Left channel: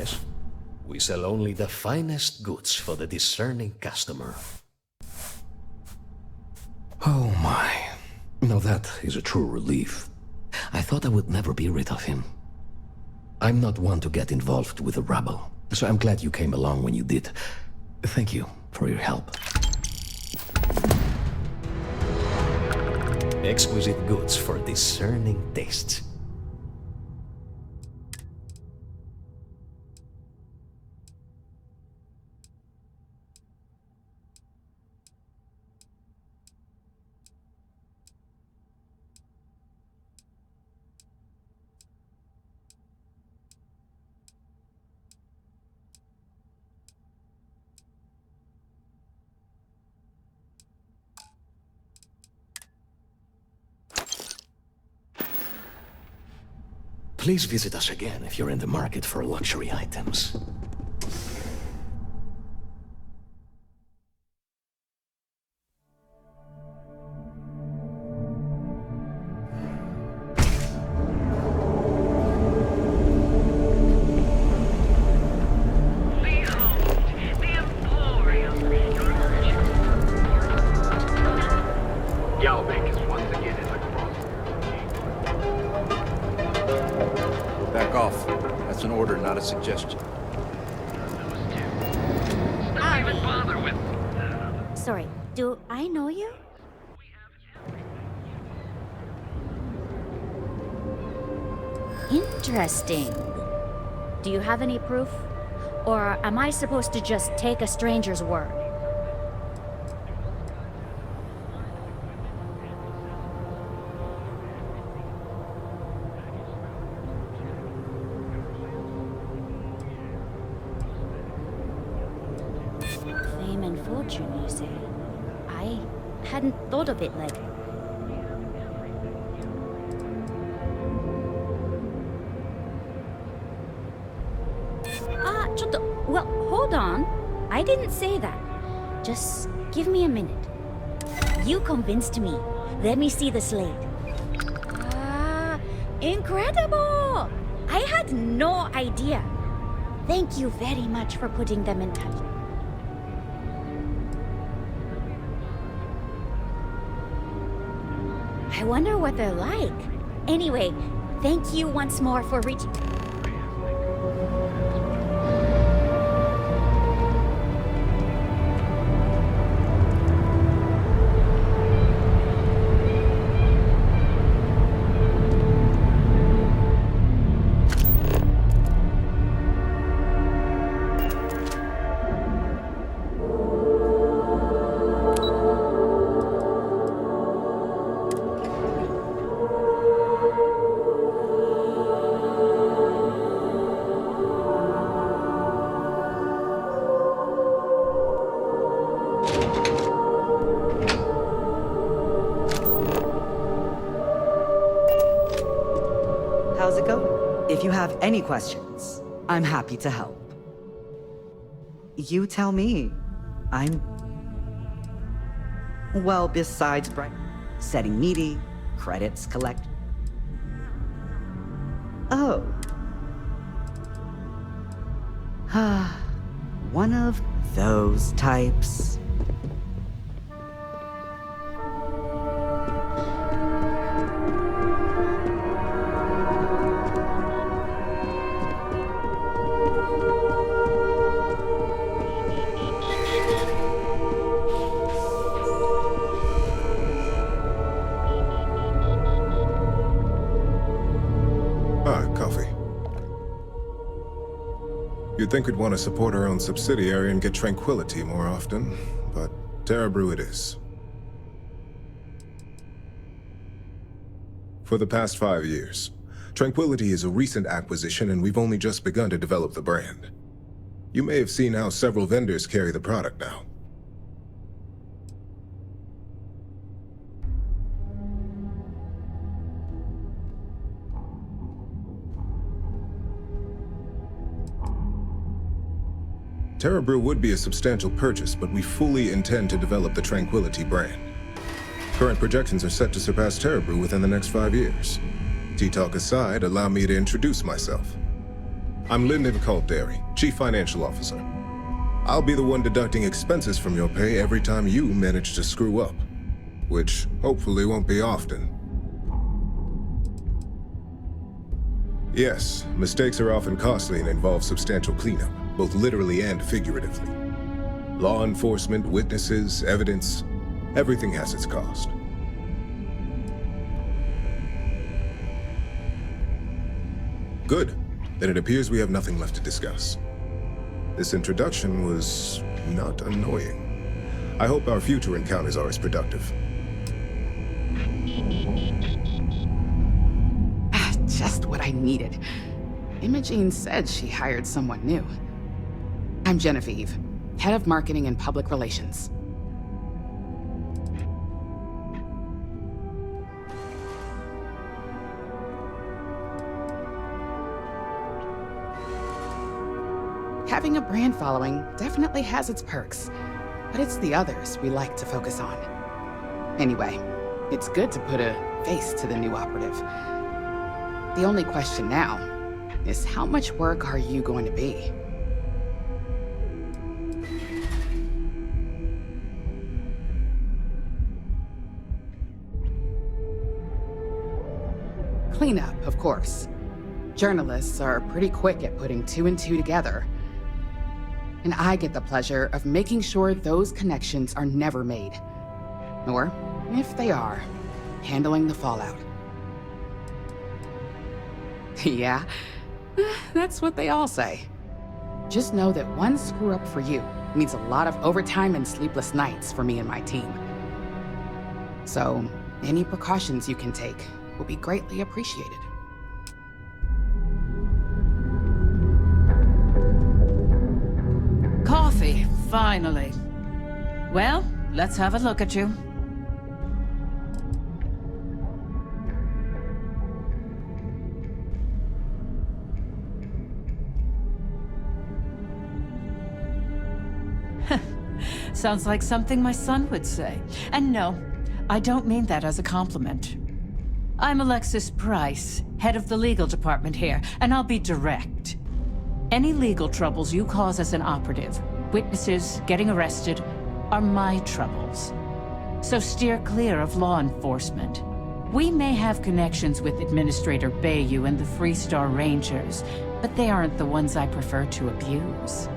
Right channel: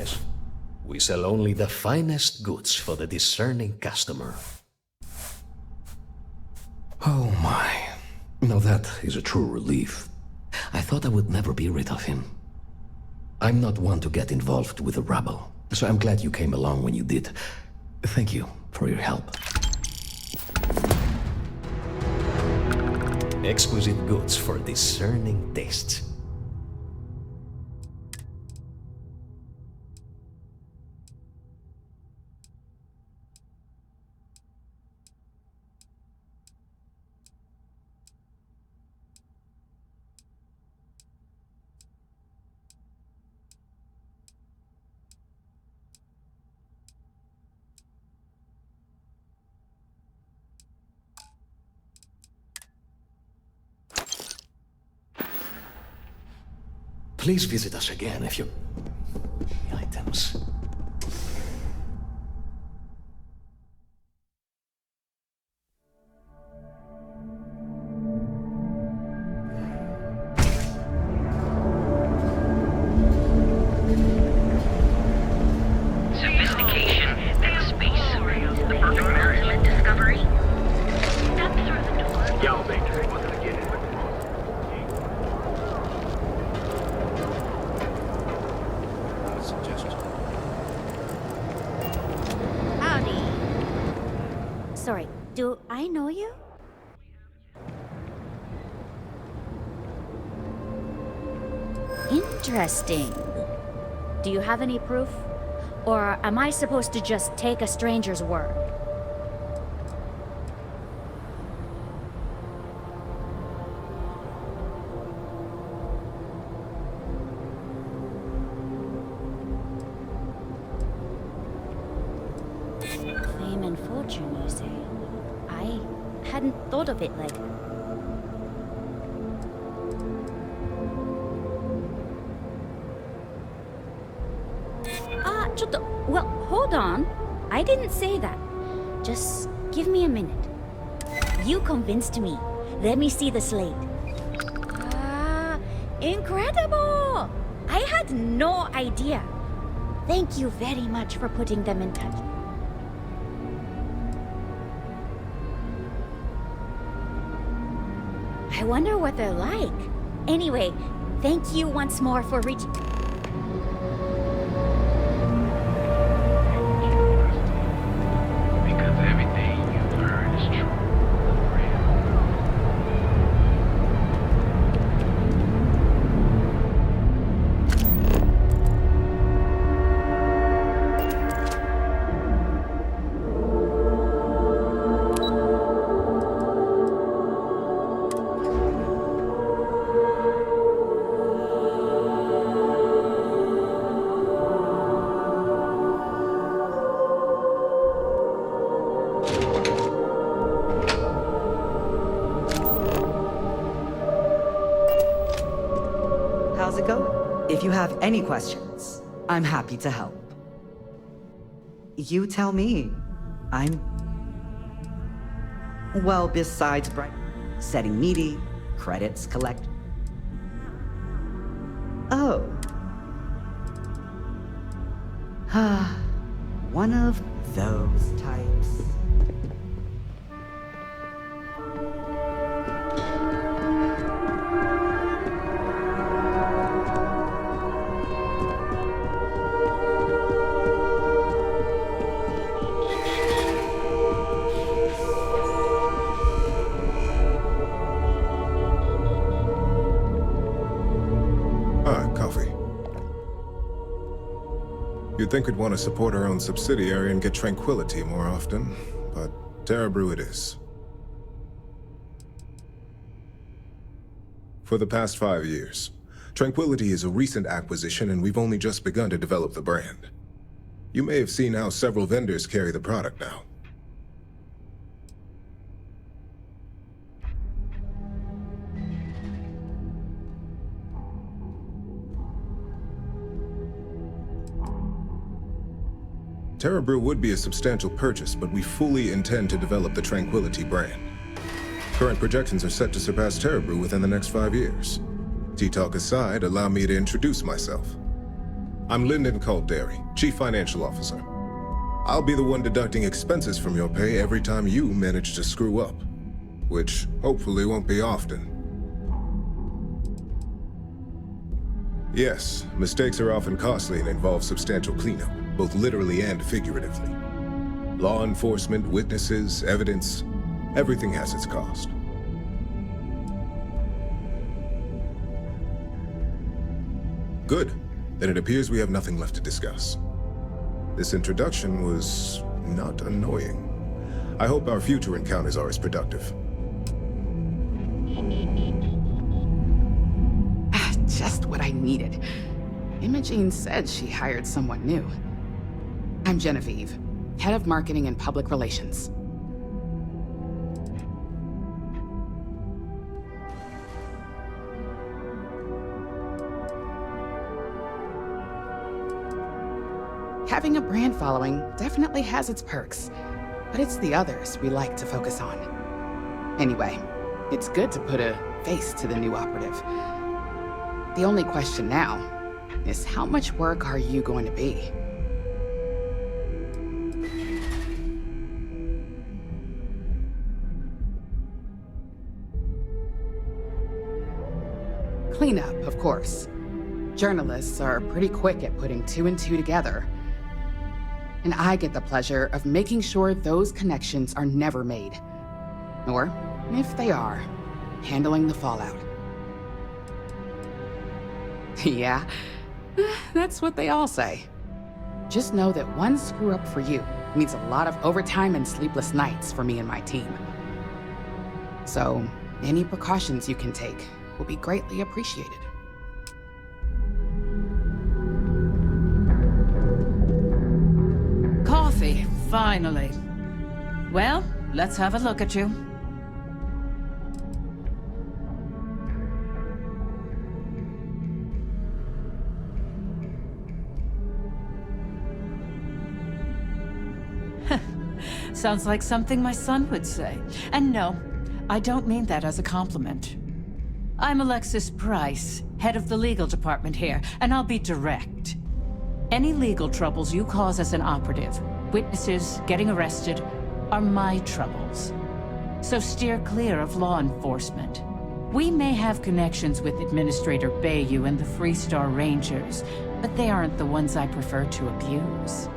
yes. We sell only the finest goods for the discerning customer. Oh my. Now that is a true relief. I thought I would never be rid of him. I'm not one to get involved with the rabble, so I'm glad you came along when you did. Thank you for your help. Exquisite goods for discerning tastes. Please visit us again if you're in the market for luxury items. Back off. That's an order, not a suggestion. Howdy. Sorry, do I know you? Interesting. Do you have any proof? Or am I supposed to just take a stranger's word? Fame and fortune, you say? I hadn't thought of it like... Well, hold on. I didn't say that. Just give me a minute. You convinced me. Let me see the slate. Incredible! I had no idea. Thank you very much for putting them in touch. I wonder what they're like. Anyway, thank you once more for reaching... How's it going? If you have any questions, I'm happy to help. You tell me. Well, besides setting meaty, credits collect... Oh. One of those types. Coffee. You'd think we'd want to support our own subsidiary and get tranquility more often, but Terrabrew it is. For the past 5 years, Tranquility is a recent acquisition and we've only just begun to develop the brand. You may have seen how several vendors carry the product now. Terrabrew would be a substantial purchase, but we fully intend to develop the Tranquility brand. Current projections are set to surpass Terrabrew within the next 5 years. Tea talk aside, allow me to introduce myself. I'm Lyndon Calderi, Chief Financial Officer. I'll be the one deducting expenses from your pay every time you manage to screw up, which hopefully won't be often. Yes, mistakes are often costly and involve substantial cleanup, both literally and figuratively. Law enforcement, witnesses, evidence, everything has its cost. Good. Then it appears we have nothing left to discuss. This introduction was not annoying. I hope our future encounters are as productive. Just what I needed. Imogene said she hired someone new. I'm Genevieve, Head of Marketing and Public Relations. Having a brand following definitely has its perks, but it's the others we like to focus on. Anyway, it's good to put a face to the new operative. The only question now is how much work are you going to be? Cleanup, of course. Journalists are pretty quick at putting two and two together. And I get the pleasure of making sure those connections are never made. Or, if they are, handling the fallout. Yeah, that's what they all say. Just know that one screw-up for you means a lot of overtime and sleepless nights for me and my team. So, any precautions you can take will be greatly appreciated. Coffee, finally. Well, let's have a look at you. Sounds like something my son would say. And no, I don't mean that as a compliment. I'm Alexis Price, head of the legal department here, and I'll be direct. Any legal troubles you cause as an operative, witnesses, getting arrested, are my troubles. So steer clear of law enforcement. We may have connections with Administrator Bayou and the Freestar Rangers, but they aren't the ones I prefer to abuse.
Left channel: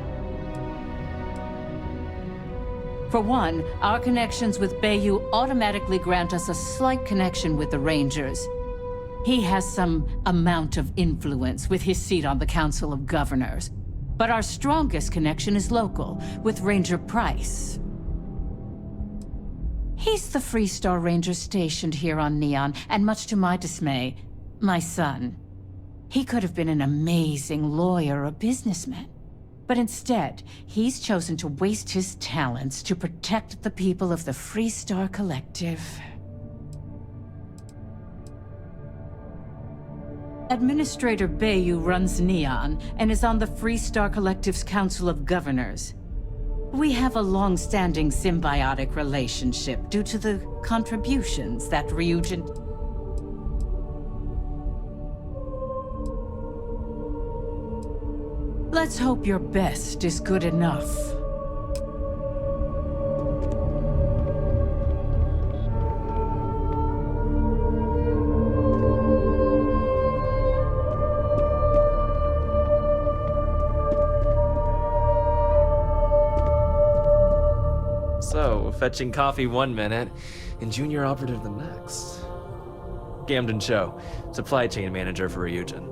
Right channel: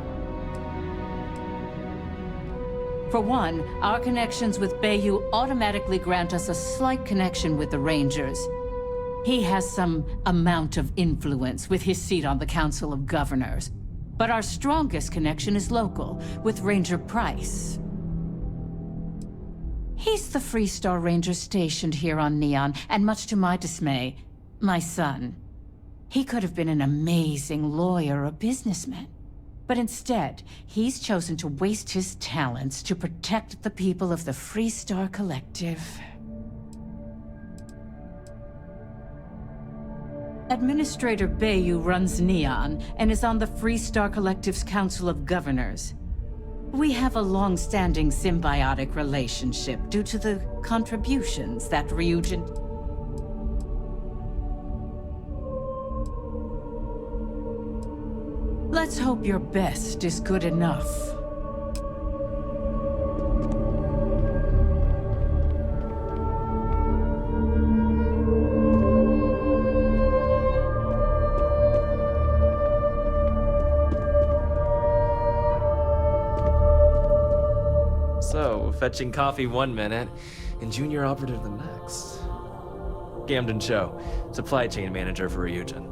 For one, our connections with Bayou automatically grant us a slight connection with the Rangers. He has some amount of influence with his seat on the Council of Governors. But our strongest connection is local, with Ranger Price. He's the Freestar Ranger stationed here on Neon, and much to my dismay, my son. He could have been an amazing lawyer or businessman. But instead, he's chosen to waste his talents to protect the people of the Freestar Collective. Administrator Bayou runs Neon and is on the Freestar Collective's Council of Governors. We have a long-standing symbiotic relationship due to the contributions that Ryujin... Let's hope your best is good enough. So, fetching coffee 1 minute, and junior operative the next. Gamden Cho, supply chain manager for Ryujin.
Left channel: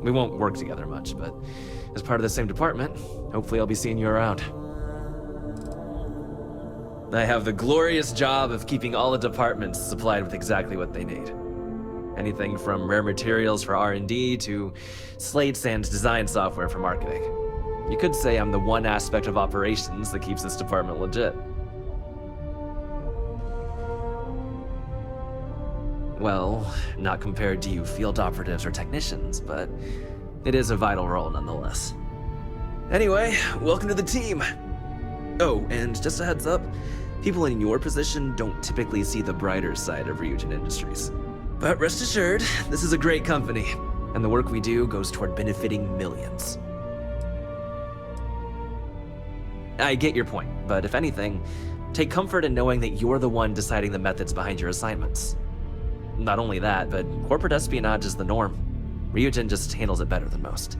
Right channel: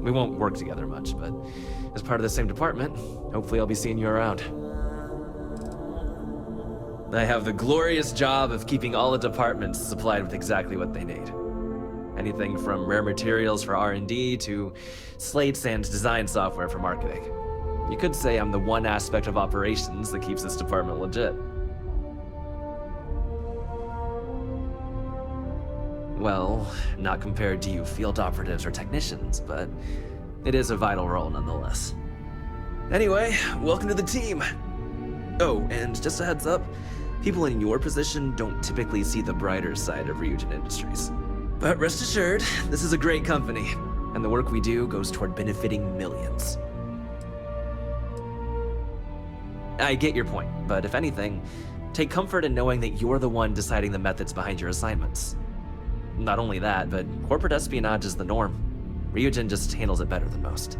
We won't work together much, but as part of the same department, hopefully I'll be seeing you around. I have the glorious job of keeping all the departments supplied with exactly what they need. Anything from rare materials for R&D to slates and design software for marketing. You could say I'm the one aspect of operations that keeps this department legit. Well, not compared to you field operatives or technicians, but it is a vital role nonetheless. Anyway, welcome to the team! Oh, and just a heads up, people in your position don't typically see the brighter side of Ryujin Industries. But rest assured, this is a great company. and the work we do goes toward benefiting millions. I get your point, but if anything, take comfort in knowing that you're the one deciding the methods behind your assignments. Not only that, but corporate espionage is the norm. Ryujin just handles it better than most.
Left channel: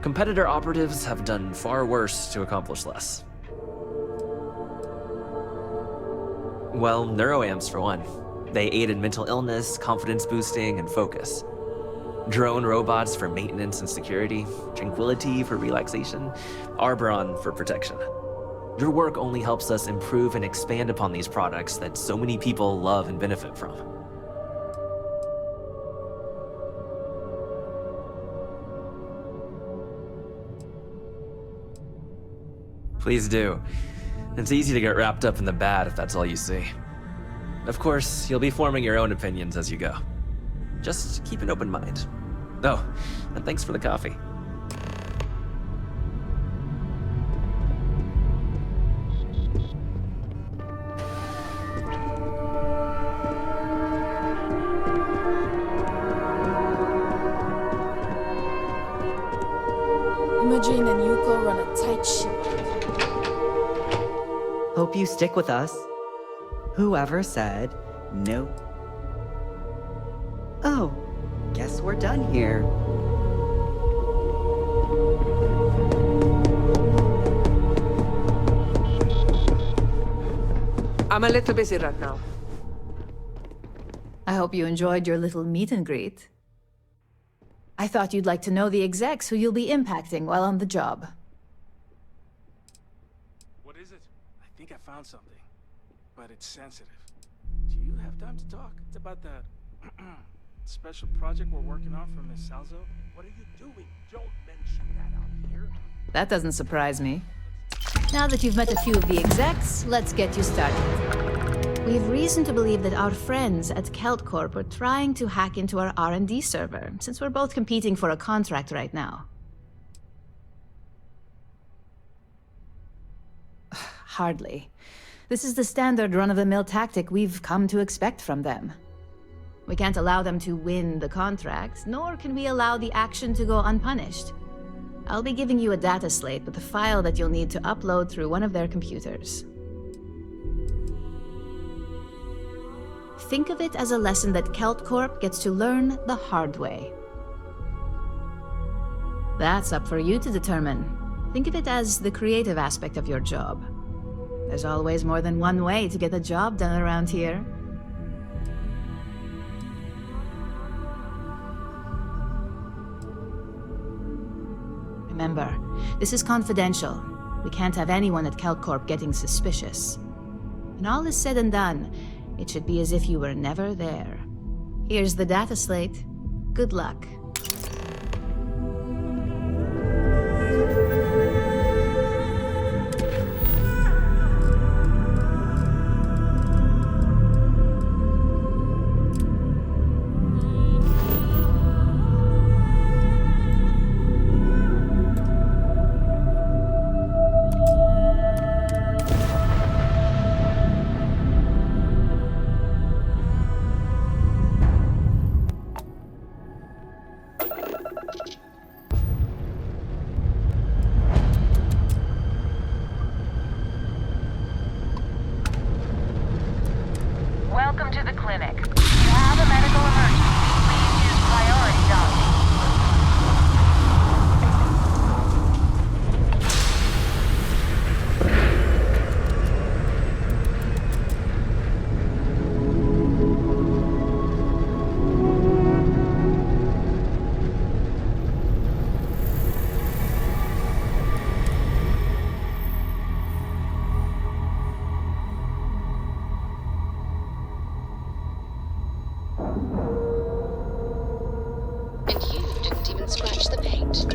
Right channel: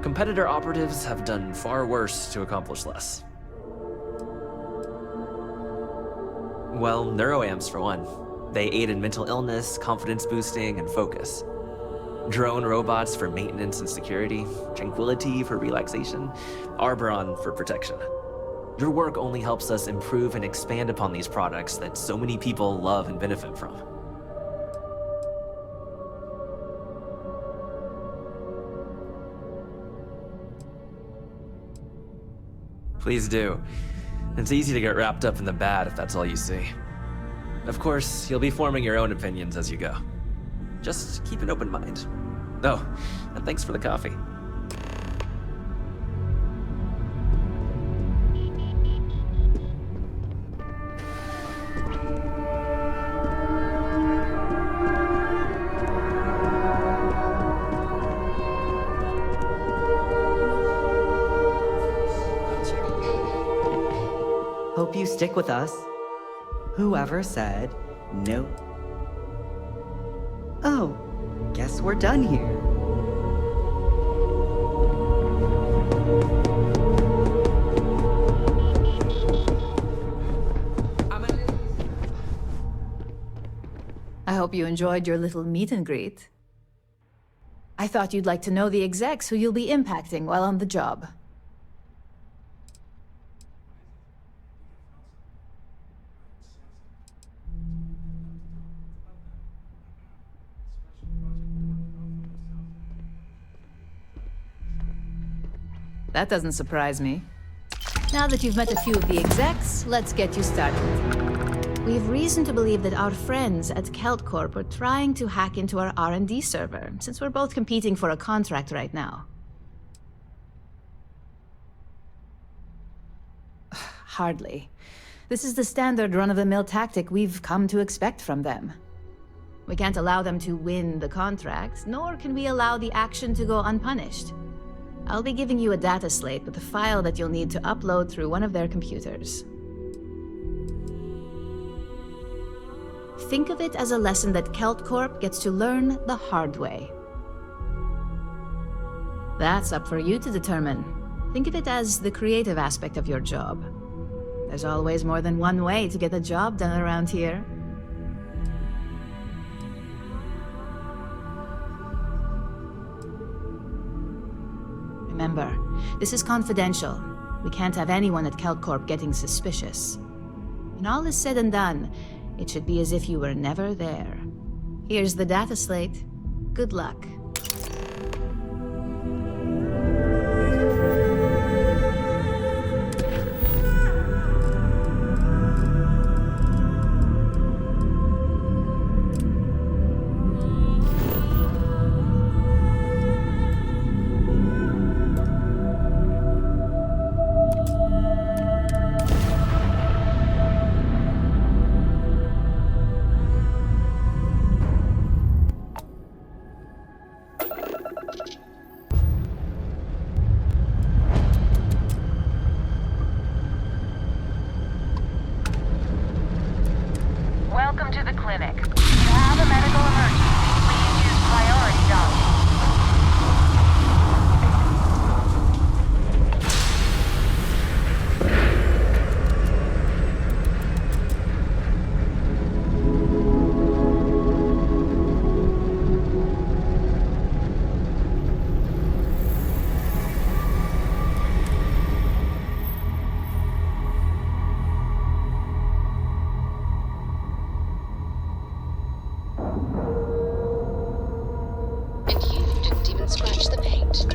Competitor operatives have done far worse to accomplish less. Well, neuroamps for one. They aid in mental illness, confidence boosting, and focus. Drone robots for maintenance and security, tranquility for relaxation, Arbron for protection. Your work only helps us improve and expand upon these products that so many people love and benefit from. Please do. It's easy to get wrapped up in the bad if that's all you see. Of course, you'll be forming your own opinions as you go. Just keep an open mind. Oh, and thanks for the coffee. Imogen and Yuko run a tight ship. Hope you stick with us. Whoever said no? Oh, guess we're done here. I'm a little busy right now. I hope you enjoyed your little meet and greet. I thought you'd like to know the execs who you'll be impacting while on the job. What is it? I think I found something, but it's sensitive. Do you have time to talk? It's about that special project we're working on for Miss Salzo. What are you doing? Don't mention that out here. That doesn't surprise me. Now that you've met a few of the execs, let's get you started. We have reason to believe that our friends at Kelt Corp are trying to hack into our R&D server, since we're both competing for a contract right now. Hardly. This is the standard run-of-the-mill tactic we've come to expect from them. We can't allow them to win the contract, nor can we allow the action to go unpunished. I'll be giving you a data slate with a file that you'll need to upload through one of their computers. Think of it as a lesson that Kelt Corp gets to learn the hard way. That's up for you to determine. Think of it as the creative aspect of your job. There's always more than one way to get a job done around here. Remember, this is confidential. We can't have anyone at Kelt Corp getting suspicious. When all is said and done, it should be as if you were never there. Here's the data slate. Good luck. Welcome to the clinic. If you have a medical emergency, please use priority dialing. And you didn't even scratch the paint.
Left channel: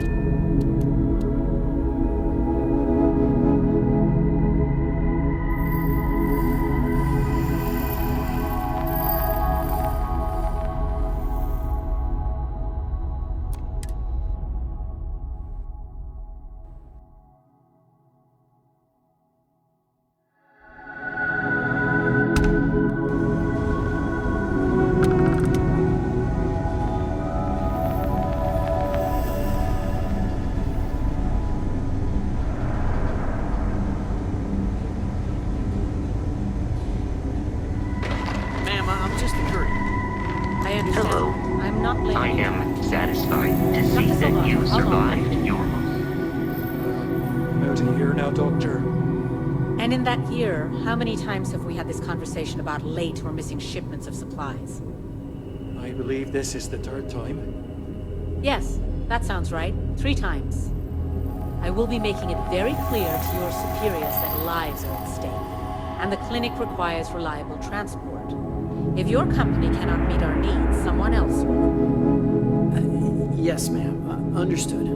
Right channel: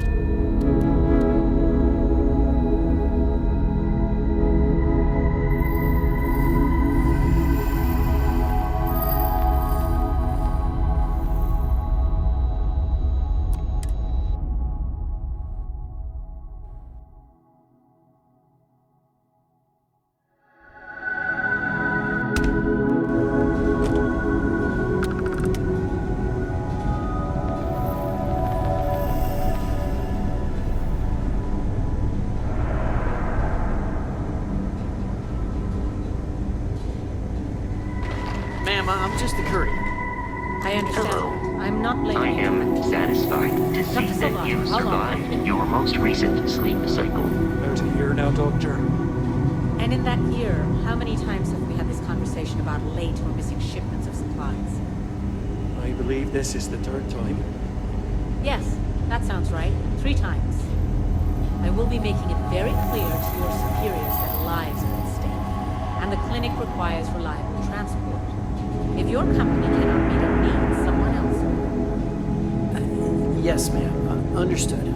I understand. Hello. I'm not blaming I you. am satisfied to see Dr. that Salvato, you how long have you survived been your most recent sleep cycle. About a year now, Doctor. And in that year, how many times have we had this conversation about late or missing shipments of supplies? I believe this is the third time. Yes, that sounds right. 3 times. I will be making it very clear to your superiors that lives are at stake, and the clinic requires reliable transport. If your company cannot meet our needs, someone else will. Yes, ma'am. Understood.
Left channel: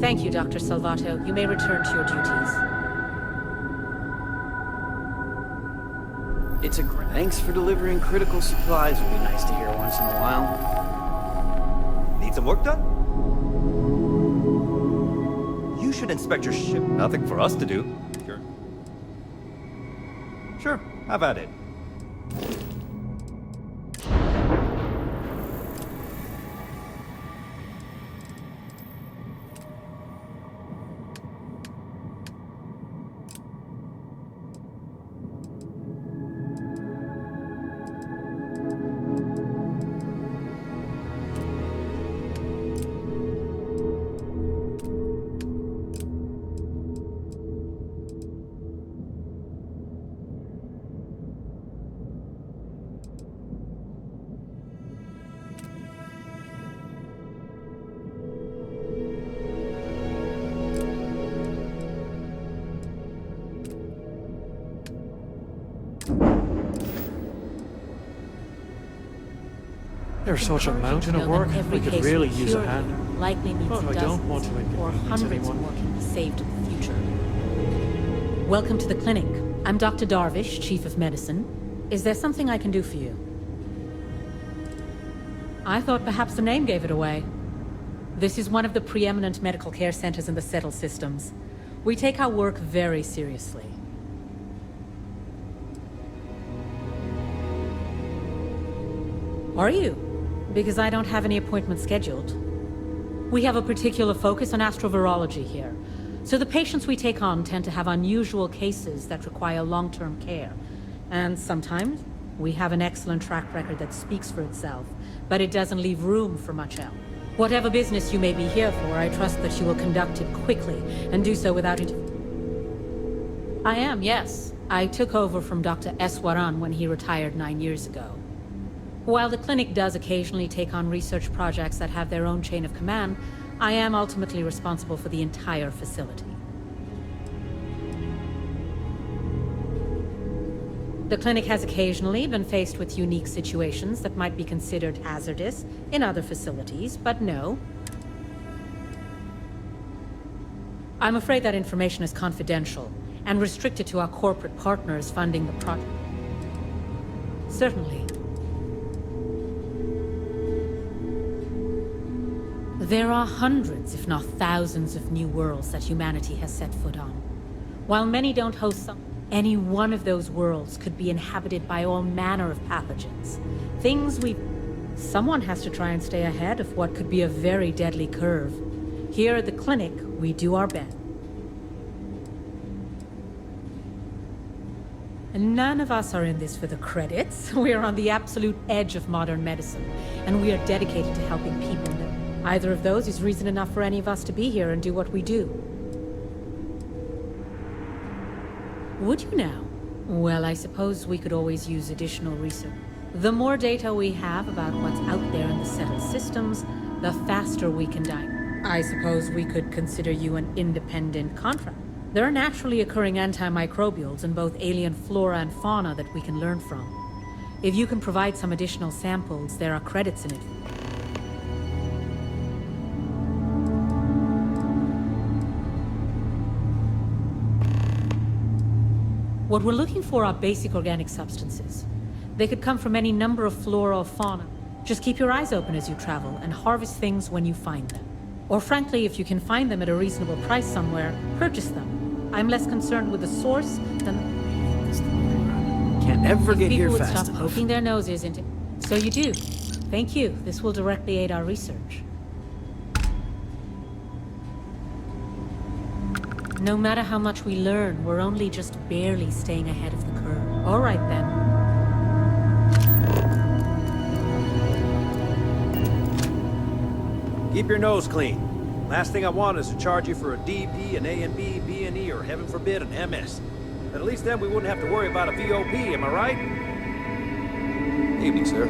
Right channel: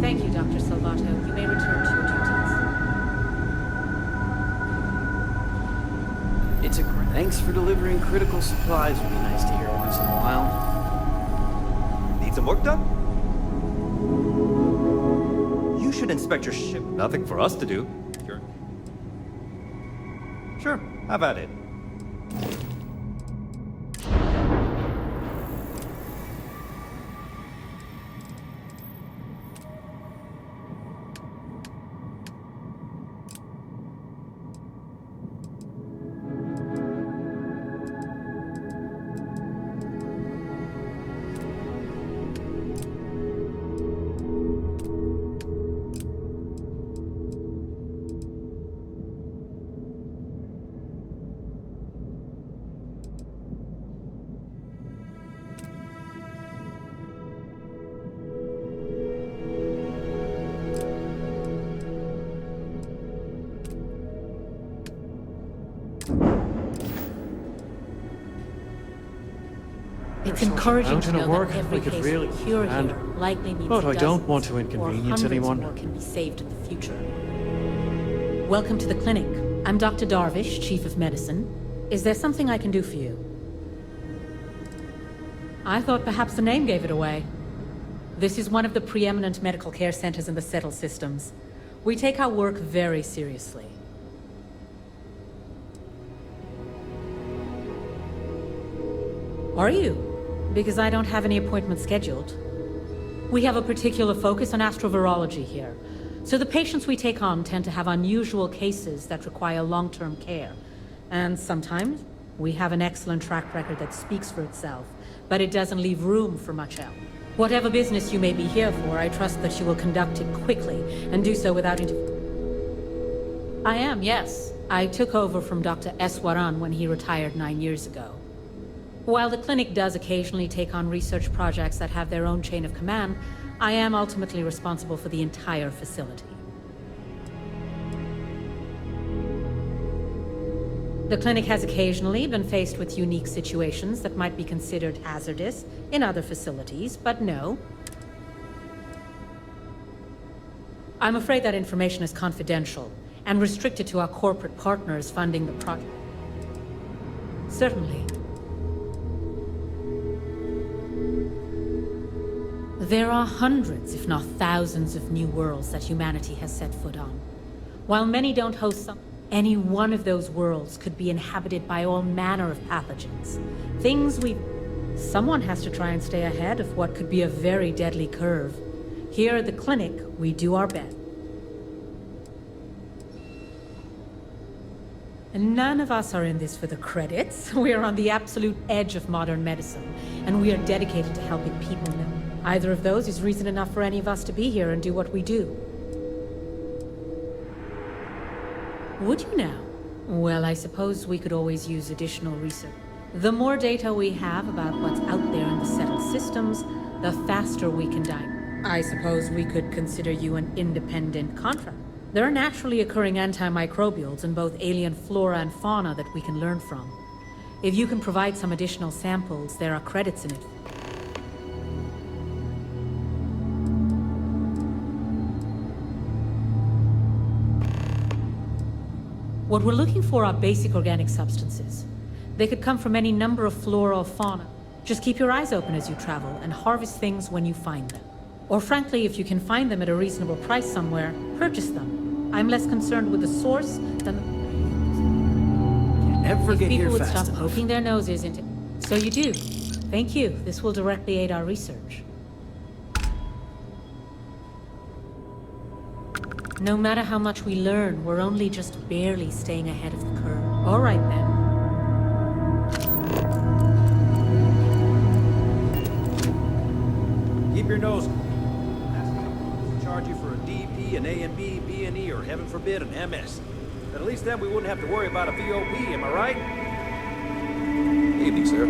Thank you, Dr. Salvato. You may return to your duties. It's a great... Thanks for delivering critical supplies would be nice to hear once in a while. Need some work done? You should inspect your ship. Nothing for us to do. Sure, have at it. There's It's such a encouraging mountain to of know work, that every we could case really we use cure a hand. here likely means But I don't dozens want to or inconvenience hundreds anyone. more can be saved in the future. Welcome to the clinic. I'm Dr. Darvish, Chief of Medicine. Is there something I can do for you? I thought perhaps the name gave it away. This is one of the preeminent medical care centers in the Settle systems. We take our work very seriously. Are you? Because I don't have any appointments scheduled. We have a particular focus on astrovirology here, so the patients we take on tend to have unusual cases that require long-term care. And sometimes, we have an excellent track record that speaks for itself, but it doesn't leave room for much else. Whatever business you may be here for, I trust that you will conduct it quickly, and do so without I am, yes. I took over from Dr. Eswaran when he retired 9 years ago. While the clinic does occasionally take on research projects that have their own chain of command, I am ultimately responsible for the entire facility. The clinic has occasionally been faced with unique situations that might be considered hazardous in other facilities, but no. I'm afraid that information is confidential and restricted to our corporate partners funding the project. Certainly. There are hundreds, if not thousands, of new worlds that humanity has set foot on. While many don't host some, any one of those worlds could be inhabited by all manner of pathogens. Things we... Someone has to try and stay ahead of what could be a very deadly curve. Here at the clinic, we do our best. And none of us are in this for the credits. We are on the absolute edge of modern medicine, and we are dedicated to helping people know. Either of those is reason enough for any of us to be here and do what we do. Would you now? Well, I suppose we could always use additional research. The more data we have about what's out there in the settled systems, the faster we can dive. I suppose we could consider you an independent contract. There are naturally occurring antimicrobials in both alien flora and fauna that we can learn from. If you can provide some additional samples, there are credits in it. What we're looking for are basic organic substances. They could come from any number of flora or fauna. Just keep your eyes open as you travel and harvest things when you find them. Or frankly, if you can find them at a reasonable price somewhere, purchase them. I'm less concerned with the source than the... Can't ever get here People would fast stop enough. poking their noses into... So you do. Thank you. This will directly aid our research. No matter how much we learn, we're only just barely staying ahead of the curve. All right, then. Keep your nose clean. Last thing I want is to charge you for a DP, an A and B, B and E, or heaven forbid, an MS. But at least then we wouldn't have to worry about a VOP, am I right? Evening, sir.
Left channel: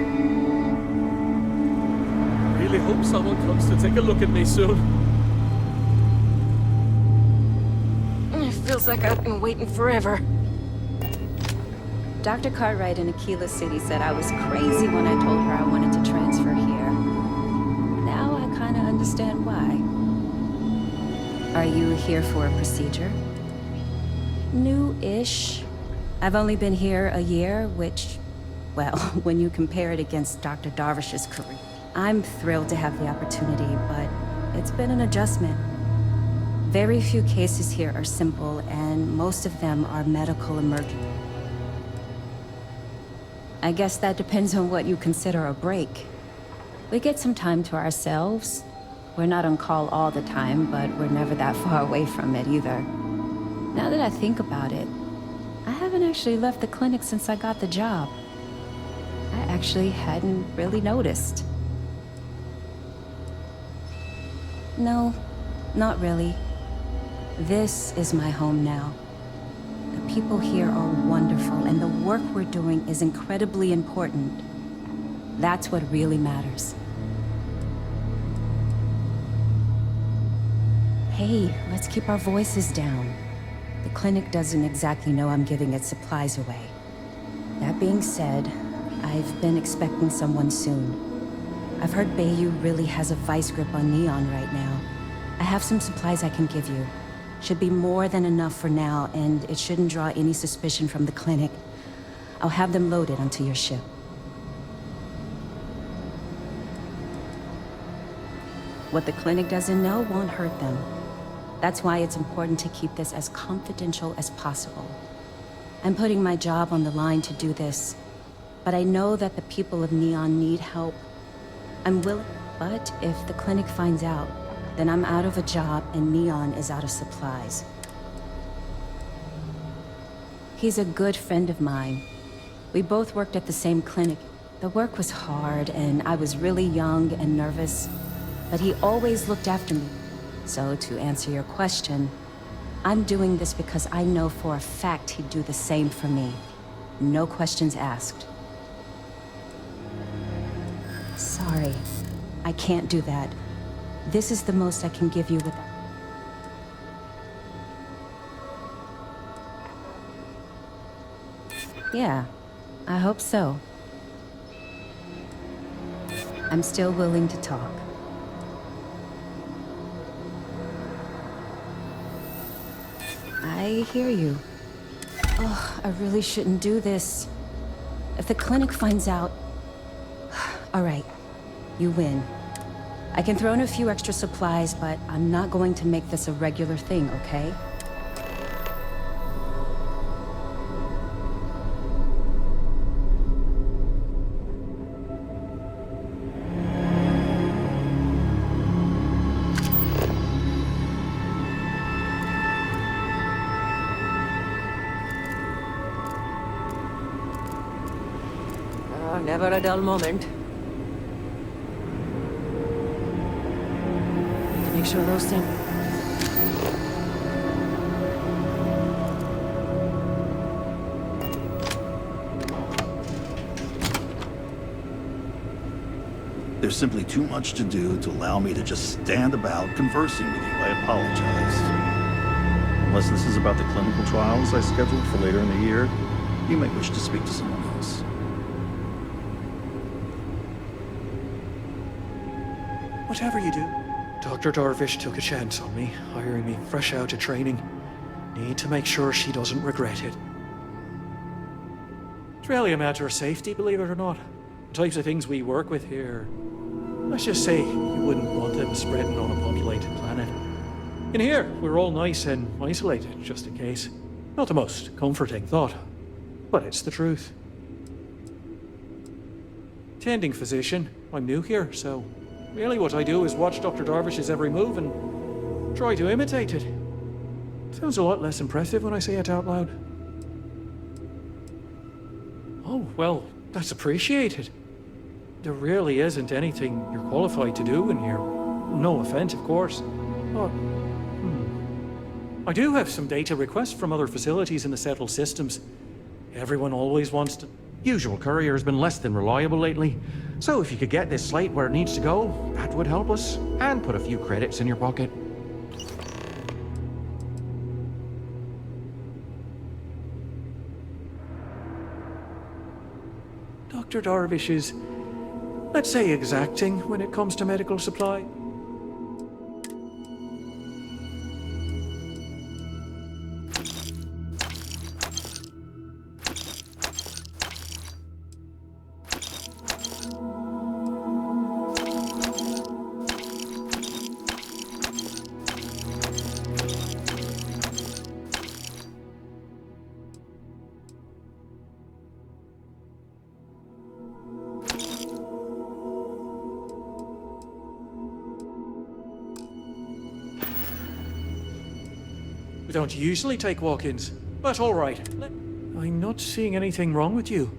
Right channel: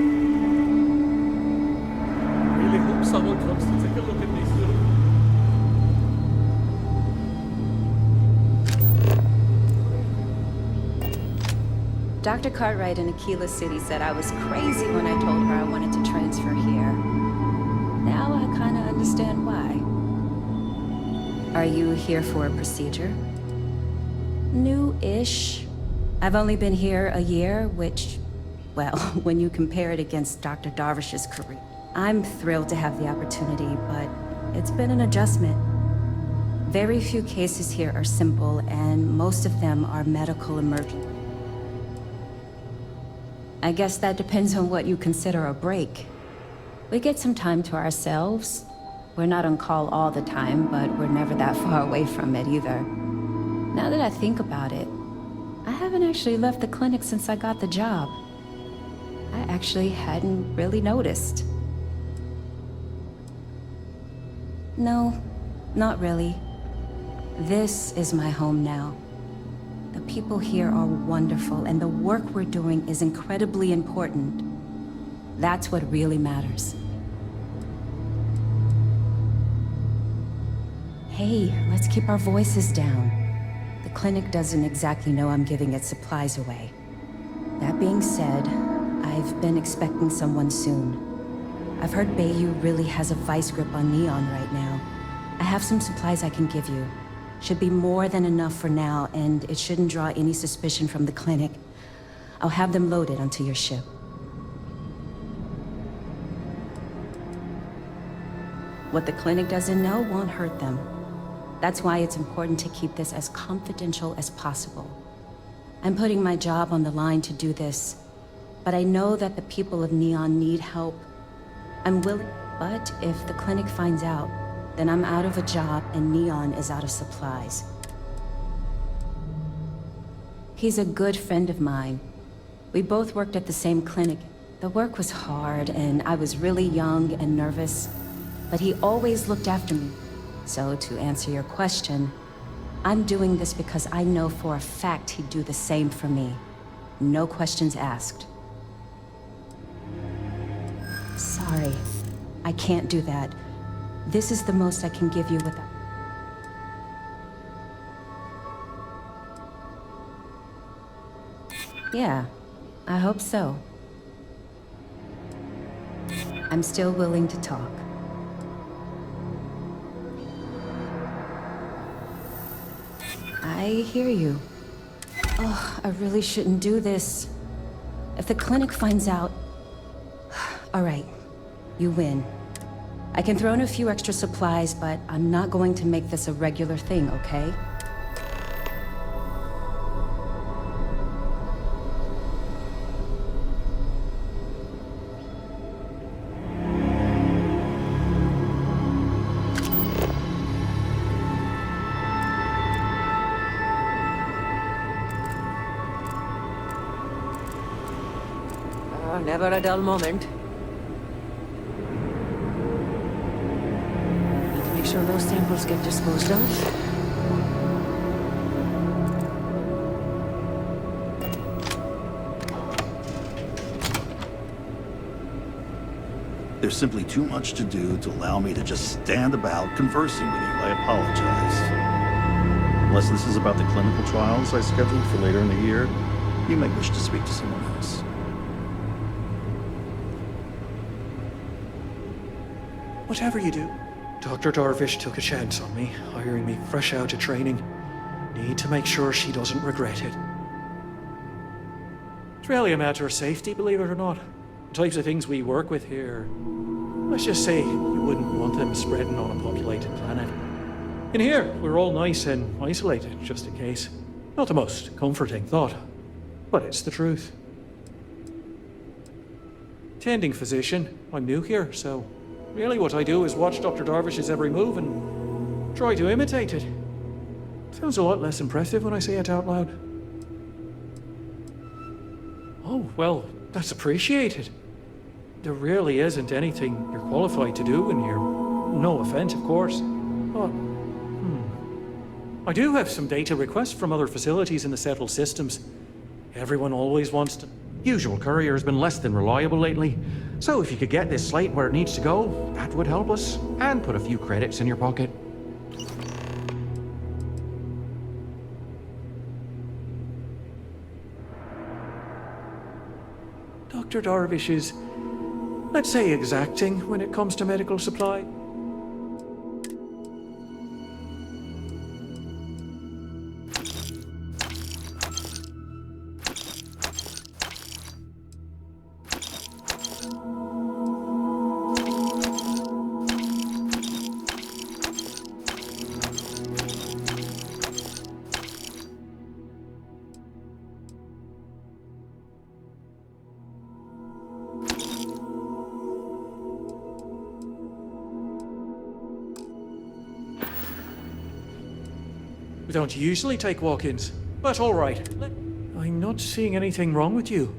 Really hope someone comes to take a look at me soon. It feels like I've been waiting forever. Dr. Cartwright in Aquila City said I was crazy when I told her I wanted to transfer here. Now I kinda understand why. Are you here for a procedure? New-ish. I've only been here a year, which, well, when you compare it against Dr. Darvish's career. I'm thrilled to have the opportunity, but it's been an adjustment. Very few cases here are simple, and most of them are medical emergencies. I guess that depends on what you consider a break. We get some time to ourselves. We're not on call all the time, but we're never that far away from it either. Now that I think about it, I haven't actually left the clinic since I got the job. I actually hadn't really noticed. No, not really. This is my home now. The people here are wonderful, and the work we're doing is incredibly important. That's what really matters. Hey, let's keep our voices down. The clinic doesn't exactly know I'm giving its supplies away. That being said, I've been expecting someone soon. I've heard Bayou really has a vice grip on Neon right now. I have some supplies I can give you. Should be more than enough for now, and it shouldn't draw any suspicion from the clinic. I'll have them loaded onto your ship. What the clinic doesn't know won't hurt them. That's why it's important to keep this as confidential as possible. I'm putting my job on the line to do this, but I know that the people of Neon need help. I'm willing, but if the clinic finds out, then I'm out of a job and Neon is out of supplies. He's a good friend of mine. We both worked at the same clinic. The work was hard and I was really young and nervous, but he always looked after me. So to answer your question, I'm doing this because I know for a fact he'd do the same for me. No questions asked. Sorry, I can't do that. This is the most I can give you without... Yeah, I hope so. I'm still willing to talk. I hear you. Oh, I really shouldn't do this. If the clinic finds out... All right, you win. I can throw in a few extra supplies, but I'm not going to make this a regular thing, okay? Never a dull moment. Need to make sure those samples get disposed of. There's simply too much to do to allow me to just stand about conversing with you. I apologize. Unless this is about the clinical trials I scheduled for later in the year, you may wish to speak to someone else. Whatever you do, Dr. Darvish took a chance on me, hiring me fresh out of training. Need to make sure she doesn't regret it. It's really a matter of safety, believe it or not. The types of things we work with here. Let's just say you wouldn't want them spreading on a populated planet. In here, we're all nice and isolated, just in case. Not the most comforting thought, but it's the truth. Tending physician, I'm new here, so really what I do is watch Dr. Darvish's every move and try to imitate it. Sounds a lot less impressive when I say it out loud. Oh, well, that's appreciated. There really isn't anything you're qualified to do in here. No offense, of course. But, I do have some data requests from other facilities in the settled systems. Everyone always wants to... Usual courier's been less than reliable lately. So if you could get this slate where it needs to go, that would help us. And put a few credits in your pocket. Dr. Darvish is, let's say, exacting when it comes to medical supply. We don't usually take walk-ins, but all right. I'm not seeing anything wrong with you.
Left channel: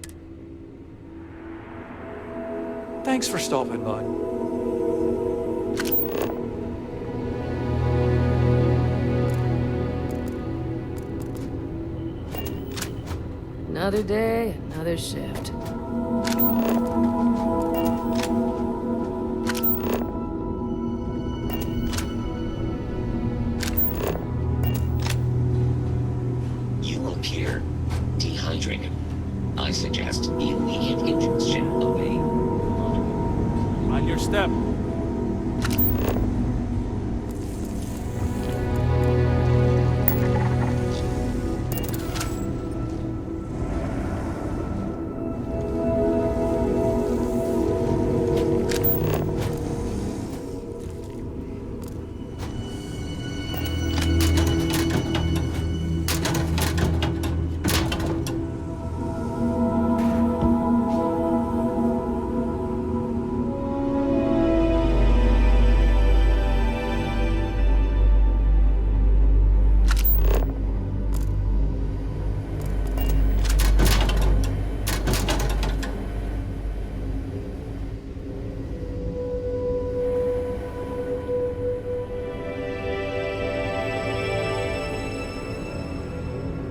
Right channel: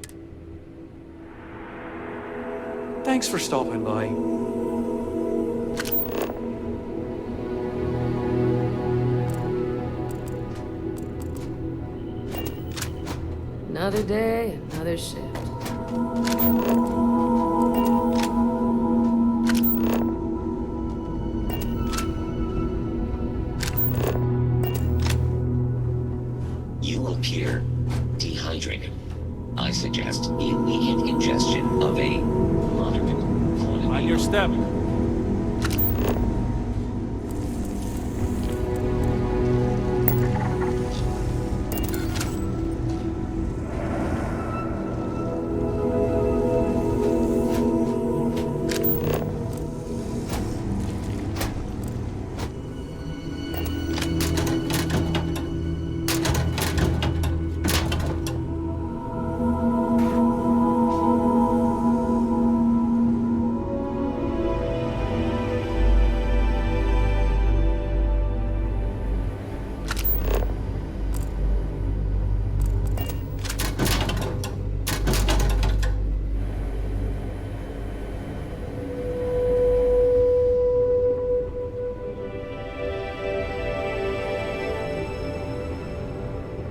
Thanks for stopping by. Another day, another shift. You appear dehydrated. I suggest immediate ingestion of a moderate... Mind your step.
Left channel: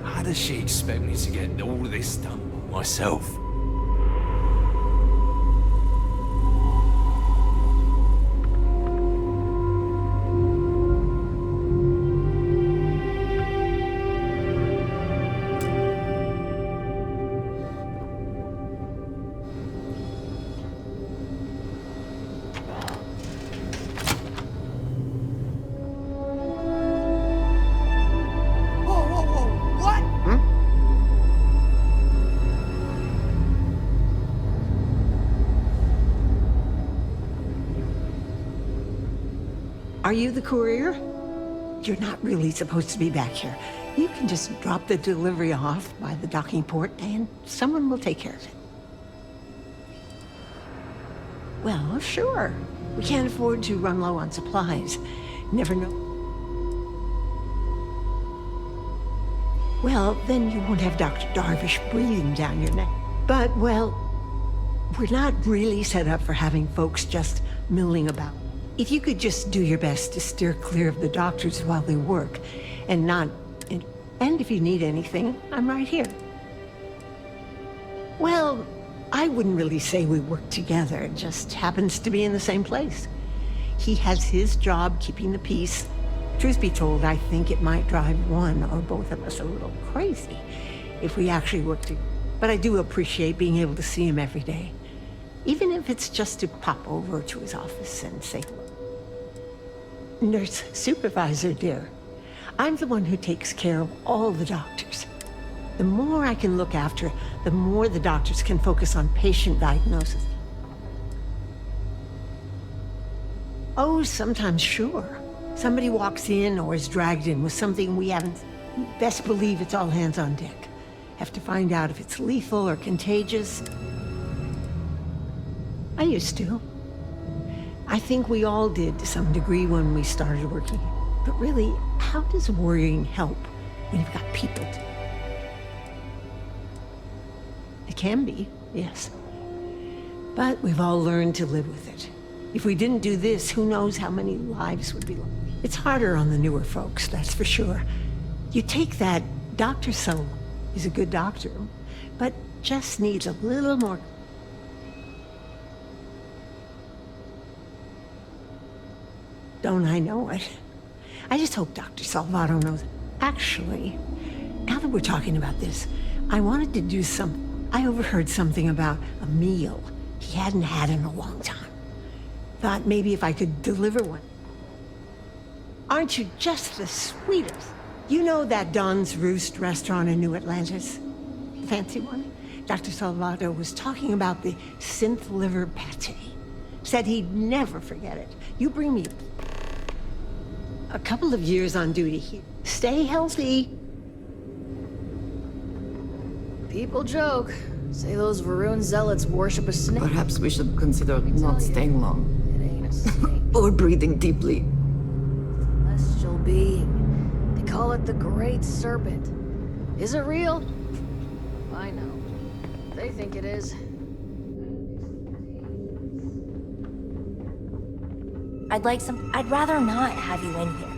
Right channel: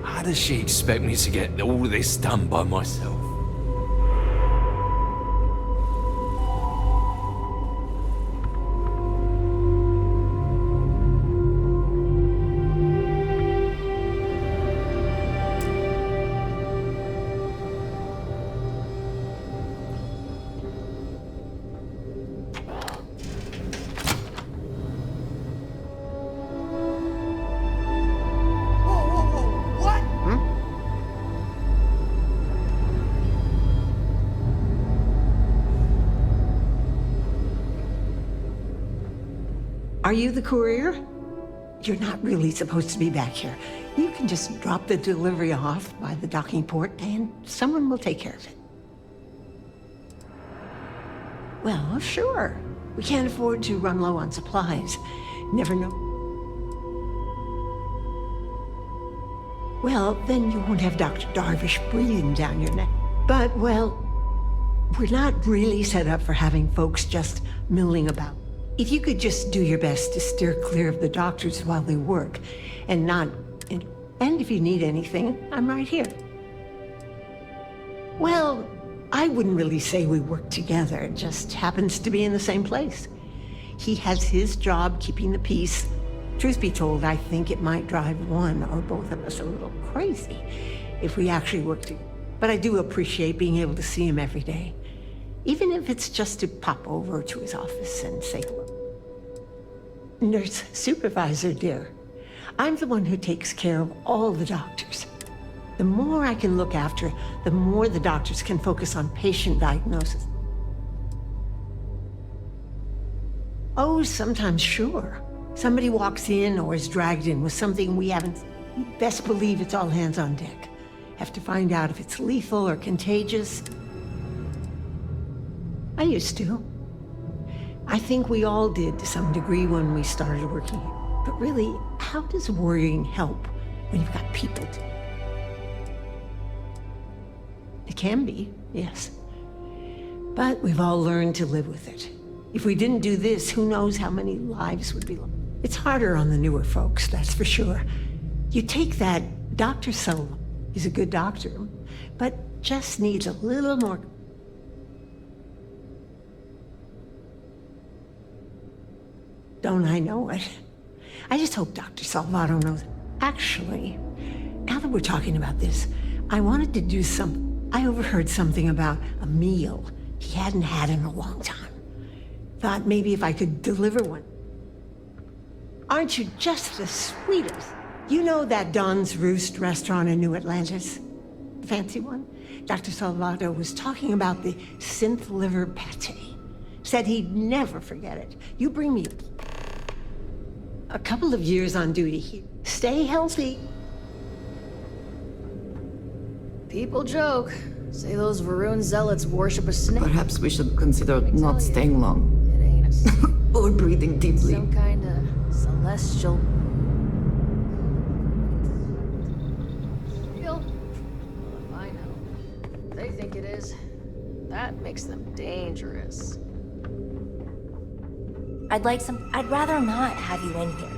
How does she expect me to get all of this done by myself? Are you the courier? You're not really supposed to be back here. You can just drop the delivery off by the docking port and someone will take care of it. Well, sure. We can't afford to run low on supplies. Never know. Well, then you won't have Dr. Darvish breathing down your neck. But, well, we're not really set up for having folks just milling about. If you could just do your best to steer clear of the doctors while they work, and not... And if you need anything, I'm right here. Well, I wouldn't really say we work together. It just happens to be in the same place. He has his job keeping the peace. Truth be told, I think it might drive one or both of us a little crazy if we actually worked together. But I do appreciate being able to see him every day, even if it's just to pop over to his office and say hello. Nurse supervisor, dear. I'm the one who takes care of all the doctors. The more I can look after, the more the doctors can focus on patient diagnosis. Oh, sometimes, sure. Somebody walks in or is dragged in with something we haven't... You best believe it's all hands on deck. Have to find out if it's lethal or contagious. I used to. I think we all did to some degree when we started working here. But really, how does worrying help when you've got people to... It can be, yes. But we've all learned to live with it. If we didn't do this, who knows how many lives would be lost. It's harder on the newer folks, that's for sure. You take that Dr. Solo. He's a good doctor, but just needs a little more. Don't I know it? I just hope Dr. Salvato knows. Actually, now that we're talking about this, I wanted to do I overheard something about a meal he hadn't had in a long time. Thought maybe if I could deliver one. Aren't you just the sweetest? You know that Don's Roost restaurant in New Atlantis? The fancy one? Dr. Salvato was talking about the synth liver pate. Said he'd never forget it. You bring me a couple of years on duty here. Stay healthy. People joke. Say those Varun zealots worship a snake. Perhaps we should consider not staying long. It ain't a snake. Or breathing deeply. Some kind of celestial being. They call it the Great Serpent. Is it real? I know. They think it is. That makes them dangerous. I'd rather not have you in here.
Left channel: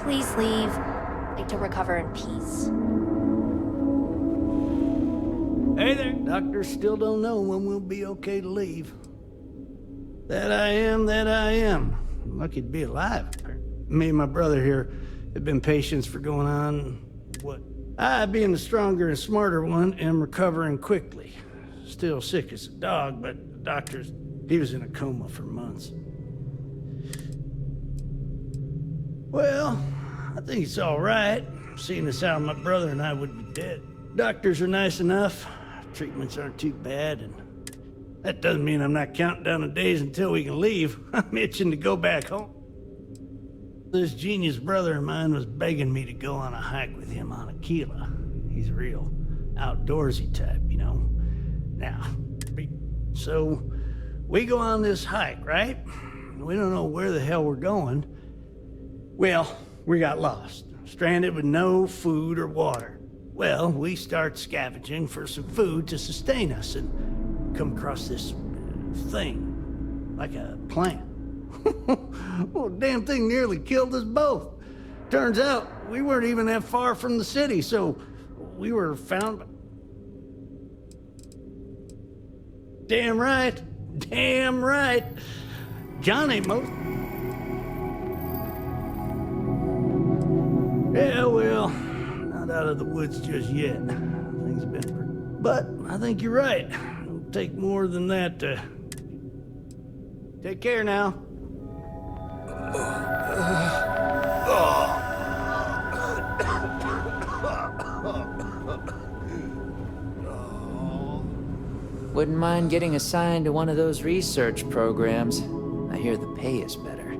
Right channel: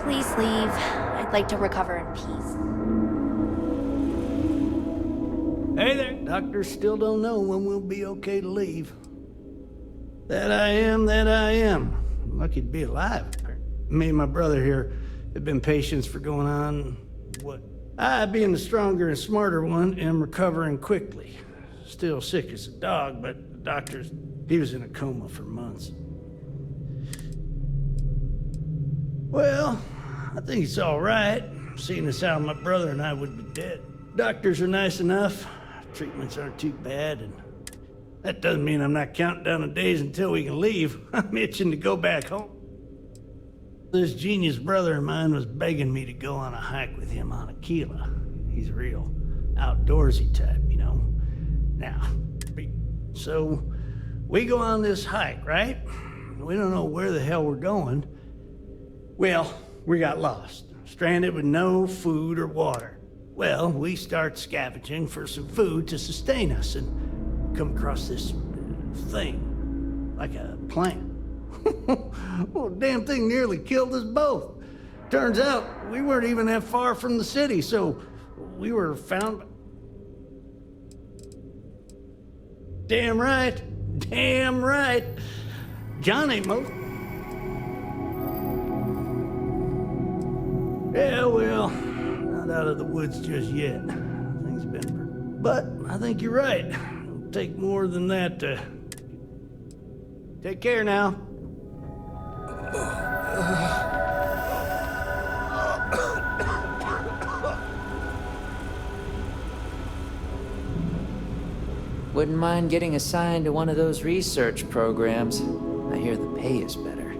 Please leave. I'd like to recover in peace. Hey there. Doctors still don't know when we'll be okay to leave. That I am. Lucky to be alive. Me and my brother here have been patients for going on, what? I, being the stronger and smarter one, am recovering quickly. Still sick as a dog, but the doctors, he was in a coma for months. Well, I think it's all right, seeing as how my brother and I would be dead. Doctors are nice enough, treatments aren't too bad, and that doesn't mean I'm not counting down the days until we can leave. I'm itching to go back home. This genius brother of mine was begging me to go on a hike with him on Aquila. He's a real outdoorsy type, you know. Now, so we go on this hike, right? We don't know where the hell we're going. Well, we got lost, stranded with no food or water. Well, we start scavenging for some food to sustain us and come across this thing, like a plant. Well, damn thing nearly killed us both. Turns out we weren't even that far from the city, so we were found. Damn right. John ain't most. Yeah, well, not out of the woods just yet. Things have been but I think you're right. It'll take more than that to... Take care now. Wouldn't mind getting assigned to one of those research programs. I hear the pay is better.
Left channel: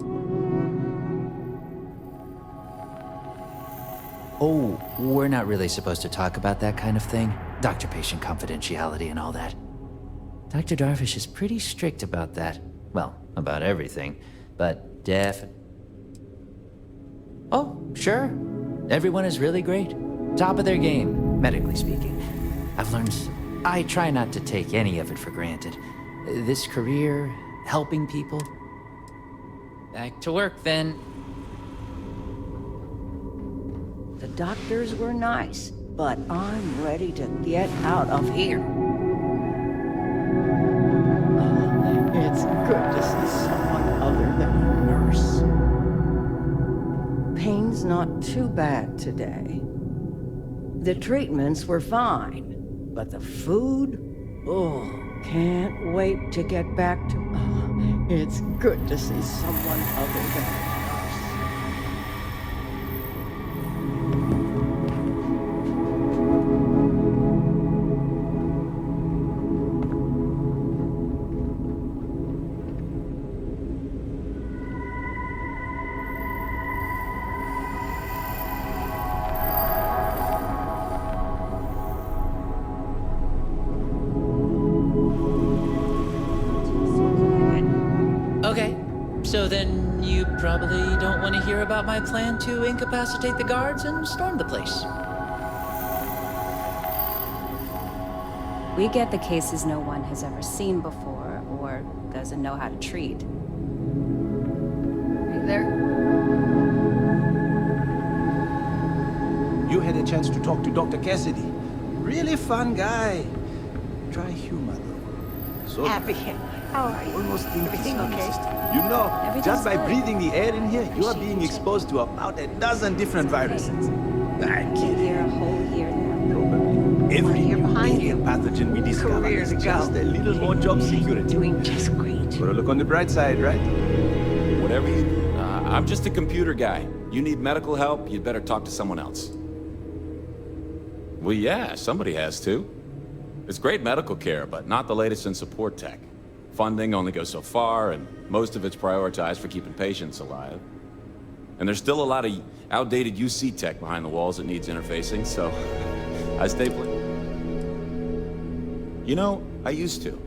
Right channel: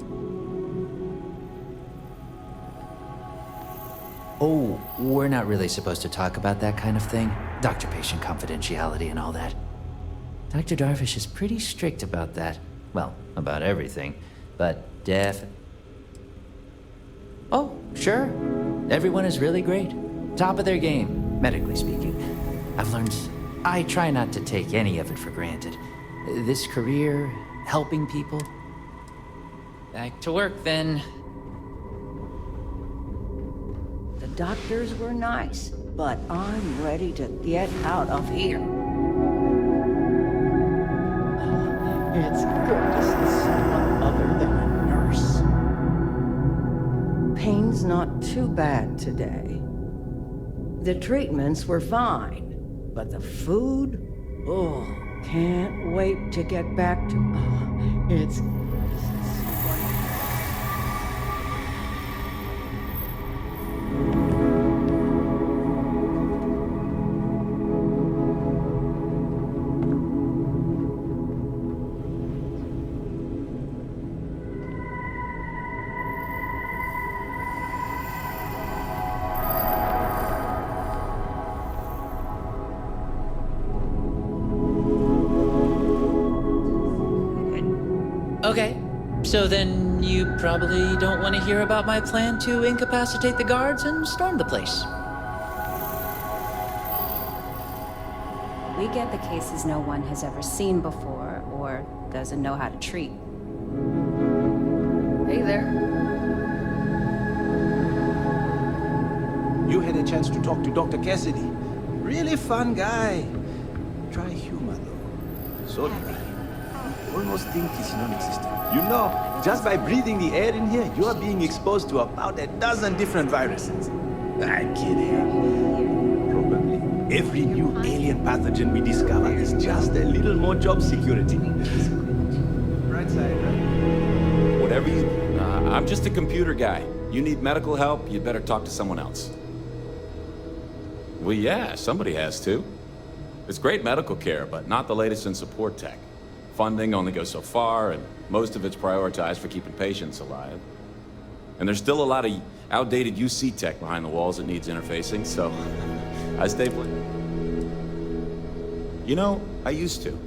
Oh, we're not really supposed to talk about that kind of thing. Doctor-patient confidentiality and all that. Dr. Darvish is pretty strict about that. Well, about everything, but Oh, sure. Everyone is really great. Top of their game, medically speaking. I've learned... I try not to take any of it for granted. This career, helping people. Back to work, then. The doctors were nice, but I'm ready to get out of here. It's good to see someone other than a nurse. Pain's not too bad today. The treatments were fine, but the food? Oh, can't wait to get back to... Oh, it's good to see someone other than a nurse. Okay, so then you probably don't want to hear about my plan to incapacitate the guards and storm the place. We get the cases no one has ever seen before, or doesn't know how to treat. Hey there. You had a chance to talk to Dr. Cassidy. Really fun guy. Dry humor, though. So Happy. dry. How are you? Almost think it's Everything non-existent. okay? You know, Everything's just by good. breathing the air in here, you are being exposed to about a dozen different viruses. I'm kidding. Probably every new alien pathogen we discover is just a little more job security. Well, look on the bright side, right? Whatever you... I'm just a computer guy. You need medical help, you'd better talk to someone else. Well, yeah, somebody has to. It's great medical care, but not the latest in support tech. Funding only goes so far, and most of it's prioritized for keeping patients alive. And there's still a lot of outdated UC tech behind the walls that needs interfacing, so I stay You know, I used to.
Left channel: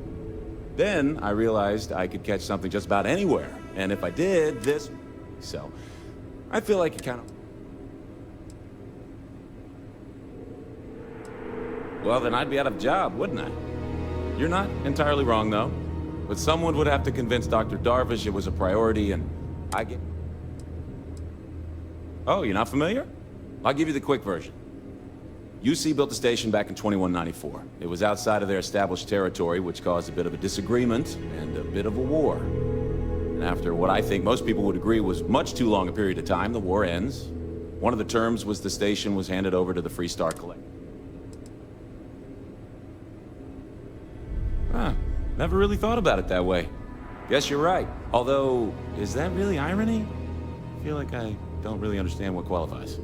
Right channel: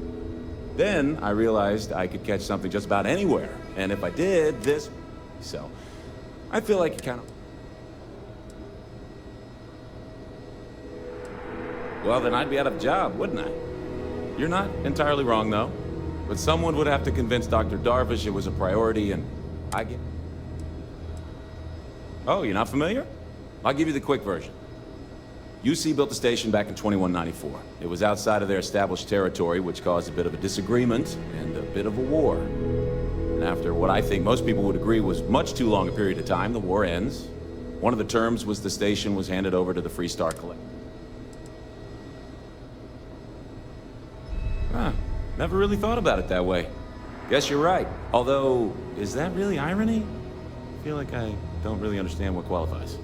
Then I realized I could catch something just about anywhere, and if I did, this... So, I feel like it kind of... Well, then I'd be out of a job, wouldn't I? You're not entirely wrong, though. But someone would have to convince Dr. Darvish it was a priority, and I get... Oh, you're not familiar? I'll give you the quick version. UC built the station back in 2194. It was outside of their established territory, which caused a bit of a disagreement and a bit of a war. And after what I think most people would agree was much too long a period of time, the war ends. One of the terms was the station was handed over to the Free Star Collective. Huh. Never really thought about it that way. Guess you're right. Although, is that really irony? I feel like I don't really understand what qualifies.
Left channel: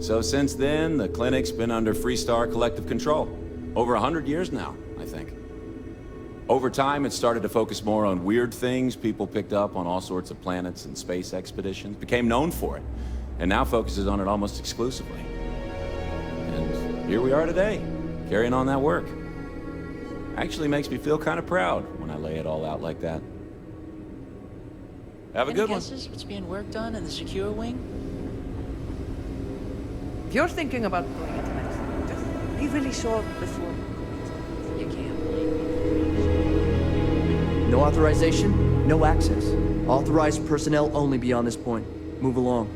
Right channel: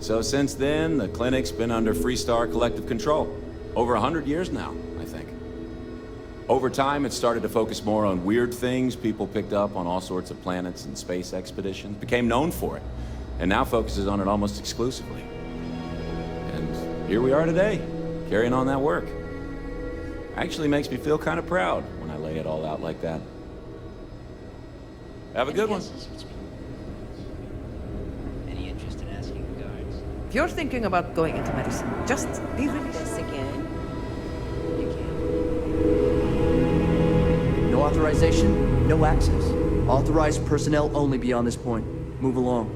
So since then, the clinic's been under Free Star Collective control. Over 100 years now, I think. Over time, it started to focus more on weird things. People picked up on all sorts of planets and space expeditions, became known for it, and now focuses on it almost exclusively. And here we are today, carrying on that work. Actually makes me feel kind of proud when I lay it all out like that. Have a good one. Any guesses what's being worked on in the secure wing? Any interest in asking the guards? If you're thinking about going into medicine, just be really sure. You can't. No authorization, no access. Authorized personnel only beyond this point. Move along.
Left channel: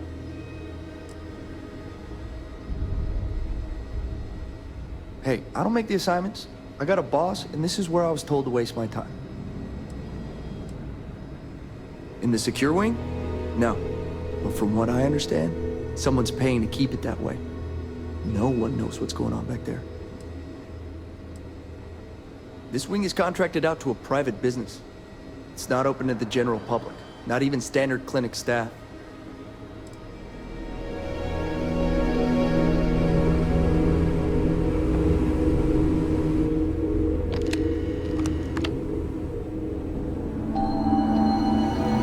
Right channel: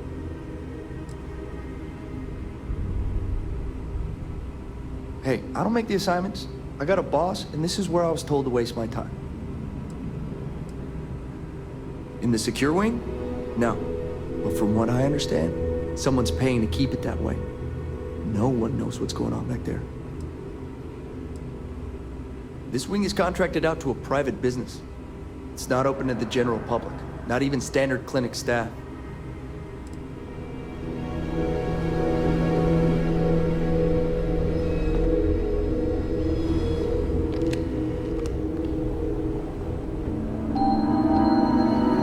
Hey, I don't make the assignments. I got a boss, and this is where I was told to waste my time. In the secure wing? No. But from what I understand, someone's paying to keep it that way. No one knows what's going on back there. This wing is contracted out to a private business. It's not open to the general public, not even standard clinic staff.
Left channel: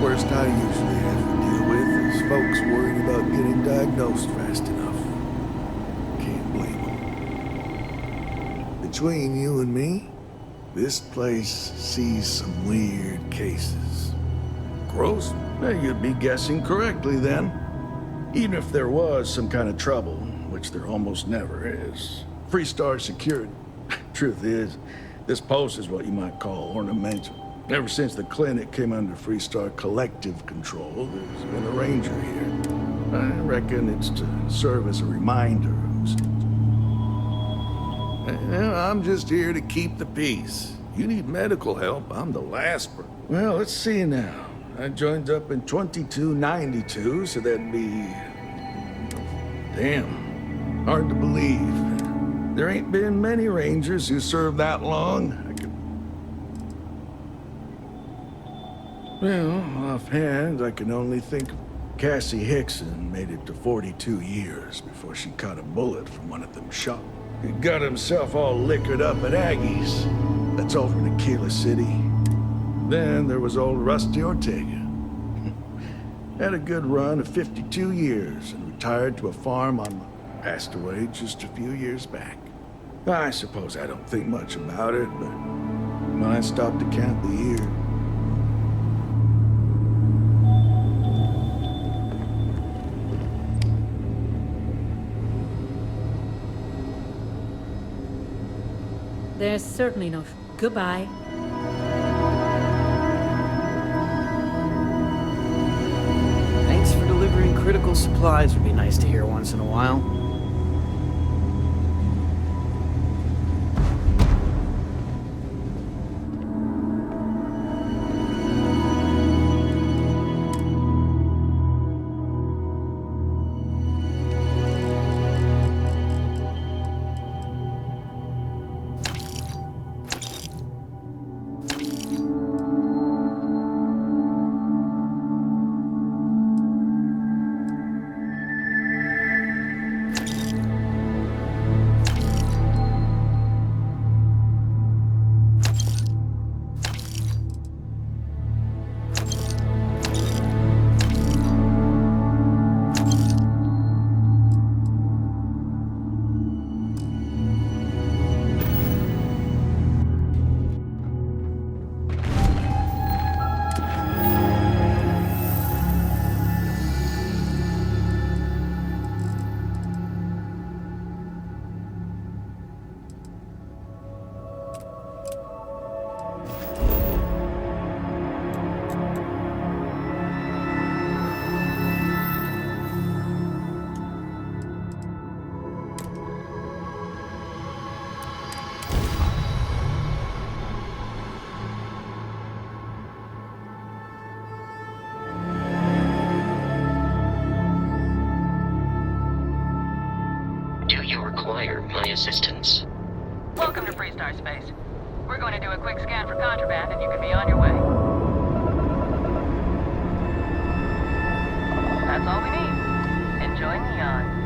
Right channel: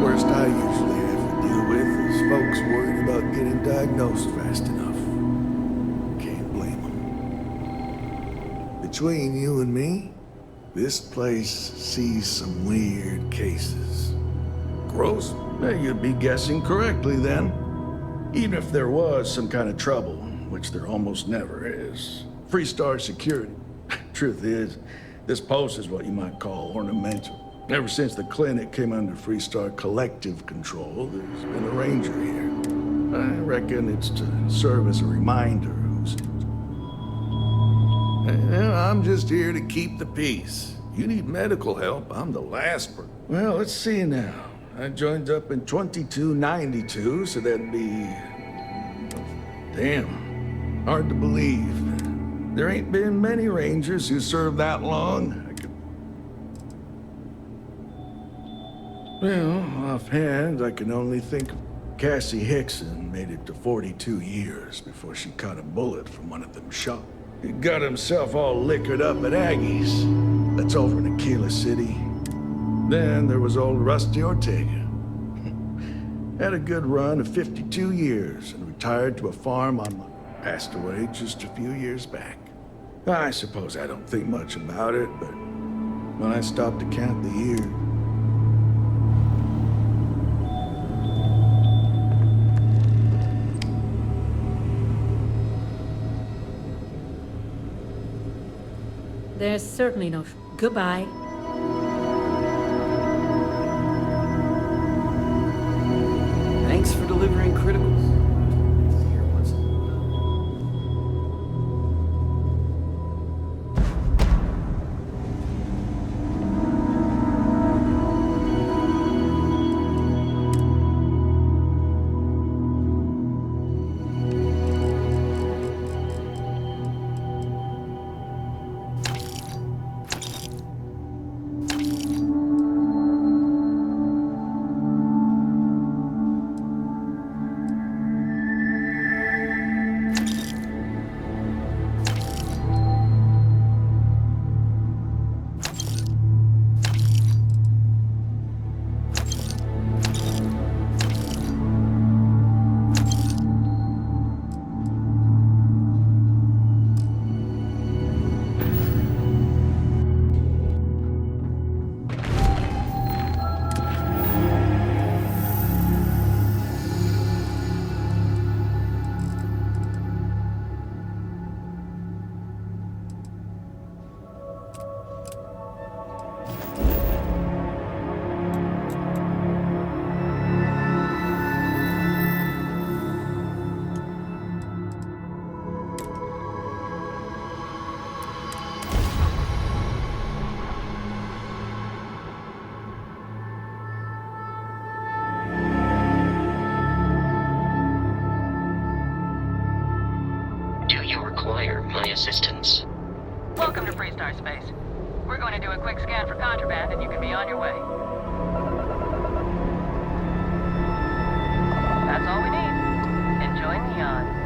Worst I usually have to deal with is folks worried about getting diagnosed fast enough. Can't blame them. Between you and me, this place sees some weird cases. Gross? You'd be guessing correctly then. Even if there was some kind of trouble, which there almost never is. Free Star security. Truth is, this post is what you might call ornamental. Ever since the clinic came under Free Star Collective control, there's been a ranger here. I reckon it's to serve as a reminder who's... I'm just here to keep the peace. You need medical help, I'm the last person. Well, let's see now. I joined up in 2292, so that'd be... Damn. Hard to believe. There ain't been many rangers who served that long. Well, offhand, I can only think of Cassie Hickson made it to 42 years before she caught a bullet from one of them shots. He got himself all liquored up at Aggie's. That's over in Aquila City. Then there was old Rusty Ortega. Had a good run of 52 years and retired to a farm on my... Passed away just a few years back. I suppose I don't think much about it, but when I stopped to count the years... There's certainly no... Goodbye. delivering critical supplies would be nice to hear once in a while. Require my assistance. Welcome to Freestar Space. We're going to do a quick scan for contraband and you can be on your way. That's all we need. Enjoy Neon.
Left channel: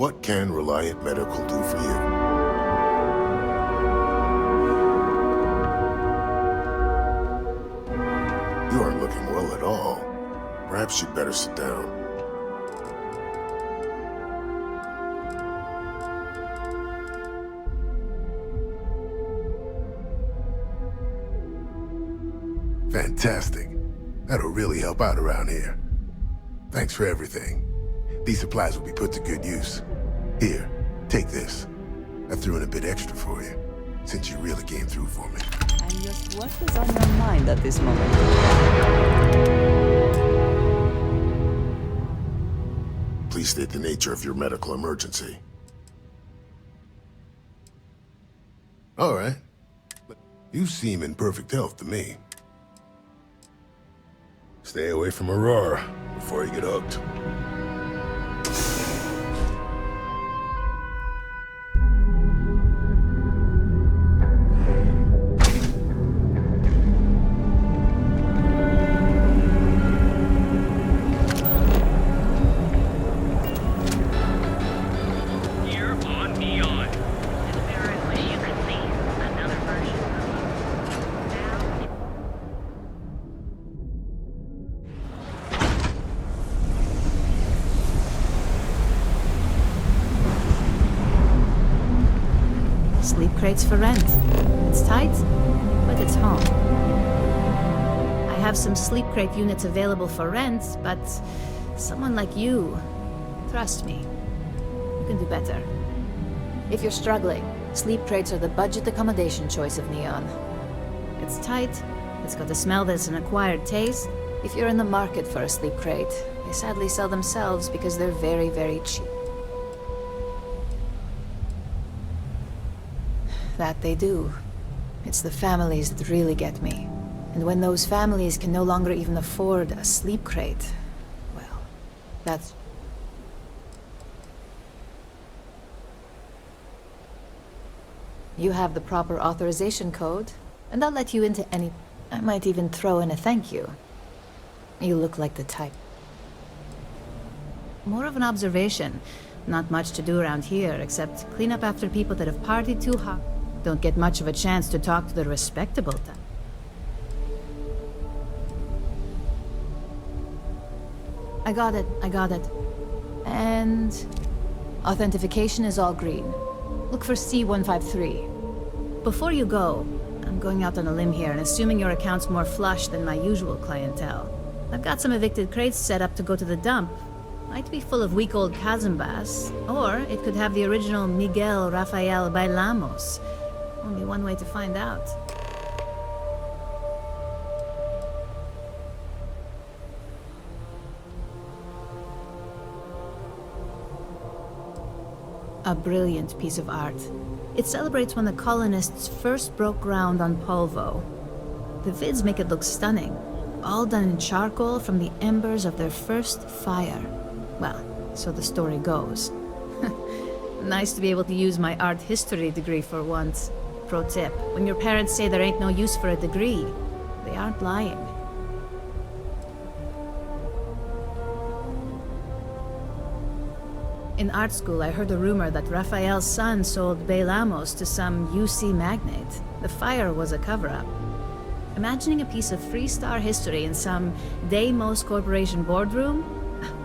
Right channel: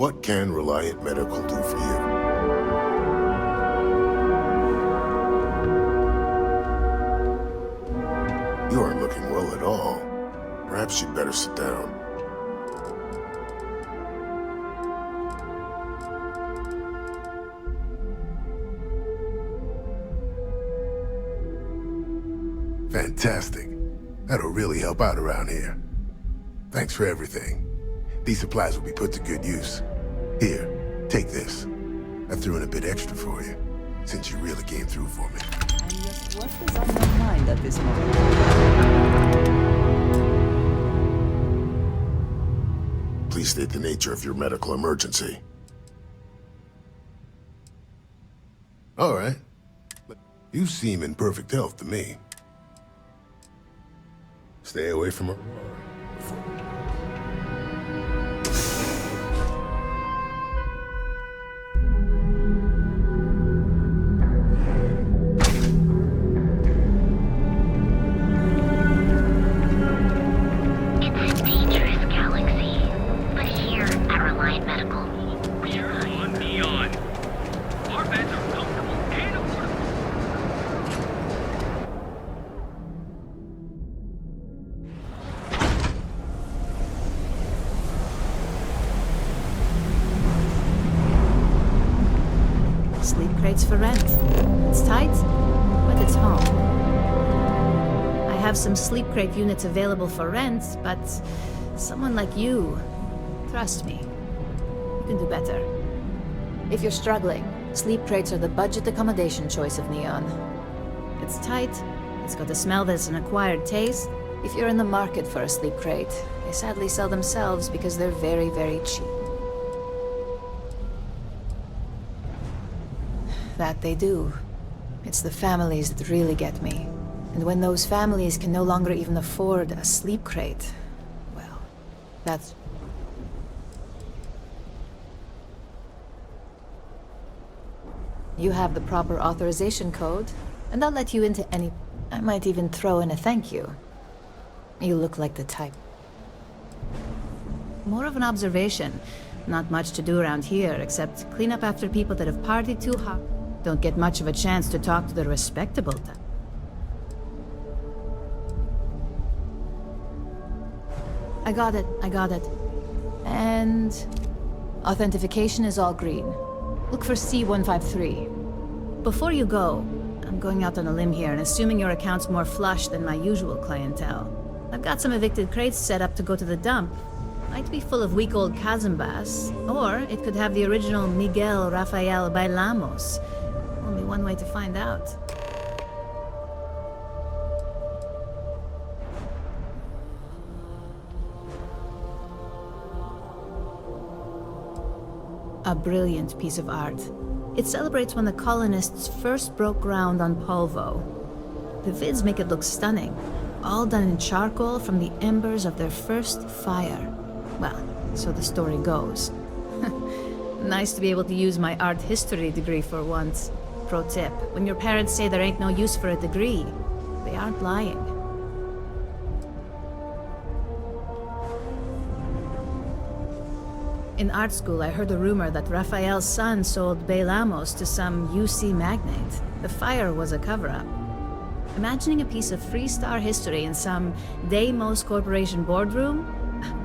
What can Reliant Medical do for you? You aren't looking well at all. Perhaps you'd better sit down. Fantastic. That'll really help out around here. Thanks for everything. These supplies will be put to good use. Here, take this. I threw in a bit extra for you, since you really came through for me. And just what is on your mind at this moment? Please state the nature of your medical emergency. All right. You seem in perfect health to me. Stay away from Aurora before you get hooked. sleep crates for rent. It's tight, but it's home. I have some sleep crate units available for rent, but someone like you, trust me, you can do better. If you're struggling, sleep crates are the budget accommodation choice of Neon. It's tight, it's got a smell that's an acquired taste. If you're in the market for a sleep crate, they sadly sell themselves because they're very, very cheap. That they do. It's the families that really get me. And when those families can no longer even afford a sleep crate, well, that's... You have the proper authorization code, and I'll let you into any... I might even throw in a thank you. You look like the type. More of an observation. Not much to do around here, except clean up after people that have partied too hard. Don't get much of a chance to talk to the respectable type. I got it. And... authentication is all green. Look for C153. Before you go, I'm going out on a limb here and assuming your account's more flush than my usual clientele. I've got some evicted crates set up to go to the dump. Might be full of week old Cazimbas, or it could have the original Miguel Rafael Bailamos. Only one way to find out. A brilliant piece of art. It celebrates when the colonists first broke ground on Polvo. The vids make it look stunning, all done in charcoal from the embers of their first fire. Well, so the story goes. Nice to be able to use my art history degree for once. Pro tip, when your parents say there ain't no use for a degree, they aren't lying. In art school, I heard a rumor that Rafael's son sold Bailamos to some UC magnate. The fire was a cover-up. Imagining a piece of Freestar history in some Deimos Corporation boardroom?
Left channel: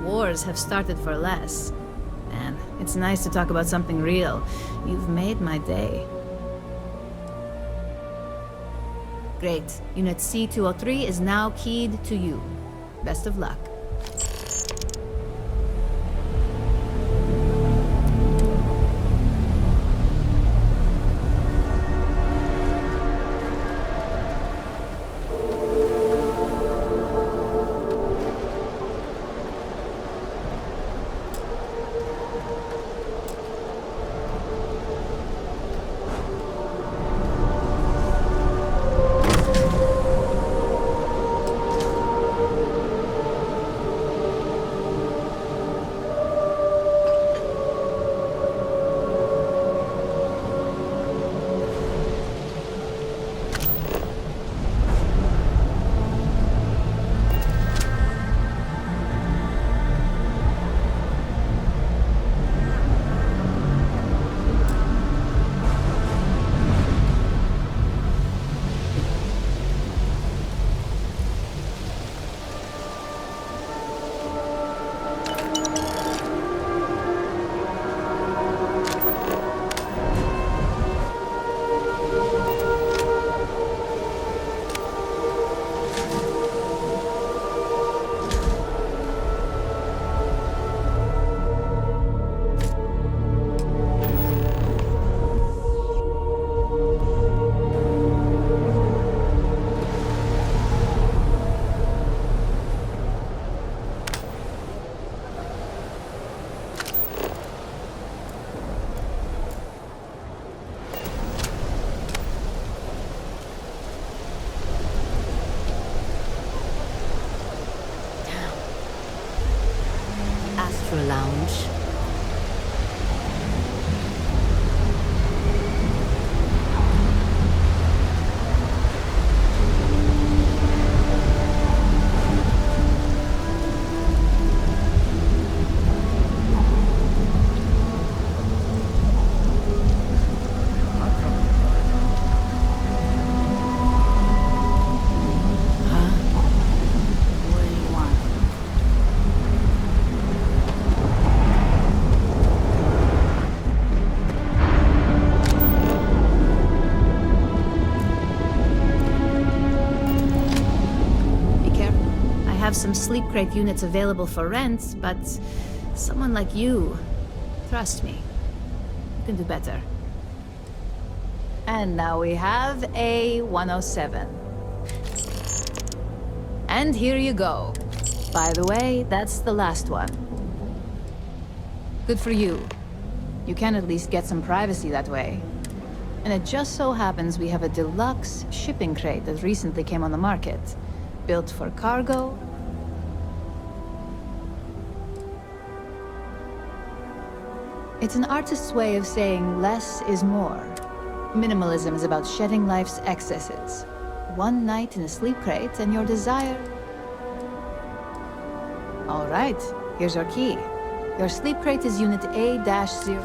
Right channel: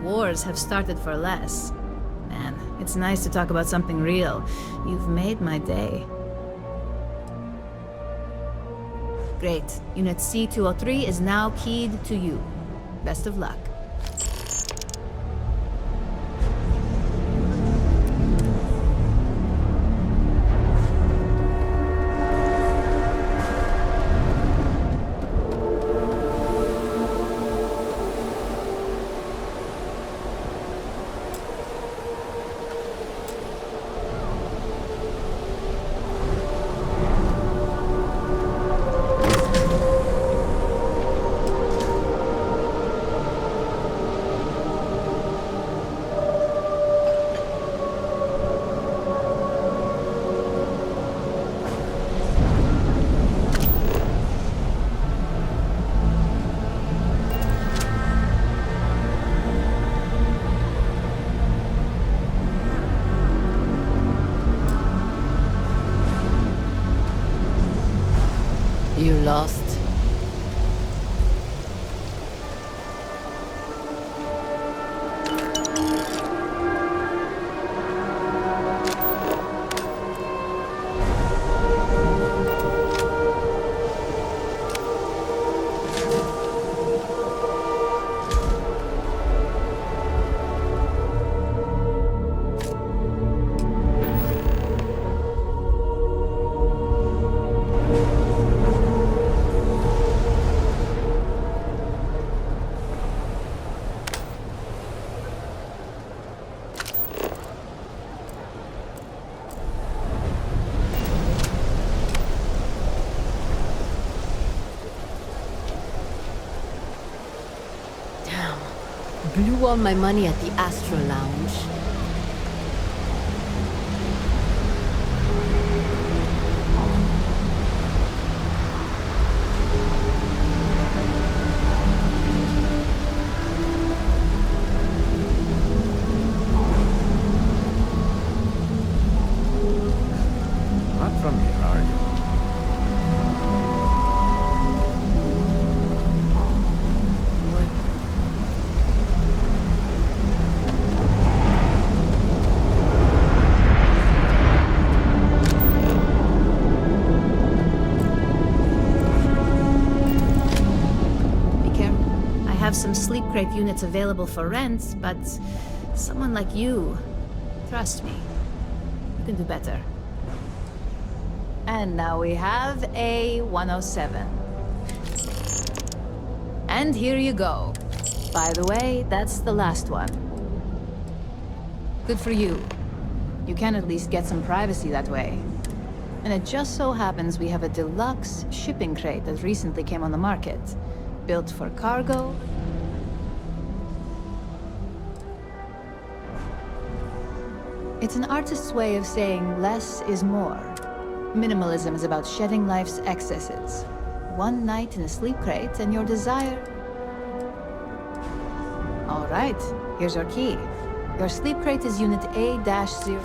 Wars have started for less. Man, it's nice to talk about something real. You've made my day. Great. Unit C203 is now keyed to you. Best of luck. You lost. Blew all my money at the Astro Lounge. Not from here, are you? have some sleep crate units available for rent, but someone like you, trust me, you can do better. And now we have a 107. And here you go. By the way, that's the last one. Good for you. You can at least get some privacy that way. And it just so happens we have a deluxe shipping crate that recently came on the market. Built for cargo. It's an artist's way of saying less is more. Minimalism is about shedding life's excesses. One night in a sleep crate and your desire... All right, here's your key. Your sleep crate is Unit A-0.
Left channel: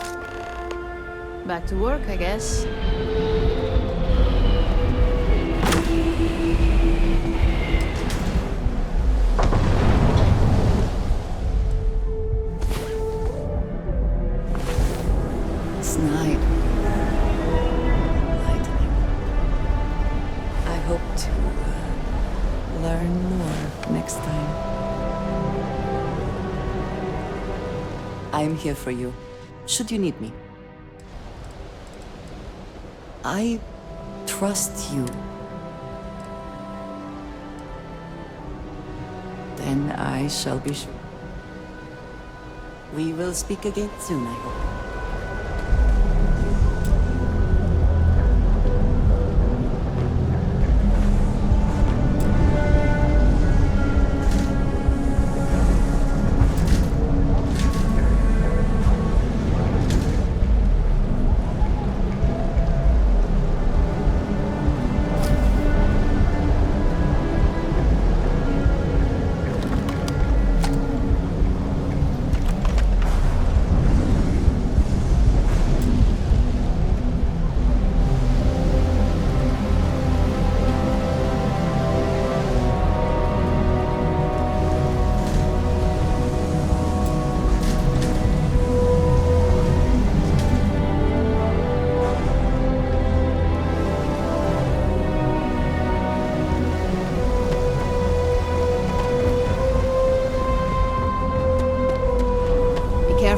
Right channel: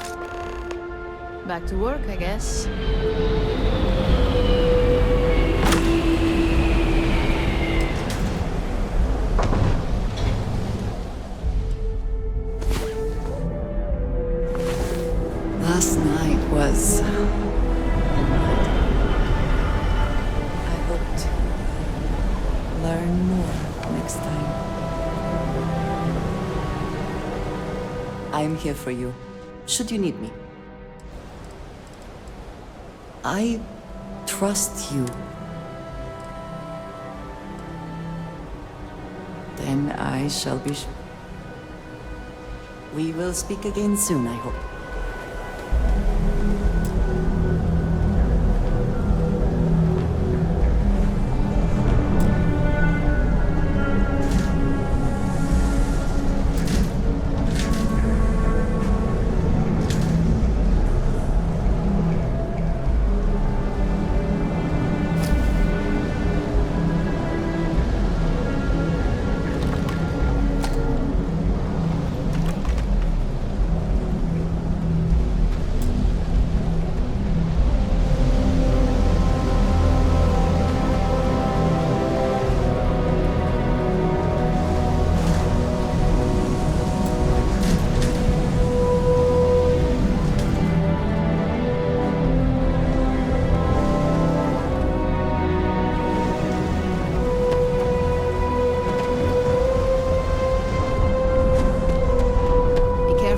Back to work, I guess. Last night was enlightening. I hope to learn more next time. I am here for you, should you need me. I trust you. Then I shall be sure. We will speak again soon, I hope.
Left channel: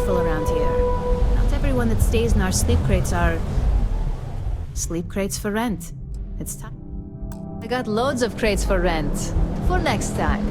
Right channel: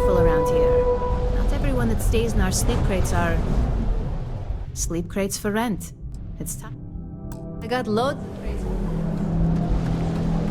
Around here. Not everyone that stays in our sleep crates are... sleep crates for rent. It's time. I got loads of crates for rent. For next time.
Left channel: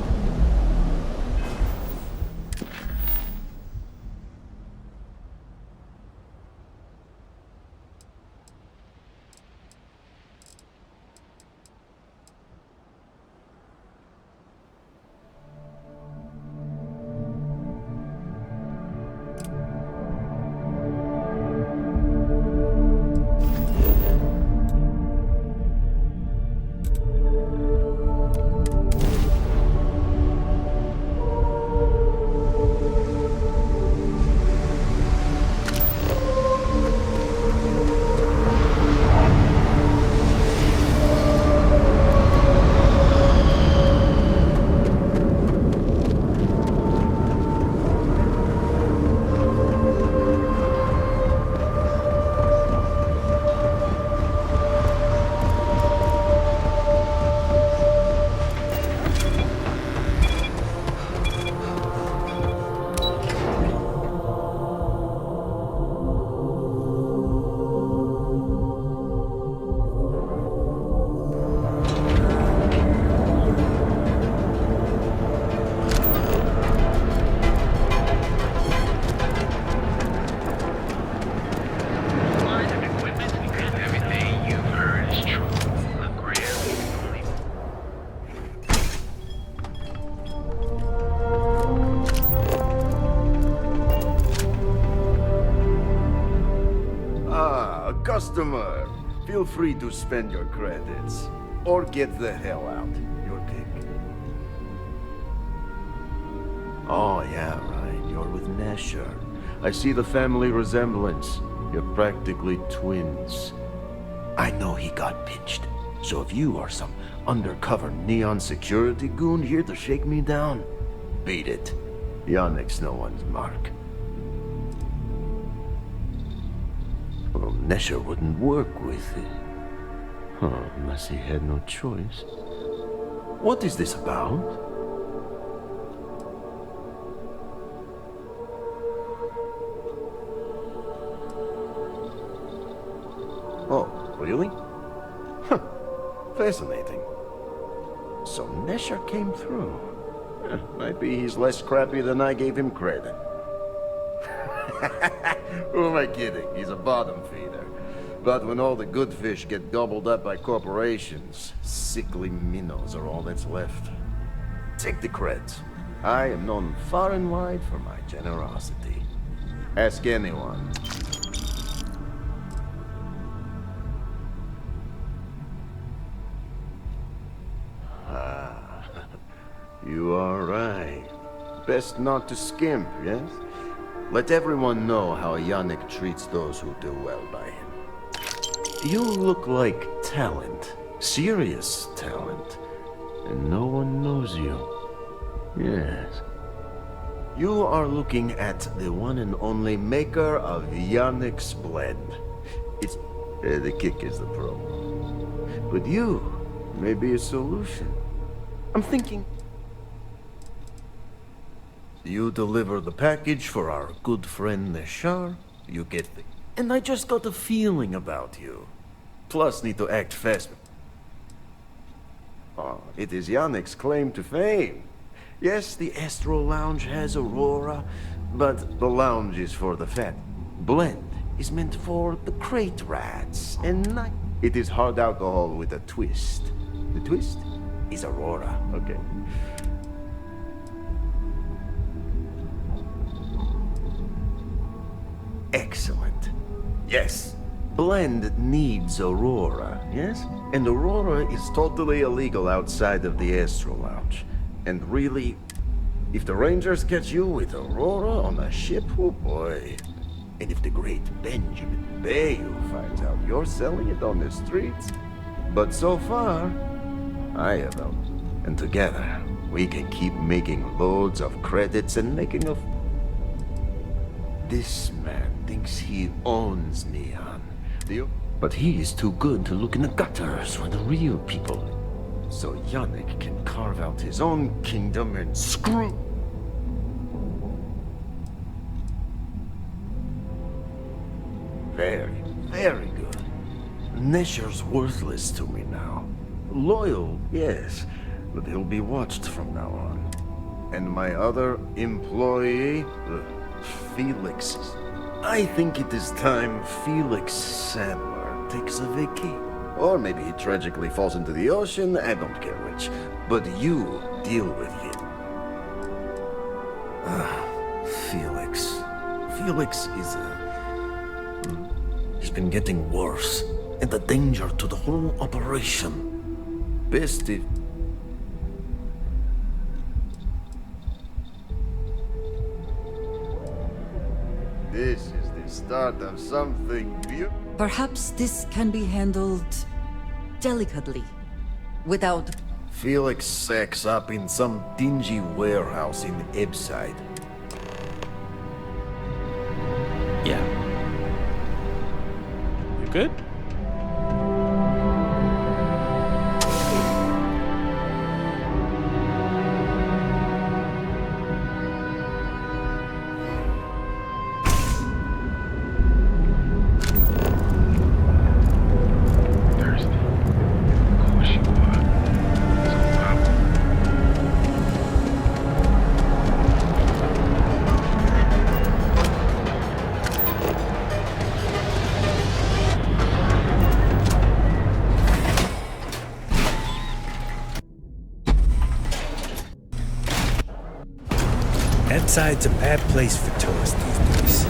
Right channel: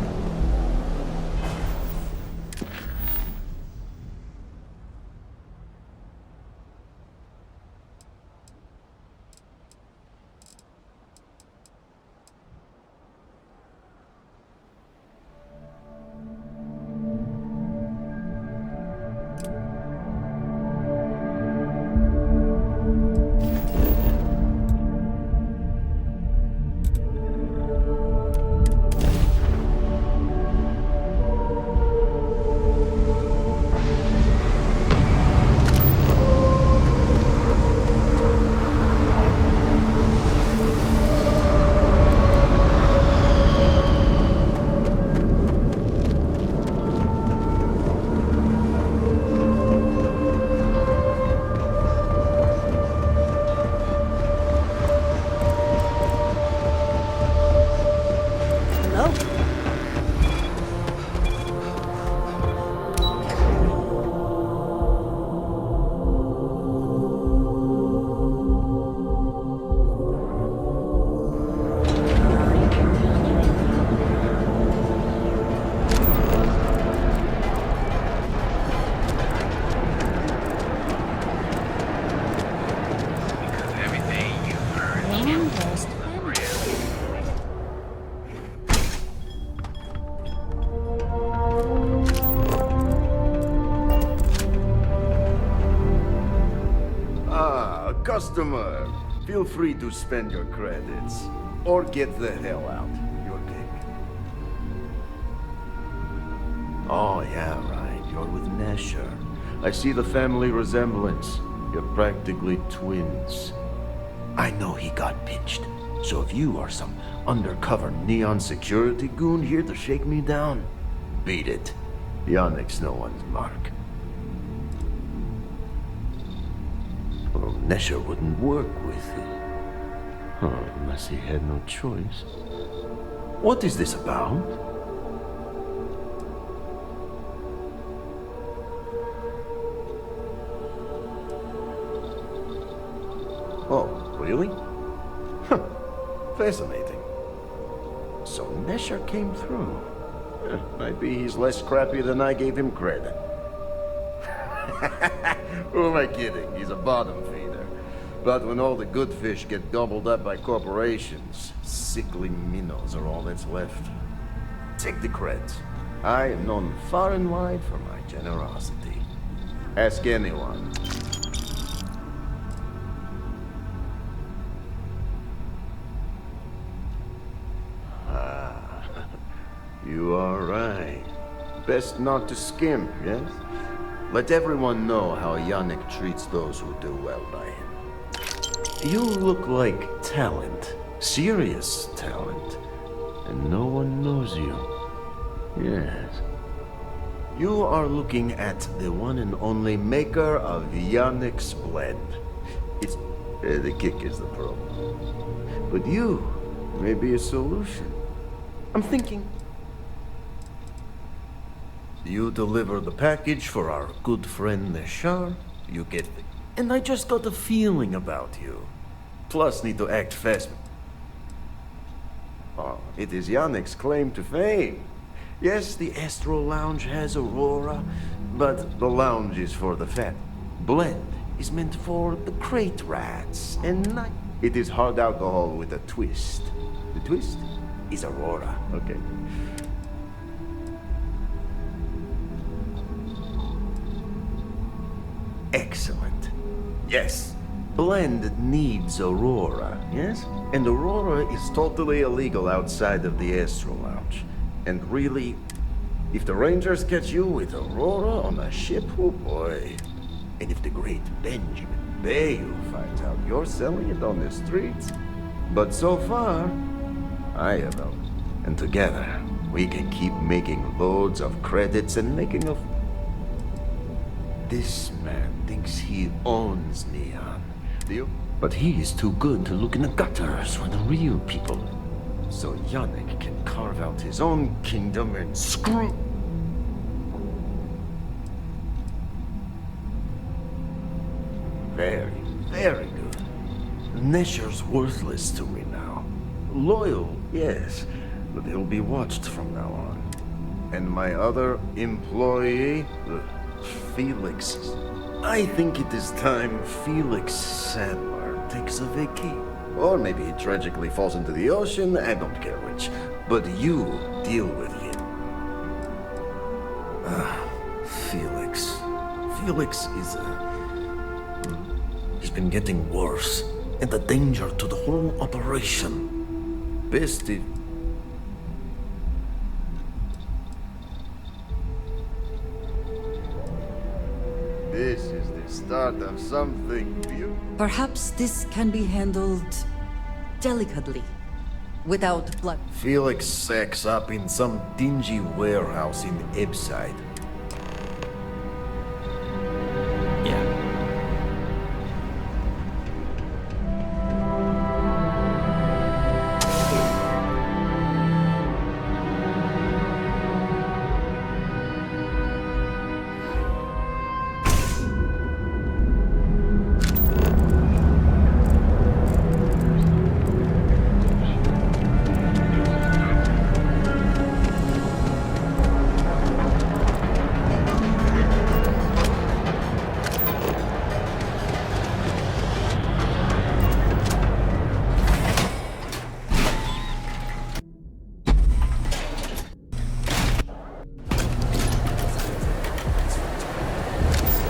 Customer, feel free to spend your credits. Or get the hell out. Your pick. Oh, yeah, right. You're with Nesher. I see the family resemblance. You're practically twins. I know he got pinched. So if you are some undercover neon security goon here to shake me down, beat it. Yannick's no one's mark. Well, Nesher wouldn't work with it. Huh, unless he had no choice. What is this about? Really? Huh. Fascinating. So Nesher came through. Might be he's less crappy than I gave him credit. Who am I kidding? He's a bottom feeder. But when all the good fish get gobbled up by corporations, sickly minnows are all that's left. Take the creds. I am known far and wide for my generosity. Ask anyone. Ah, you are right. Best not to skimp, yes? Let everyone know how Yannick treats those who do well by him. You look like talent. Serious talent. And no one knows you. Yes. You are looking at the one and only maker of Yannick's blend. It's... the kick is the promo. But you may be a solution. I'm thinking... You deliver the package for our good friend Neshar, you get the... And I just got a feeling about you. Plus need to act fast. Oh, it is Yannick's claim to fame. Yes, the Astro Lounge has Aurora, but the lounge is for the fat. Blend is meant for the crate rats, and night. It is hard alcohol with a twist. The twist is Aurora, okay? Excellent. Yes. Blend needs Aurora, yes? And Aurora is totally illegal outside of the Astro Lounge. And really, if the Rangers catch you with Aurora on a ship, oh boy. And if the great Benjamin Bayou finds out you're selling it on the streets. But so far, I have helped. And together, we can keep making loads of credits and making a... This man thinks he owns Neon. But he is too good to look in the gutters where the real people live. So Yannick can carve out his own kingdom and screw... Very, very good. Nesher's worthless to me now. Loyal, yes, but he'll be watched from now on. And my other employee, Felix. I think it is time Felix Sandler takes a vacay. Or maybe he tragically falls into the ocean, I don't care which. But you deal with him. Felix. Felix is he's been getting worse. And a danger to the whole operation. Best if... This is the start of something beautiful. Perhaps this can be handled delicately, without blood. Felix sacks up in some dingy warehouse in Ebside. Yeah. Good? Side's a bad place for tourists these days.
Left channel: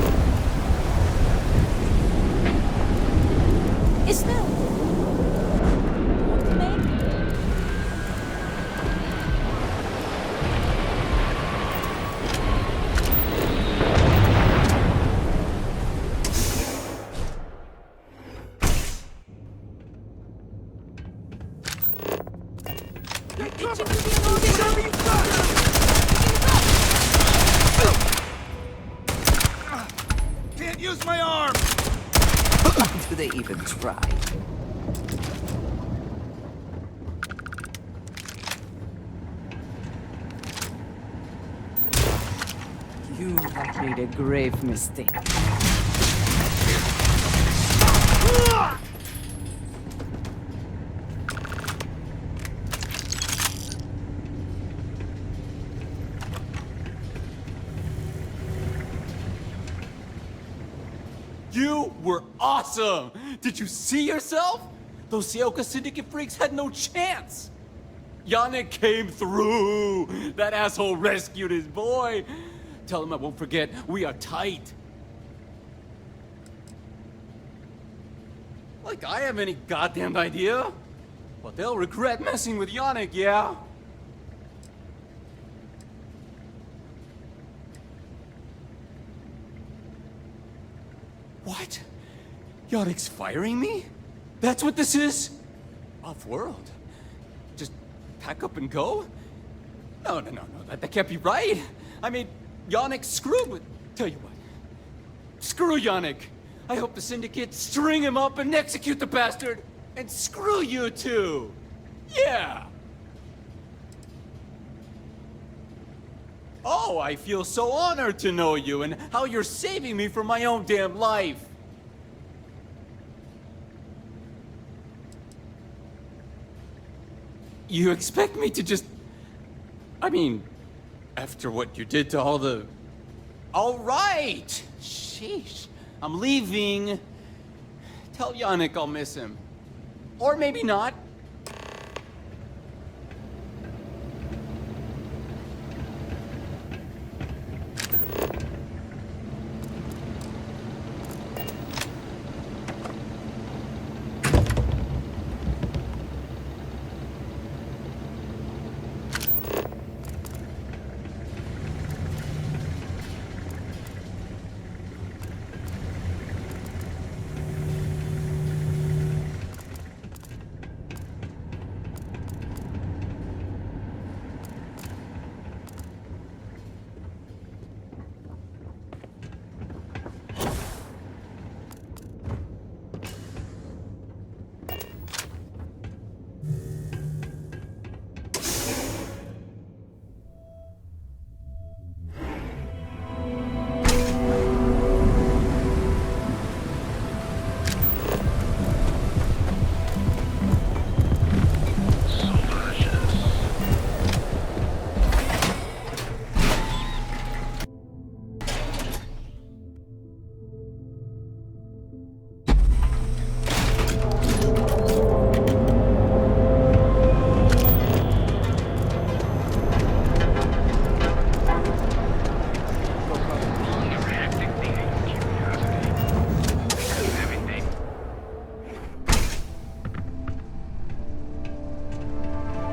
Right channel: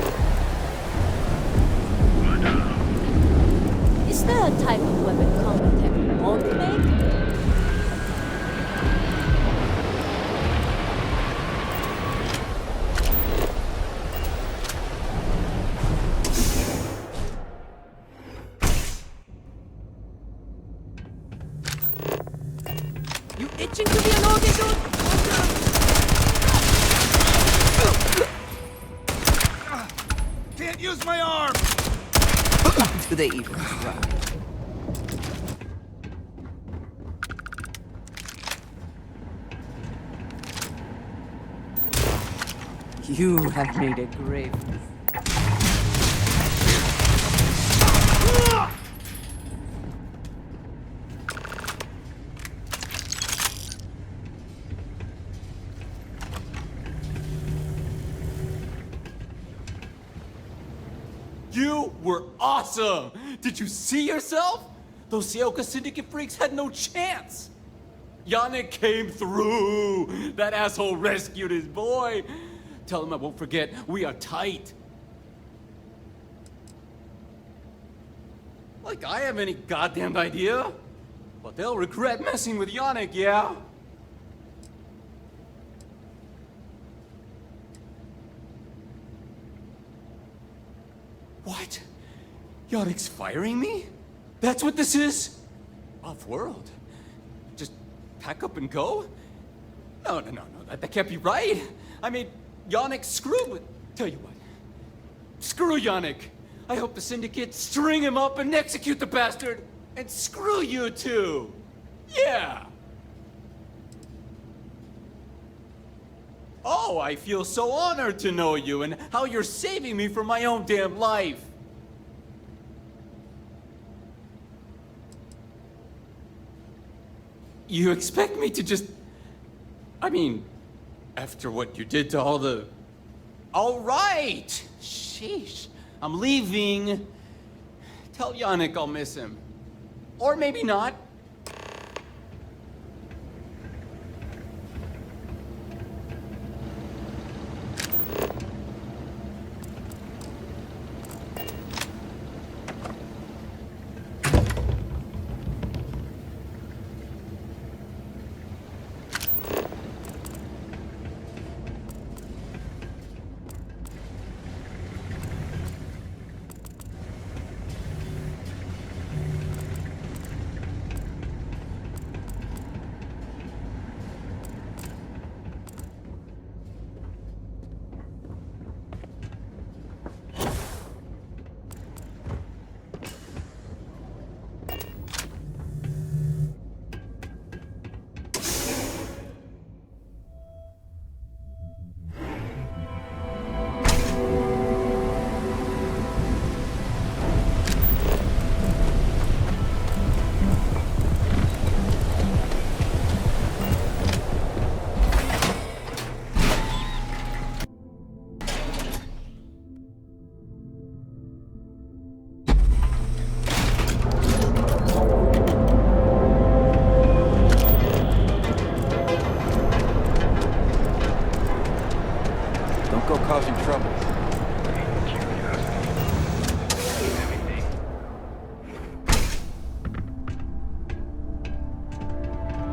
Is there a type of weapon combat you won't make? You itching to be an audience? Can't use my arm! Do they even try? You have made a grave mistake. were awesome! Did you see yourself? Those Seoka Syndicate freaks had no chance! Yannick came through! That asshole rescued his boy! Tell him I won't forget, we are tight. Like I have any goddamn idea? But they'll regret messing with Yannick, yeah? What? Yannick's firing me? That's what this is? Off-world? Just pack up and go? No, that can't be right. I mean, Yannick screwed with... Tell you what. Screw Yannick. I hope the Syndicate string him up and execute the bastard. And screw you too. Yeah. Oh, I feel so honored to know you and how you're saving me from my own damn life. You expect me to just... I mean, after what you did to all the... All right! Sheesh. I'm leaving. Tell Yannick I'll miss him. Or maybe not.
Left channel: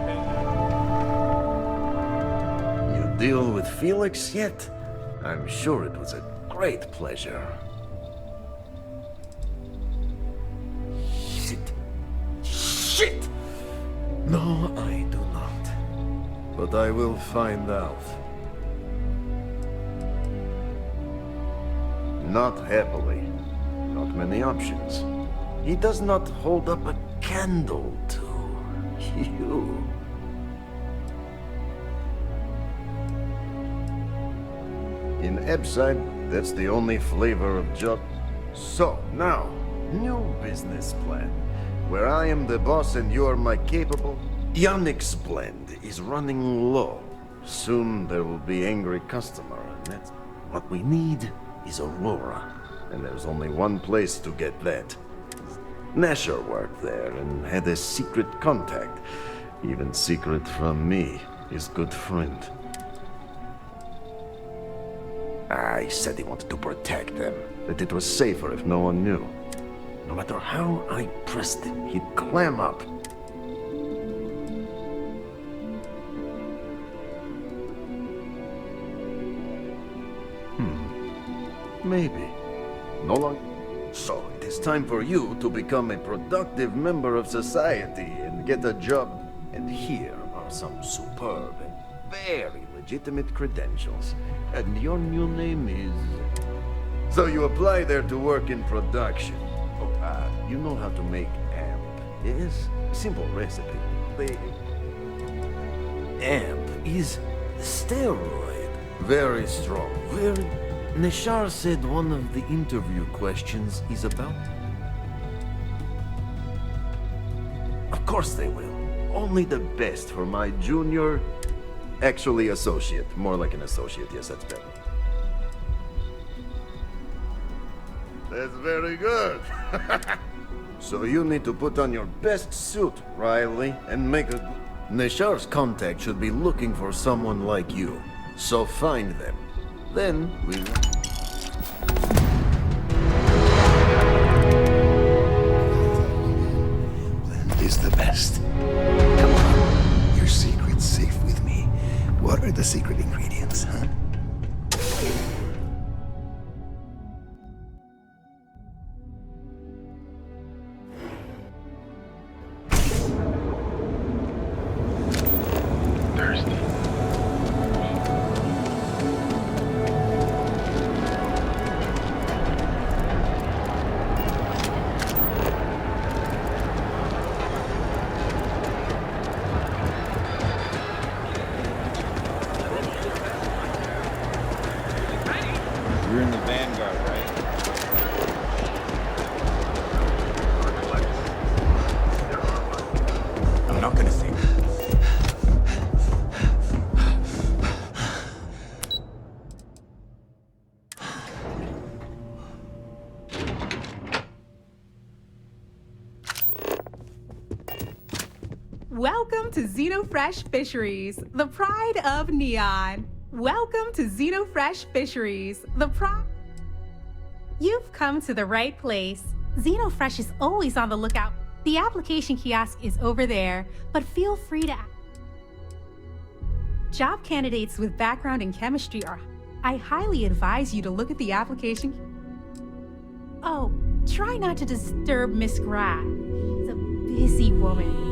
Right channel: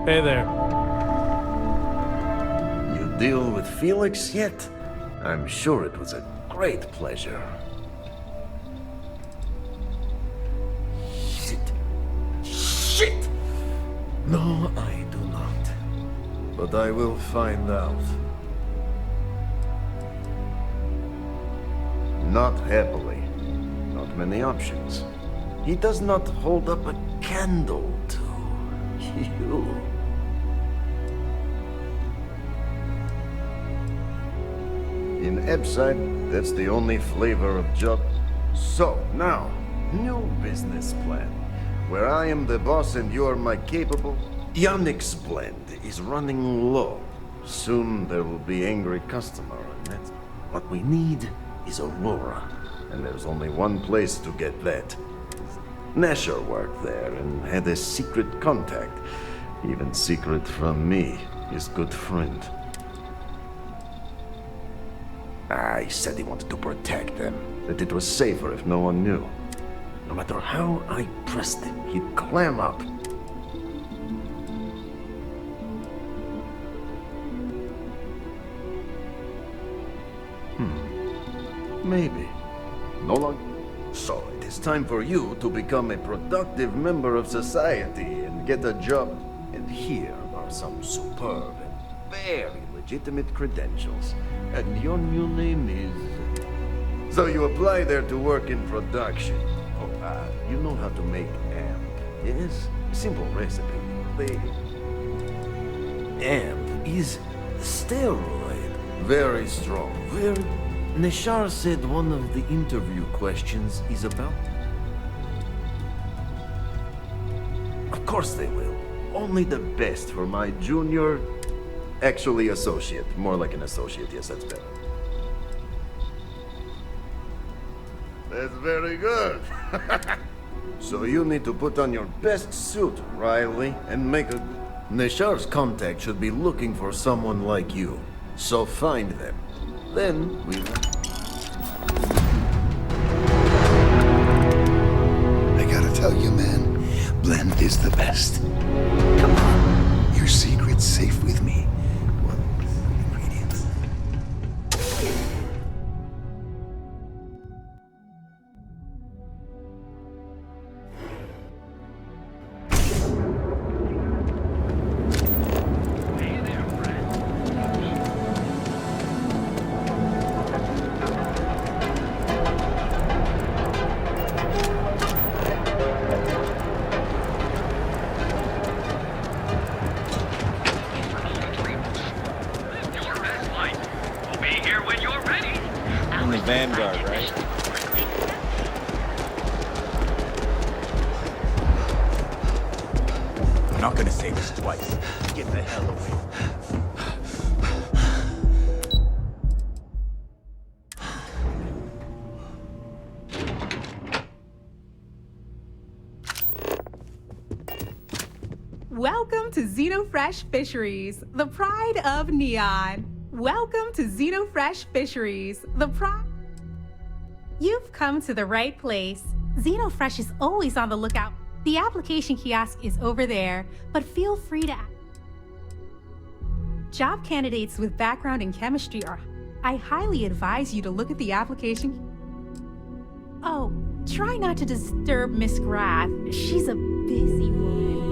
Hey there. You deal with Felix yet? I'm sure it was a great pleasure. Shit! No, I do not. But I will find out. Not happily. Not many options. He does not hold up a candle to you. In Ebside, that's the only flavor of job. So, now, new business plan. Where I am the boss and you're my capable. Yannick's blend is running low. Soon there will be angry customer, and that's what we need is Aurora. And there's only one place to get that. Nasher worked there and had a secret contact. Even secret from me, his good friend. He said he wanted to protect them, that it was safer if no one knew. No matter how I pressed him, he'd clam up. Maybe. No longer. So, it is time for you to become a productive member of society and get a job. And here are some superb and very legitimate credentials. And your new name is... So you apply there to work in production. Oh, you know how to make amp, yes? A simple recipe. The amp is steroid. Very strong, very... Neshar said one of the interview questions is about... Of course they will. Only the best for my junior... Actually, associate. More like an associate, yes, that's better. That's very good. So you need to put on your best suit, Riley, and make a... Neshar's contact should be looking for someone like you. So find them. Then we... I gotta tell you, man, blend is the best. Come on. Your secret's safe with me. What are the secret ingredients, huh? You're in the Vanguard, right? I'm not gonna say this twice. Get the hell away. Welcome to Xenofresh Fisheries, the pride of Neon. Welcome to Xenofresh Fisheries, the pride... You've come to the right place. Xenofresh is always on the lookout. The application kiosk is over there, but feel free to... Job candidates with background in chemistry are... I highly advise you to look at the application... Oh, try not to disturb Miss Grath. She's a busy woman.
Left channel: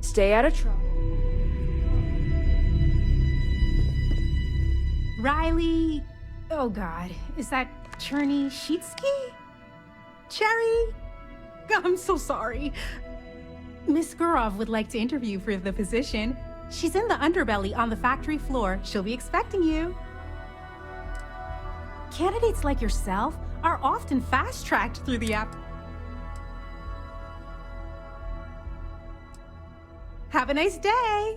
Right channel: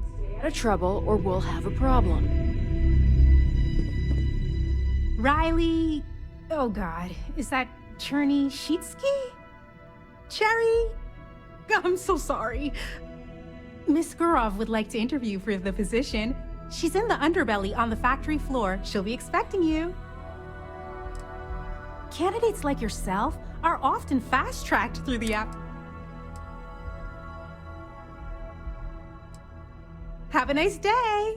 Stay out of trouble or we'll have a problem. Riley... Oh god, is that Cherny Sheetsky? Cherry? I'm so sorry. Miss Gurov would like to interview for the position. She's in the underbelly on the factory floor. She'll be expecting you. Candidates like yourself are often fast-tracked through the app. Have a nice day!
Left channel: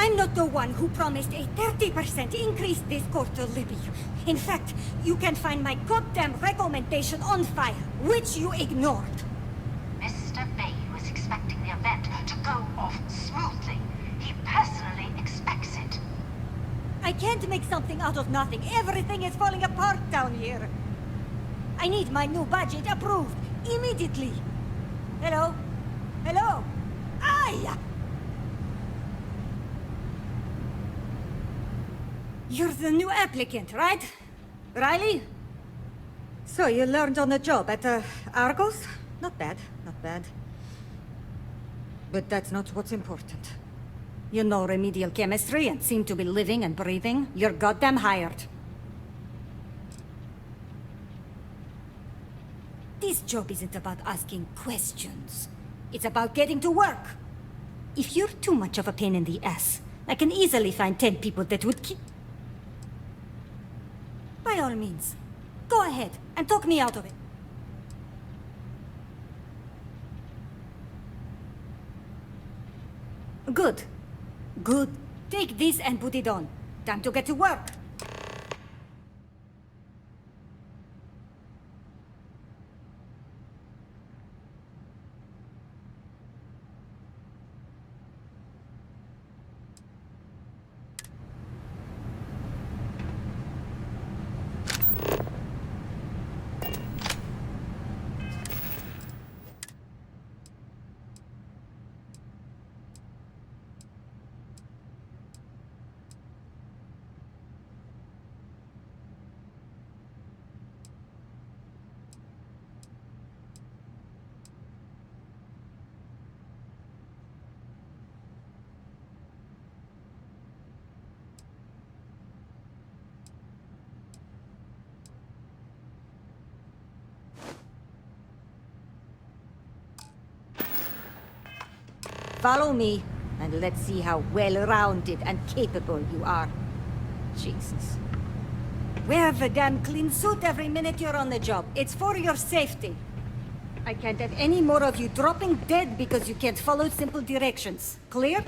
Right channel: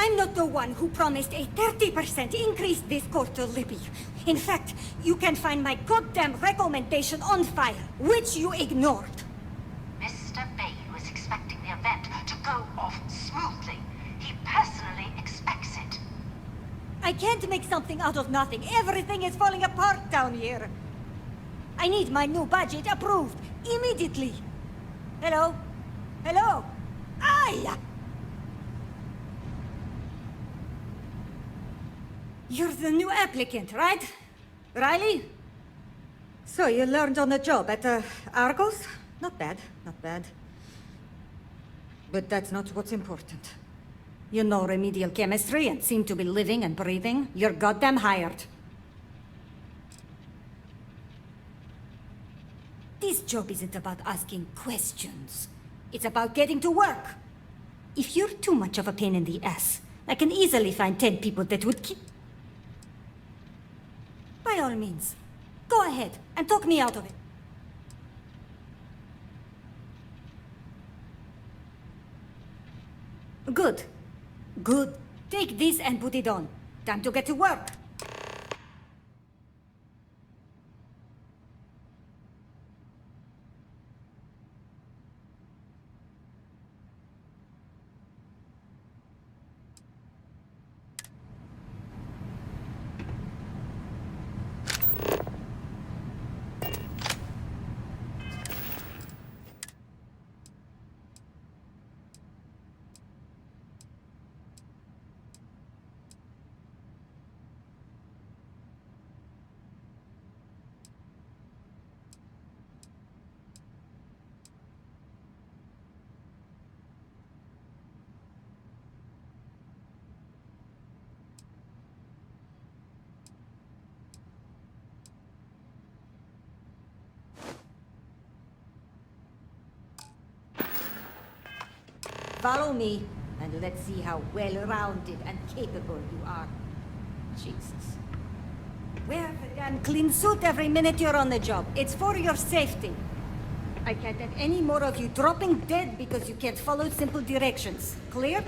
I'm not the one who promised a 30% increase this quarter, Libby. In fact, you can find my goddamn recommendation on file, which you ignored. Mr. Bay was expecting the event to go off smoothly. He personally expects it. I can't make something out of nothing. Everything is falling apart down here. I need my new budget approved immediately. Hello? Hello? Aye! You're the new applicant, right? Riley? So you learned on the job at Argos? Not bad, not bad. But that's not what's important. You know remedial chemistry and seem to be living and breathing. You're goddamn hired. This job isn't about asking questions. It's about getting to work. If you're too much of a pain in the ass, I can easily find 10 people that would keep... By all means, go ahead and talk me out of it. Good. Good. Take this and put it on. Time to get to work. Follow me, and let's see how well-rounded and capable you are. Jesus. Wear the damn clean suit every minute you're on the job. It's for your safety. I can't have any more of you dropping dead because you can't follow simple directions. Clear?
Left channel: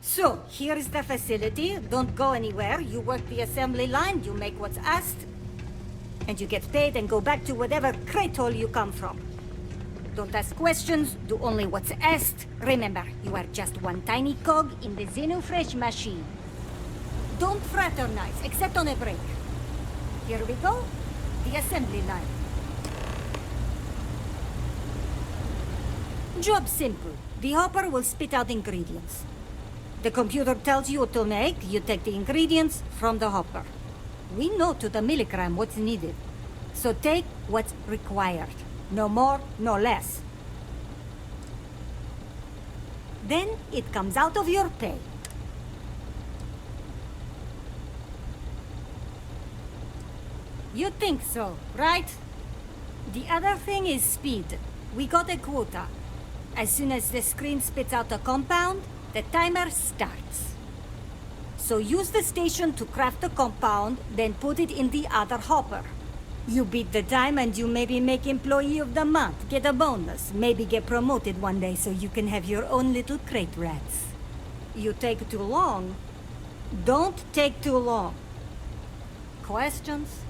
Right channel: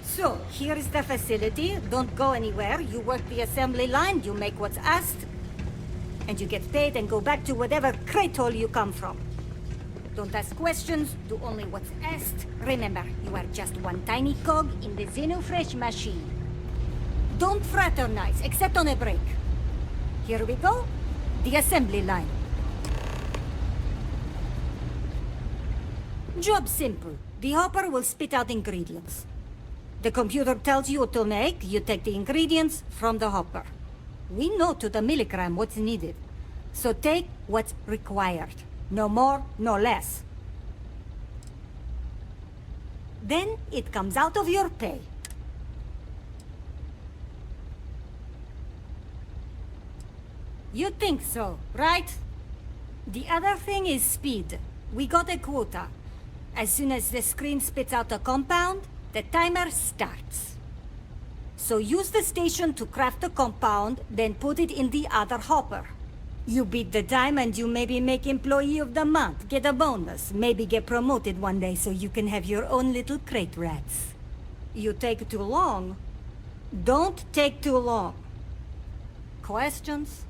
So, here is the facility. Don't go anywhere. You work the assembly line, you make what's asked, and you get paid and go back to whatever crate hole you come from. Don't ask questions, do only what's asked. Remember, you are just one tiny cog in the Xenofresh machine. Don't fraternize, except on a break. Here we go. The assembly line. Job simple. The hopper will spit out ingredients. The computer tells you what to make, you take the ingredients from the hopper. We know to the milligram what's needed. So take what's required. No more, no less. Then it comes out of your pay. You think so, right? The other thing is speed. We got a quota. As soon as the screen spits out a compound, the timer starts. So use the station to craft the compound, then put it in the other hopper. You beat the time and you maybe make Employee of the Month, get a bonus, maybe get promoted one day so you can have your own little crate rats. You take too long. Don't take too long. Questions?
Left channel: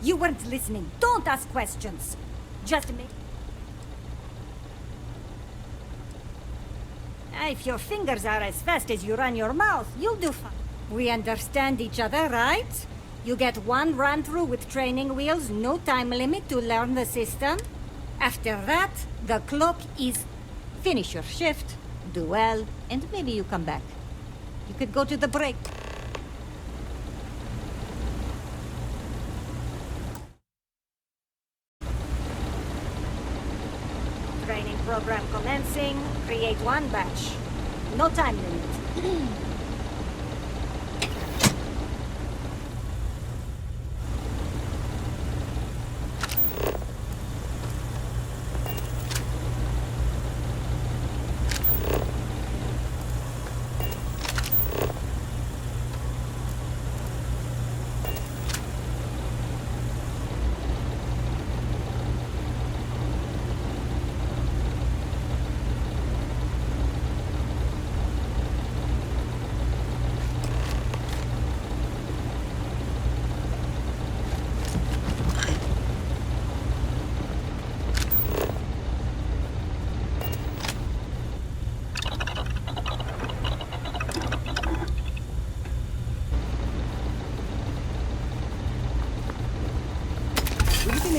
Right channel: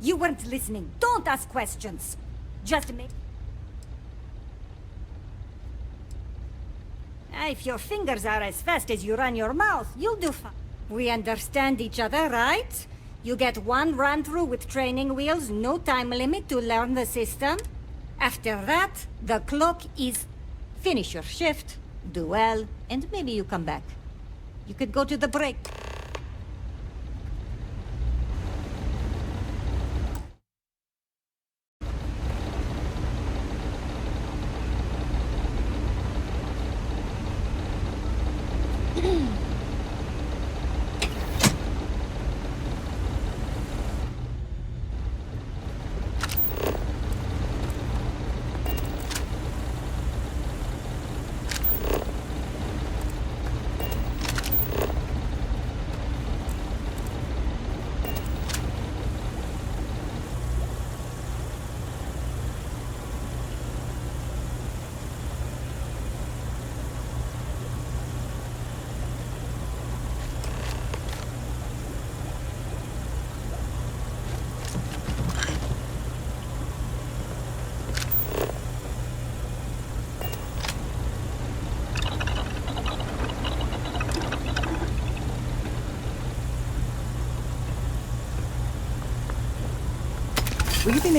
You weren't listening. Don't ask questions. Just make... If your fingers are as fast as you run your mouth, you'll do fine. We understand each other, right? You get one run-through with training wheels, no time limit to learn the system. After that, the clock is finish your shift, do well, and maybe you come back. You could go to the break. Training program commencing. Create one batch. No time limit.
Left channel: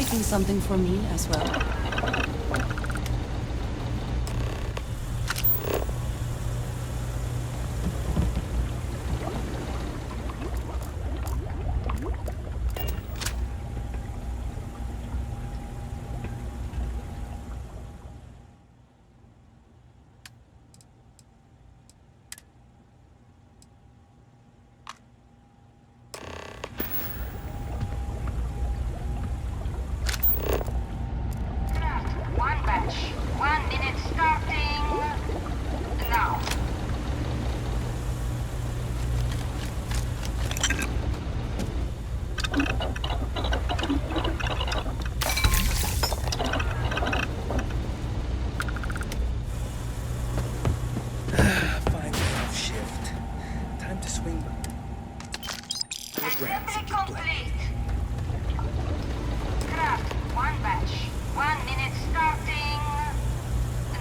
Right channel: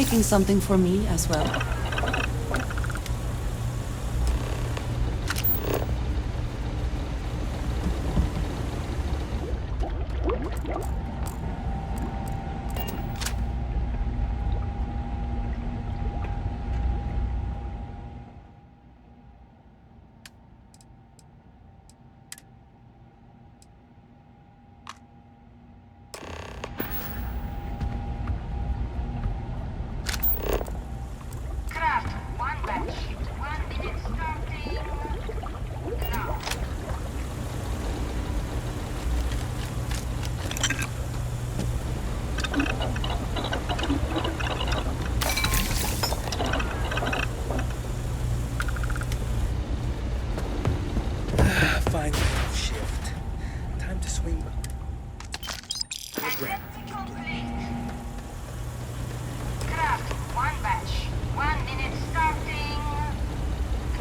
making something for me as well? Fine shift. Time to swing by. Assembly complete. Craft 1 batch. 1 minute starting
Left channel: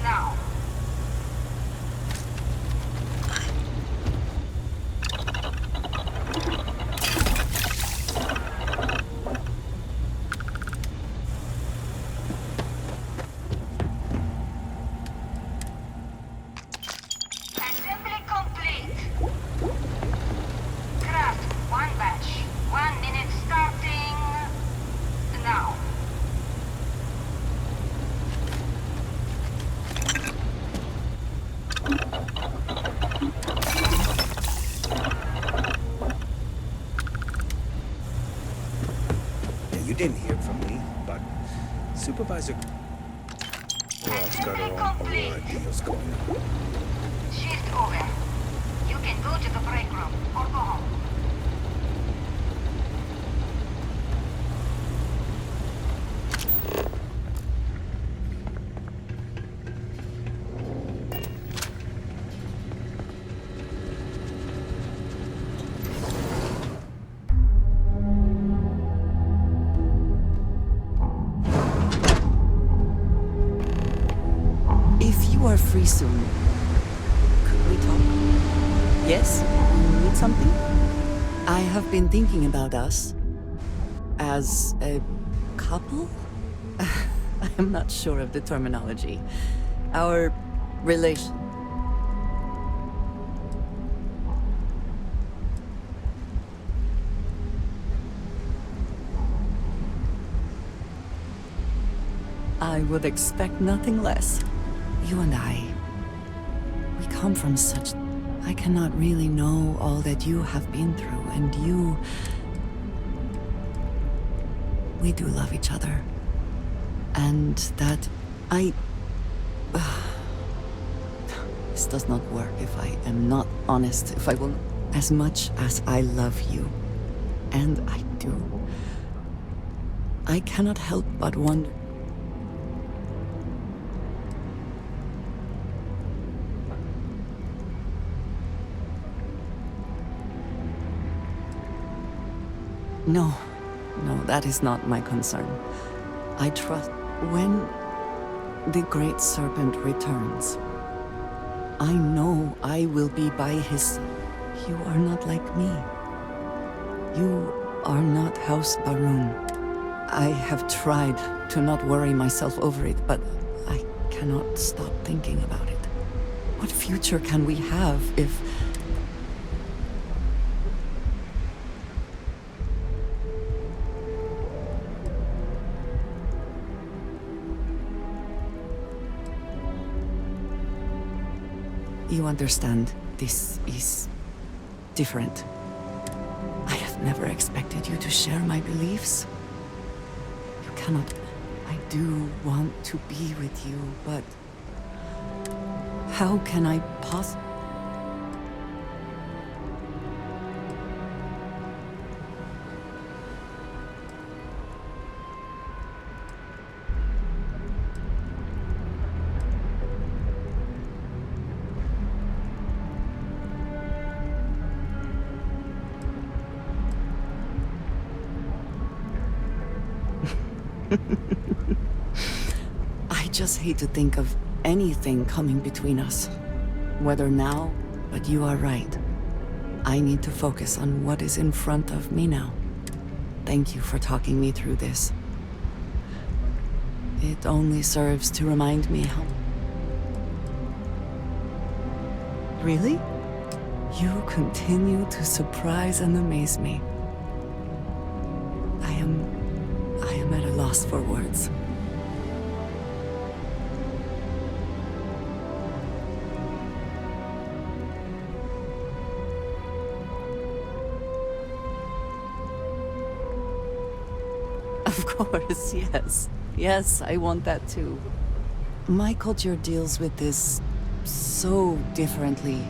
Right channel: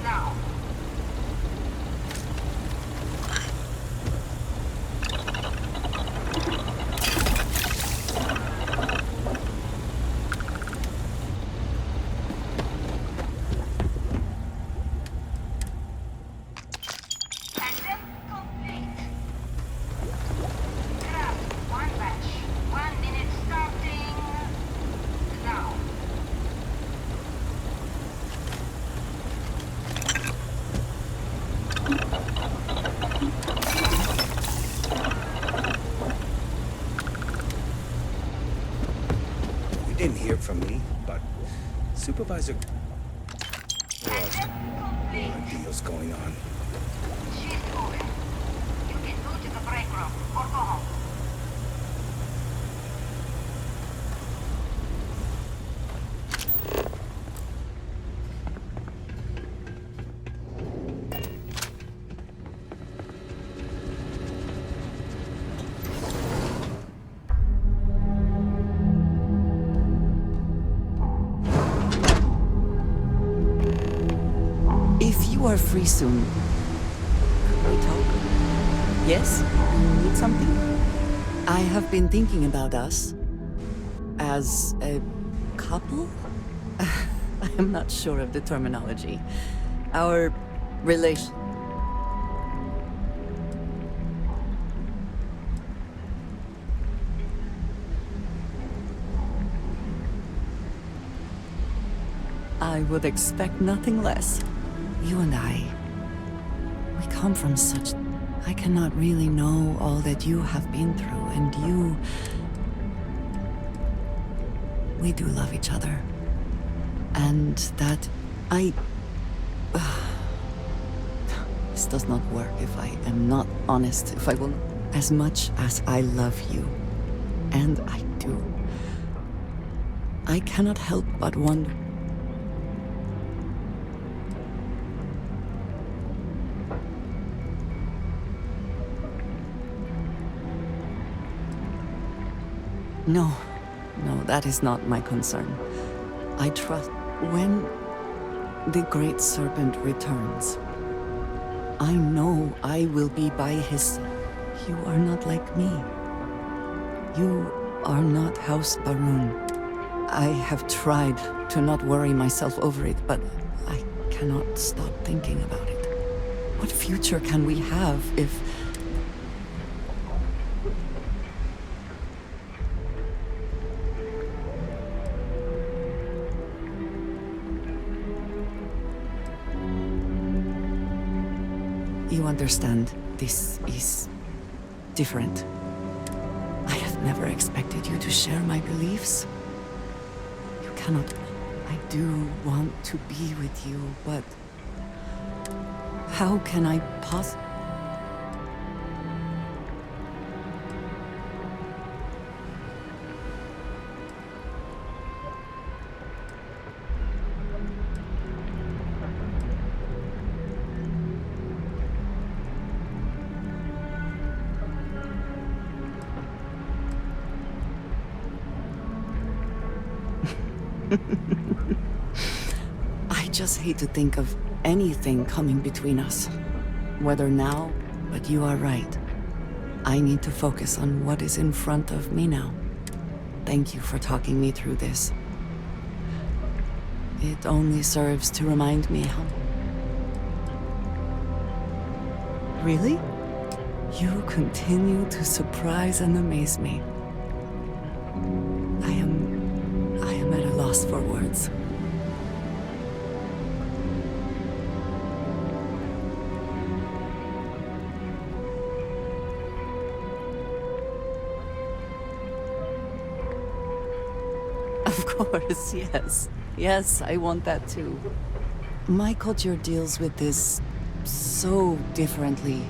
now. Assembly complete. Craft 1 batch. 1 minute starting now. You didn't hear from me, but Supervisor has got her own Aurora deals going on. Shift over. You can go to the break room or go home. If you are free soon, could we talk? Yes? You need something? I have been thinking about us as a couple? I am not sure of the terminology. Our relation. I would expect nothing less. You and I, we come from such... I cannot really know all that you have been through, and you... We do love each other. And that I... This does not work if I am not honest, if I will... As much as I love you, and I do, I cannot help but wonder... No, that is not my concern. I trust when the Great Serpent returns, I know I will be by his side. You are not like me. You are not House Baroon. I have tried to not worry myself over it, but I cannot stop thinking about it. What future can we have if... You understand, this is different. I have never expected you to share my beliefs. You cannot... I do want to be with you, but... How can I possibly... I just hate to think of anything coming between us. Whether now, but you are right. I need to focus on what is in front of me now. Thank you for talking me through this. It only serves to remind me how... Really? You continue to surprise and amaze me. I am at a loss for words. Of course, yes. Yes, I want that too. My culture deals with this so differently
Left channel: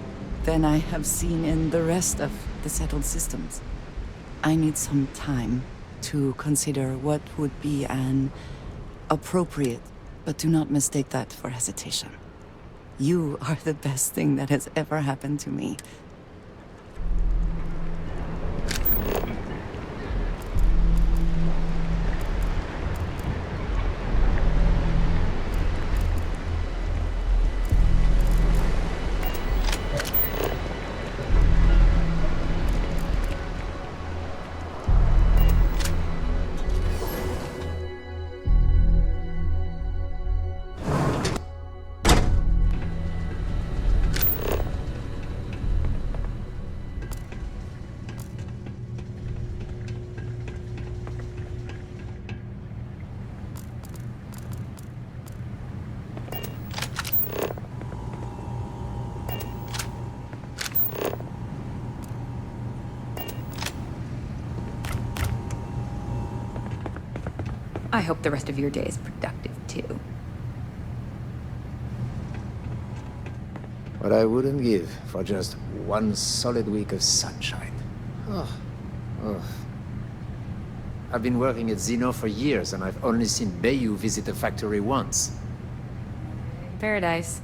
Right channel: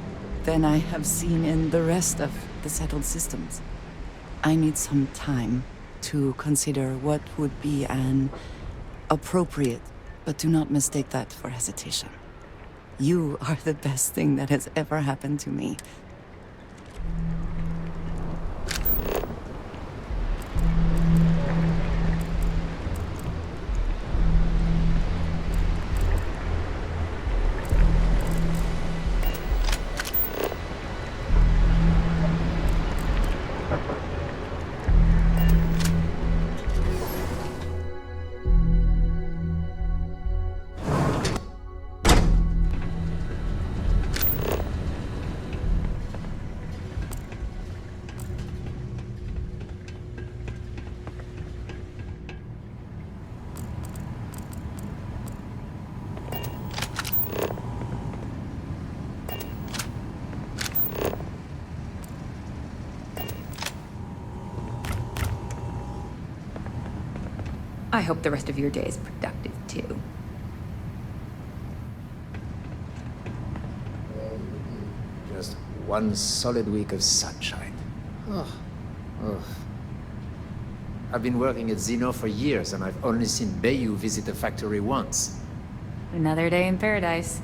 than I have seen in the rest of the settled systems. I need some time to consider what would be an appropriate, but do not mistake that for hesitation. You are the best thing that has ever happened to me. I hope the rest of your day is productive, too. What I wouldn't give for just one solid week of sunshine. Oh. I've been working at Xeno for years, and I've only seen Bayou visit the factory once. Another day in paradise.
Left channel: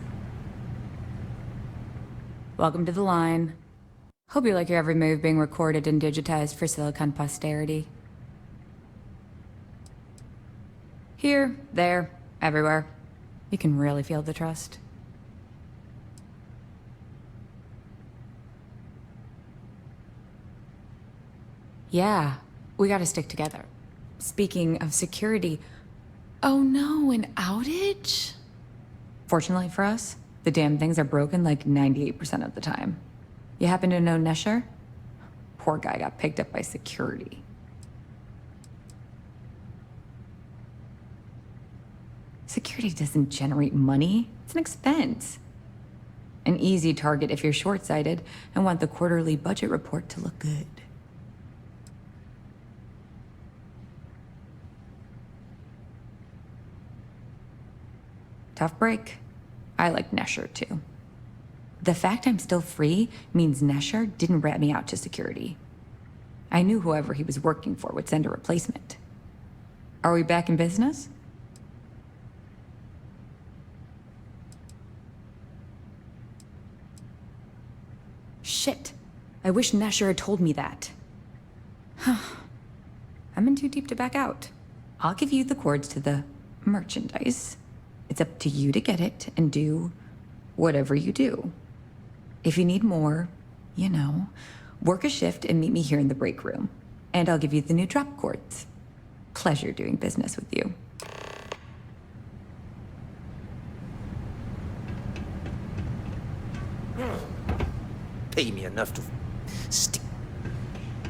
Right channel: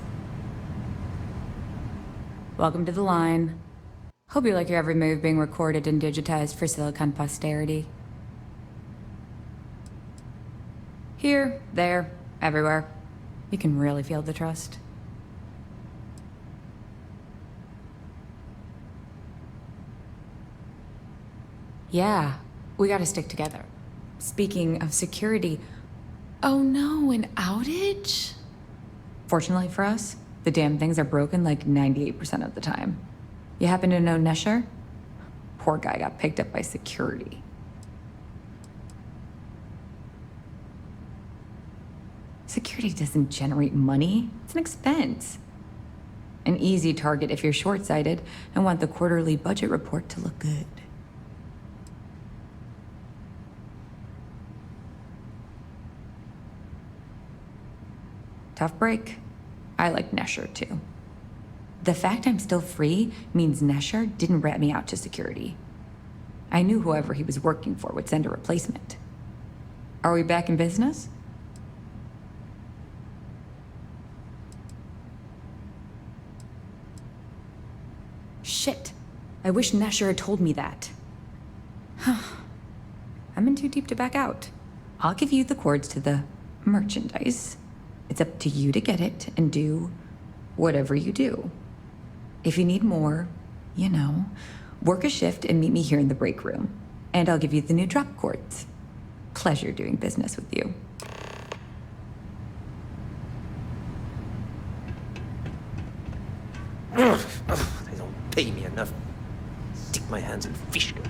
Welcome to the line. Hope you like your every move being recorded and digitized for Silicon posterity. Here, there, everywhere. You can really feel the trust. Yeah, we gotta stick together. Speaking of security... Oh no, an outage? Fortunately for us, the damn things are broken like 98% of the time. You happen to know Nesher? Poor guy got picked up by security. Security doesn't generate money. It's an expense. An easy target if you're short-sighted and want the quarterly budget report to look good. Tough break. I like Nesher too. The fact I'm still free means Nesher didn't rat me out to security. I knew whoever he was working for would send a replacement. Are we back in business? Shit. I wish Nesher had told me that. I'm in too deep to back out. I'll give you the cords to the merchandise. It's up to you to get it and do whatever you do. If you need more, you know, work a shift and meet me here in the break room. And I'll give you the new drop cords. Pleasure doing business with you. They don't pay me enough to stick my hands in fish nets.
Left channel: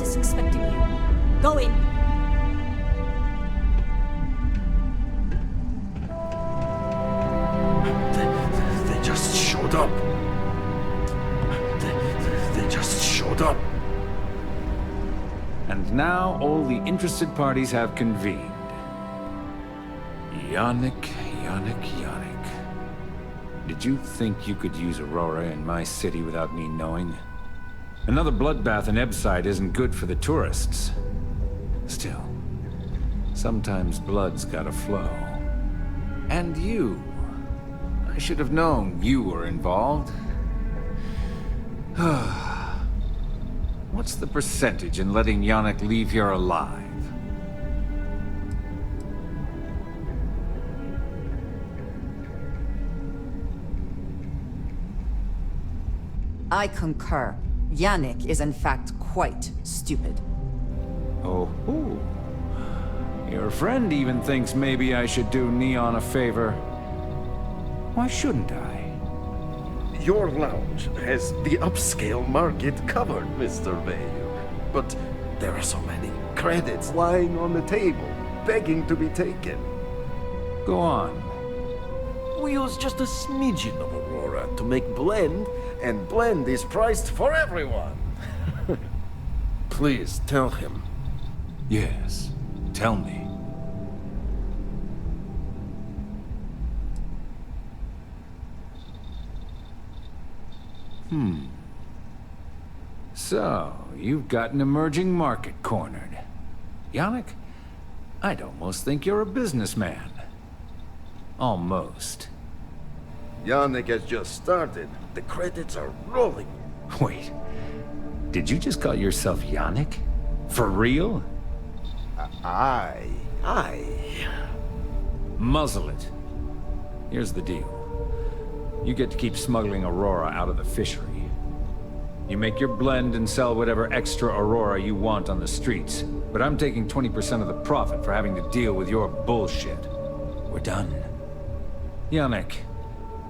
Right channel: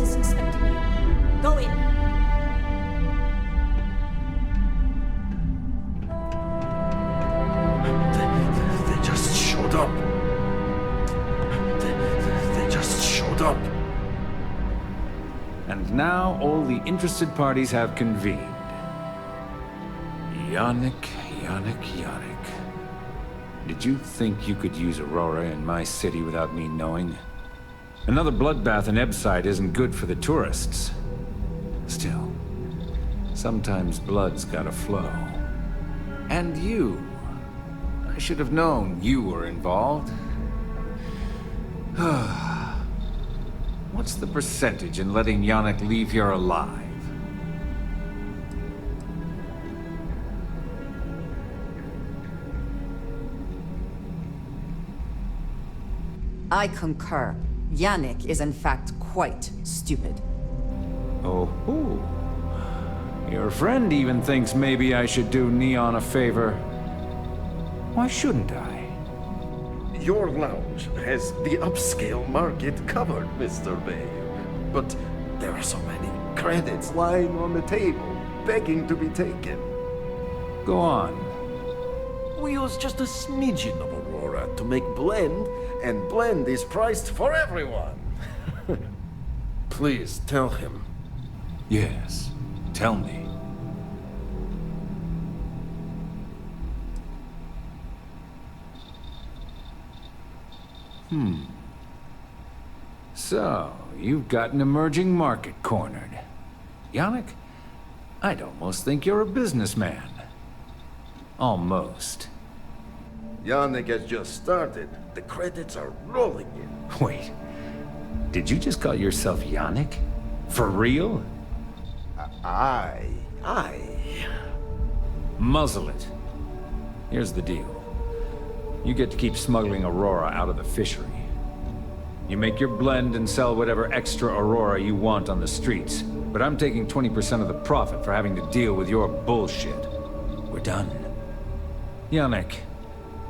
boss is expecting you. Go in. They just showed up. They just showed up. And now all the interested parties have convened. Yannick. Did you think you could use Aurora in my city without me knowing? Another bloodbath in Ebside isn't good for the tourists. Still, sometimes blood's gotta flow. And you. I should have known you were involved. What's the percentage in letting Yannick leave here alive? I concur. Yannick is in fact quite stupid. Oh, your friend even thinks maybe I should do Neon a favor. Why shouldn't I? Your lounge has the upscale market covered, Mr. Bayou. But there are so many credits lying on the table, begging to be taken. Go on. We use just a smidgen of Aurora to make blend, and blend is priced for everyone. Please tell him. Yes, tell me. So, you've got an emerging market cornered. Yannick, I'd almost think you're a businessman. Almost. Yannick has just started. The credits are rolling in. Wait, did you just call yourself Yannick? For real? I... Muzzle it. Here's the deal. You get to keep smuggling Aurora out of the fishery. You make your blend and sell whatever extra Aurora you want on the streets. But I'm taking 20% of the profit for having to deal with your bullshit. We're done. Yannick,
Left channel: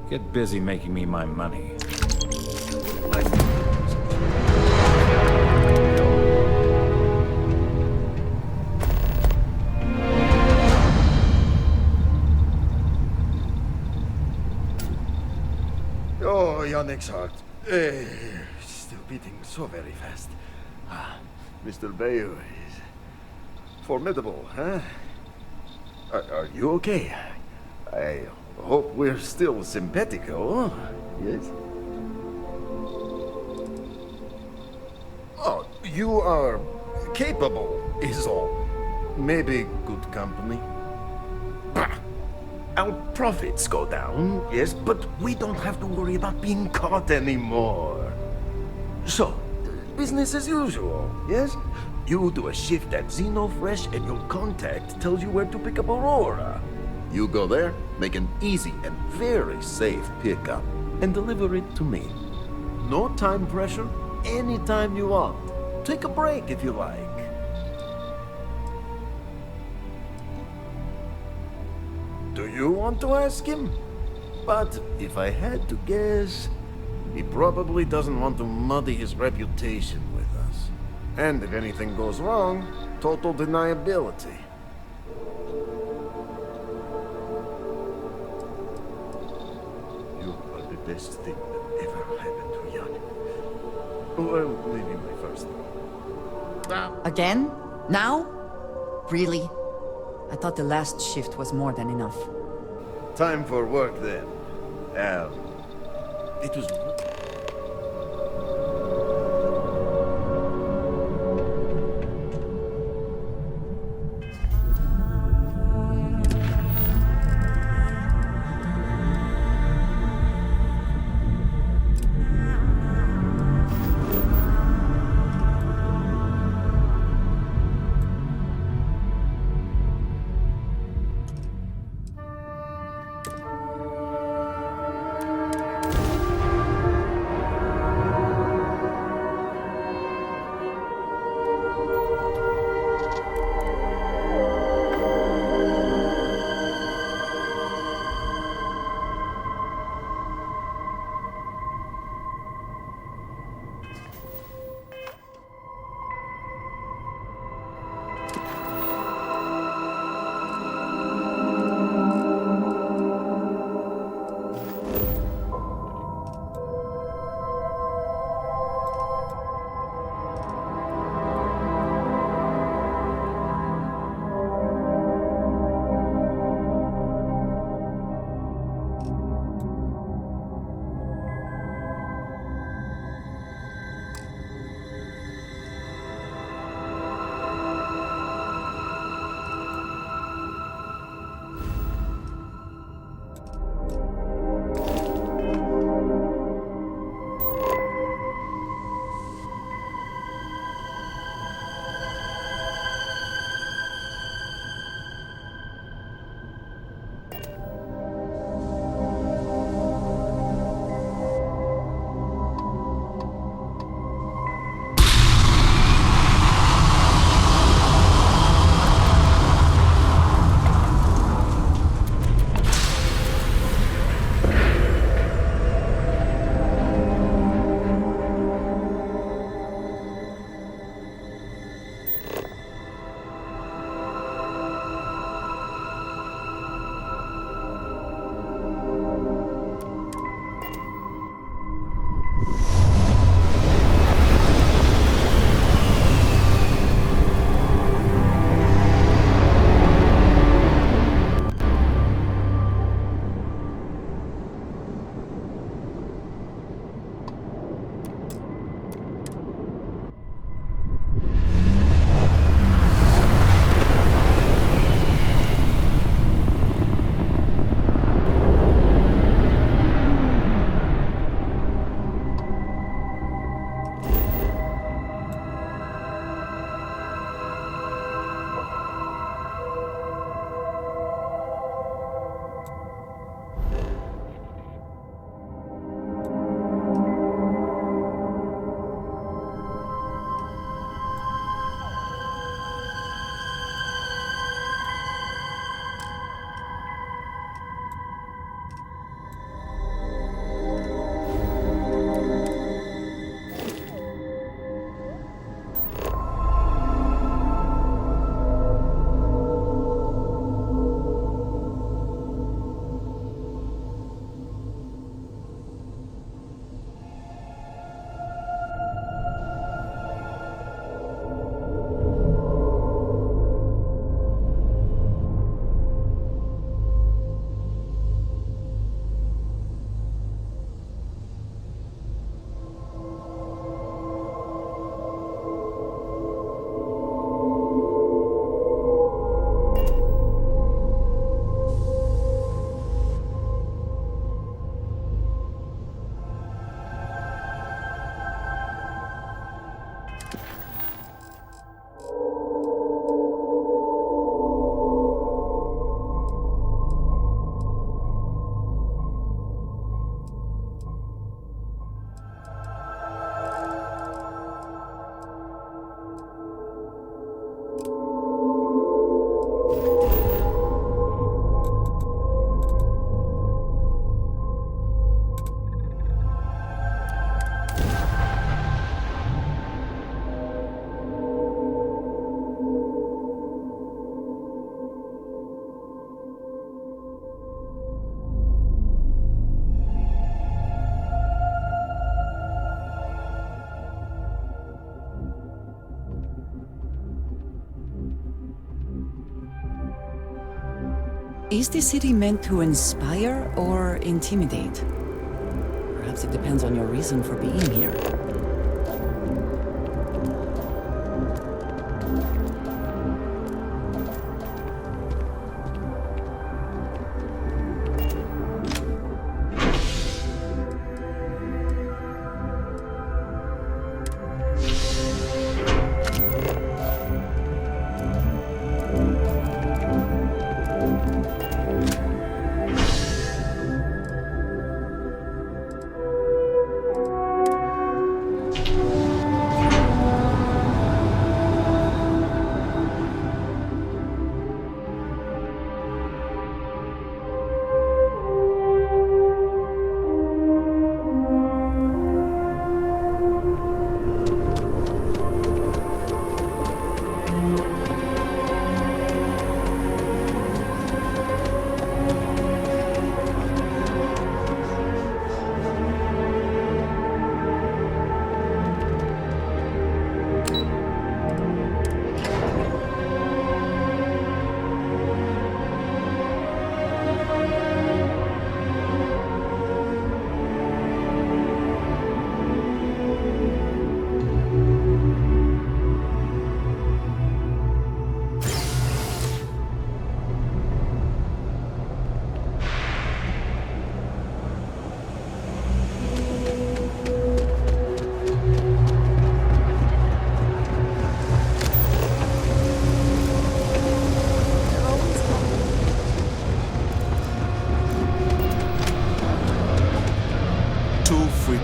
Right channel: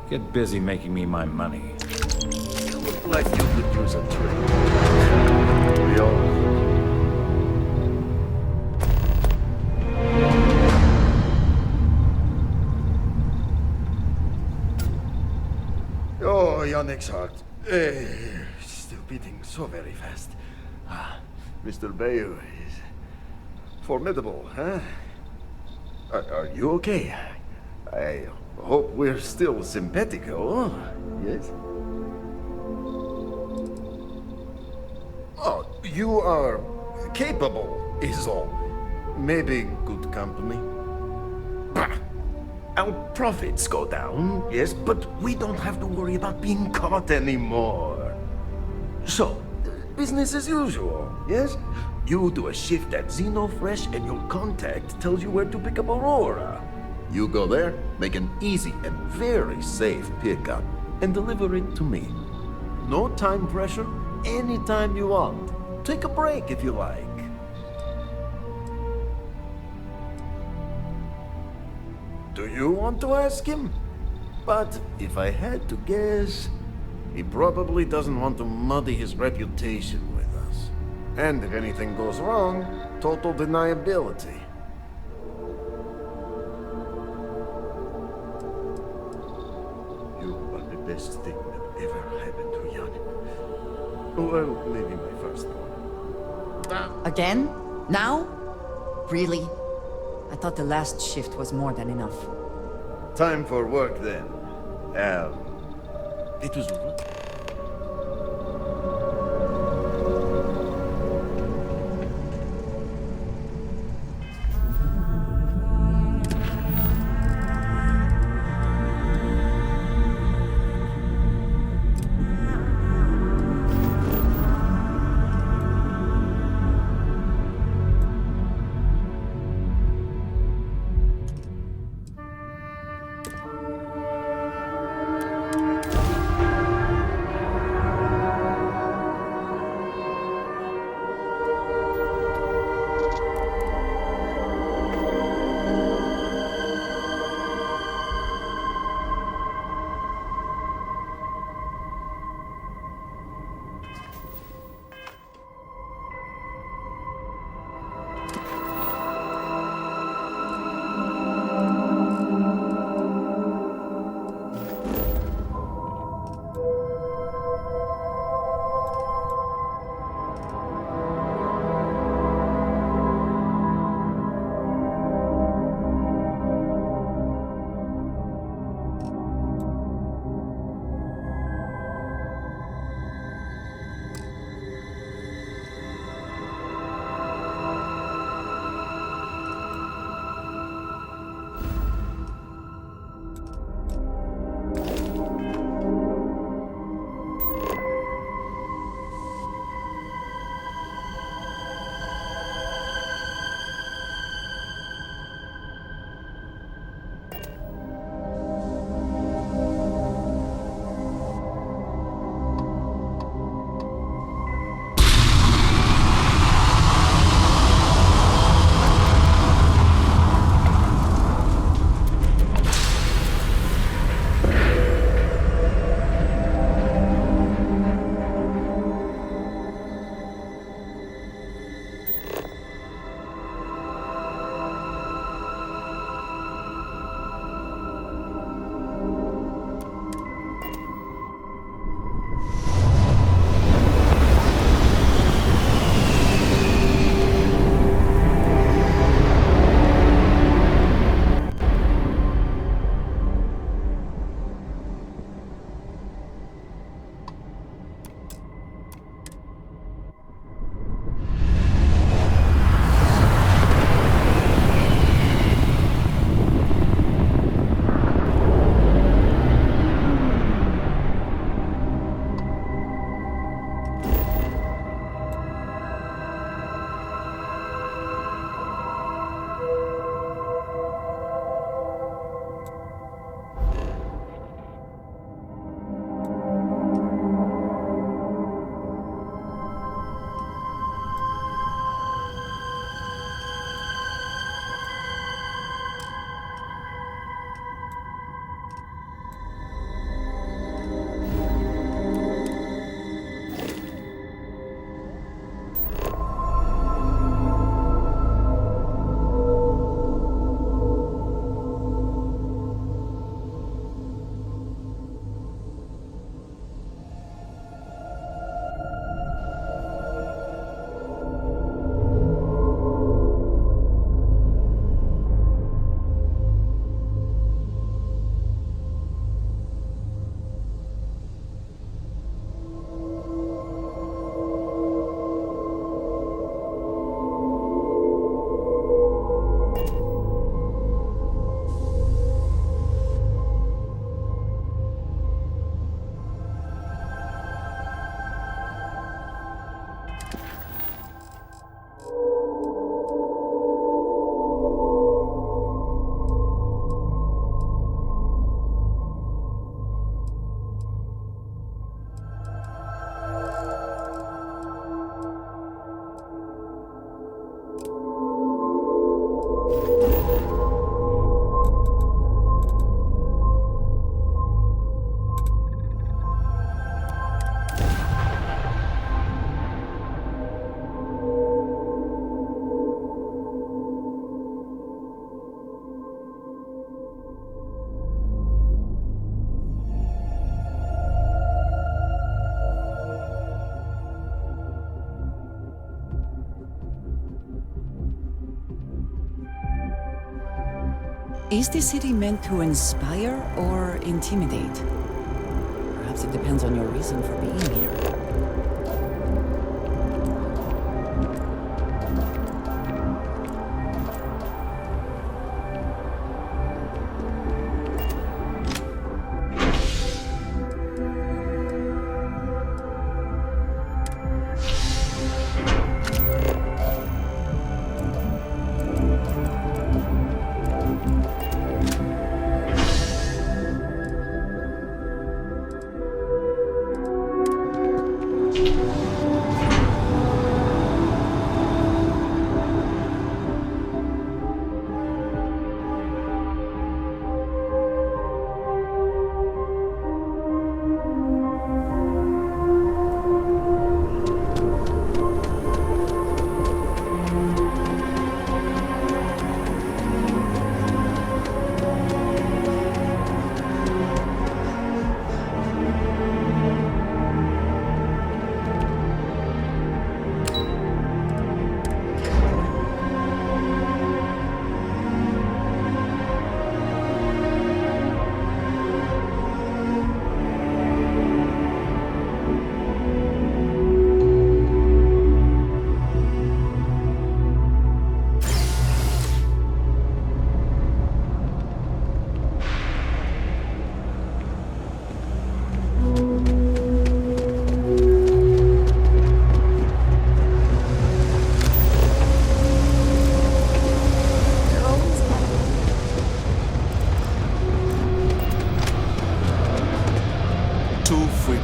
get busy making me my money. Look like you could use a trade. Oh, Yannick's heart. Still beating so very fast. Mr. Bayou is formidable, huh? Are you okay? I hope we're still simpatico, yes? Oh, you are capable, is all. Maybe good company. Bah! Our profits go down, yes, but we don't have to worry about being caught anymore. So, business as usual, yes? You do a shift at Xenofresh and your contact tells you where to pick up Aurora. You go there, make an easy and very safe pickup, and deliver it to me. No time pressure, anytime you want. Take a break if you like. Do you want to ask him? But if I had to guess, he probably doesn't want to muddy his reputation with us. And if anything goes wrong, total deniability. You are the best thing that ever happened to Yannick. Well, maybe my first one. Again? Now? Really? I thought the last shift was more than enough. Time for work then. It was... Is the city meant to inspire or intimidate? Perhaps it depends on your reason for being here.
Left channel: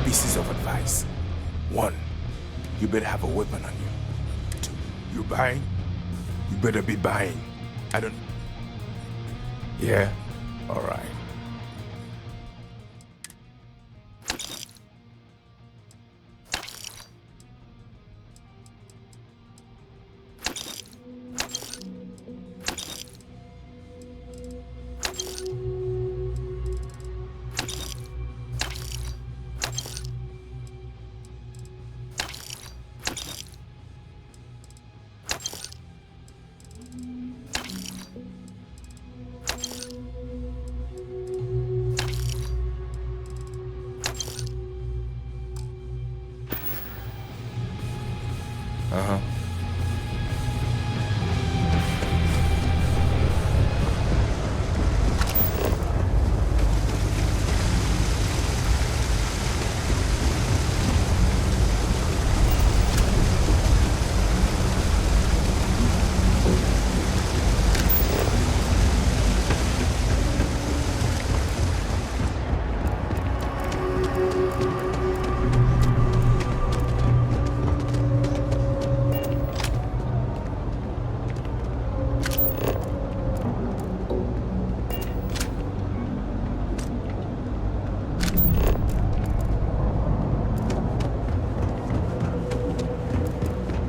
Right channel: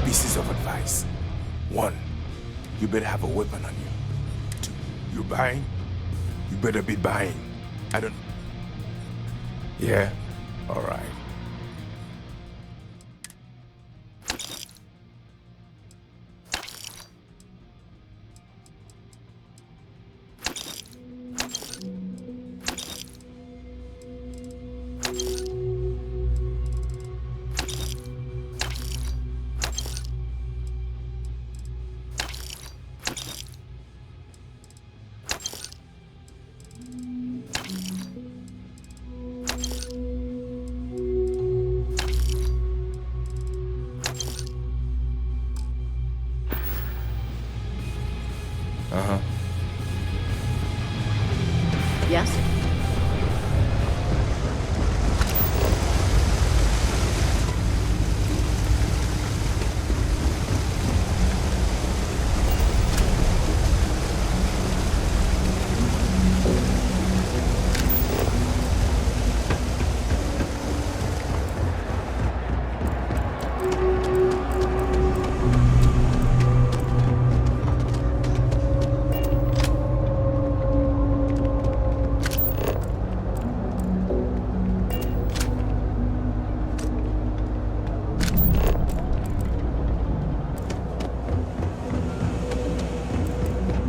Pieces of advice. 1, you better have a weapon on you. 2, you're buying? You better be buying. I don't... Yeah? All right. Uh-huh. Yes?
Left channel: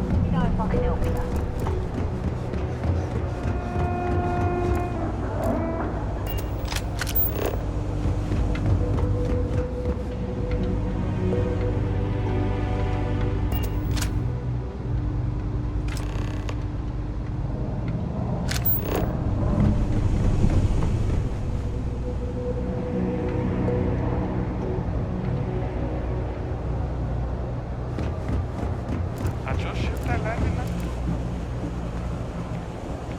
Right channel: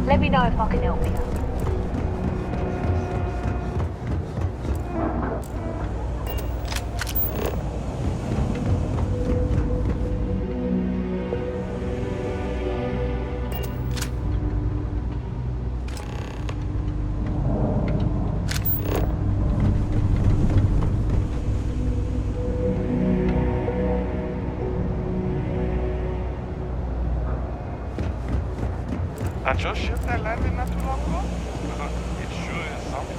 Let me know if I can help you. At your ship that landed not too long ago? It sure is something.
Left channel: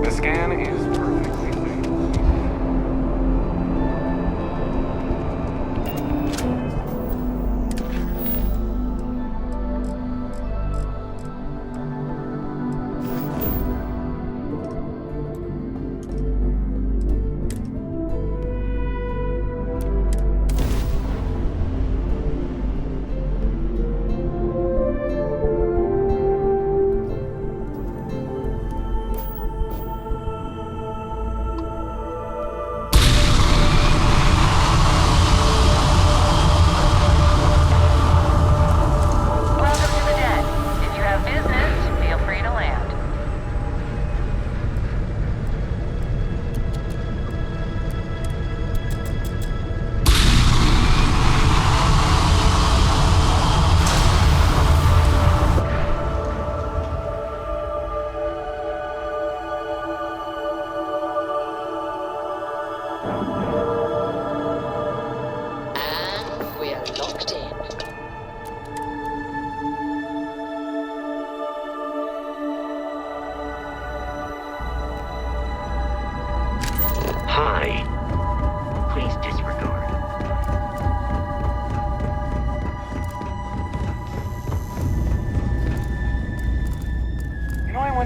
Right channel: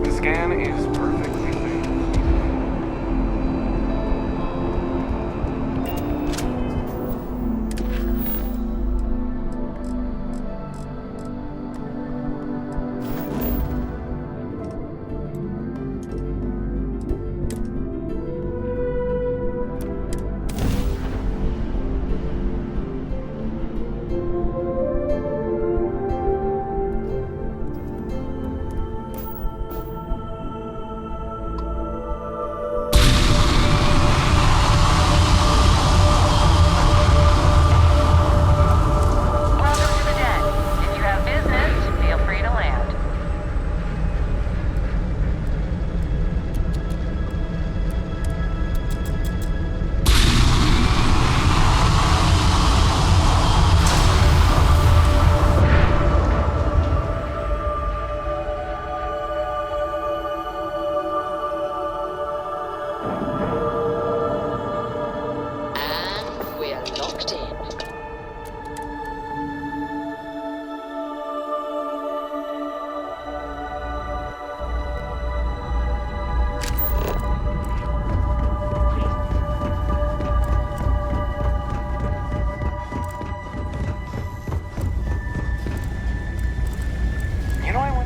The scan is perfectly clean.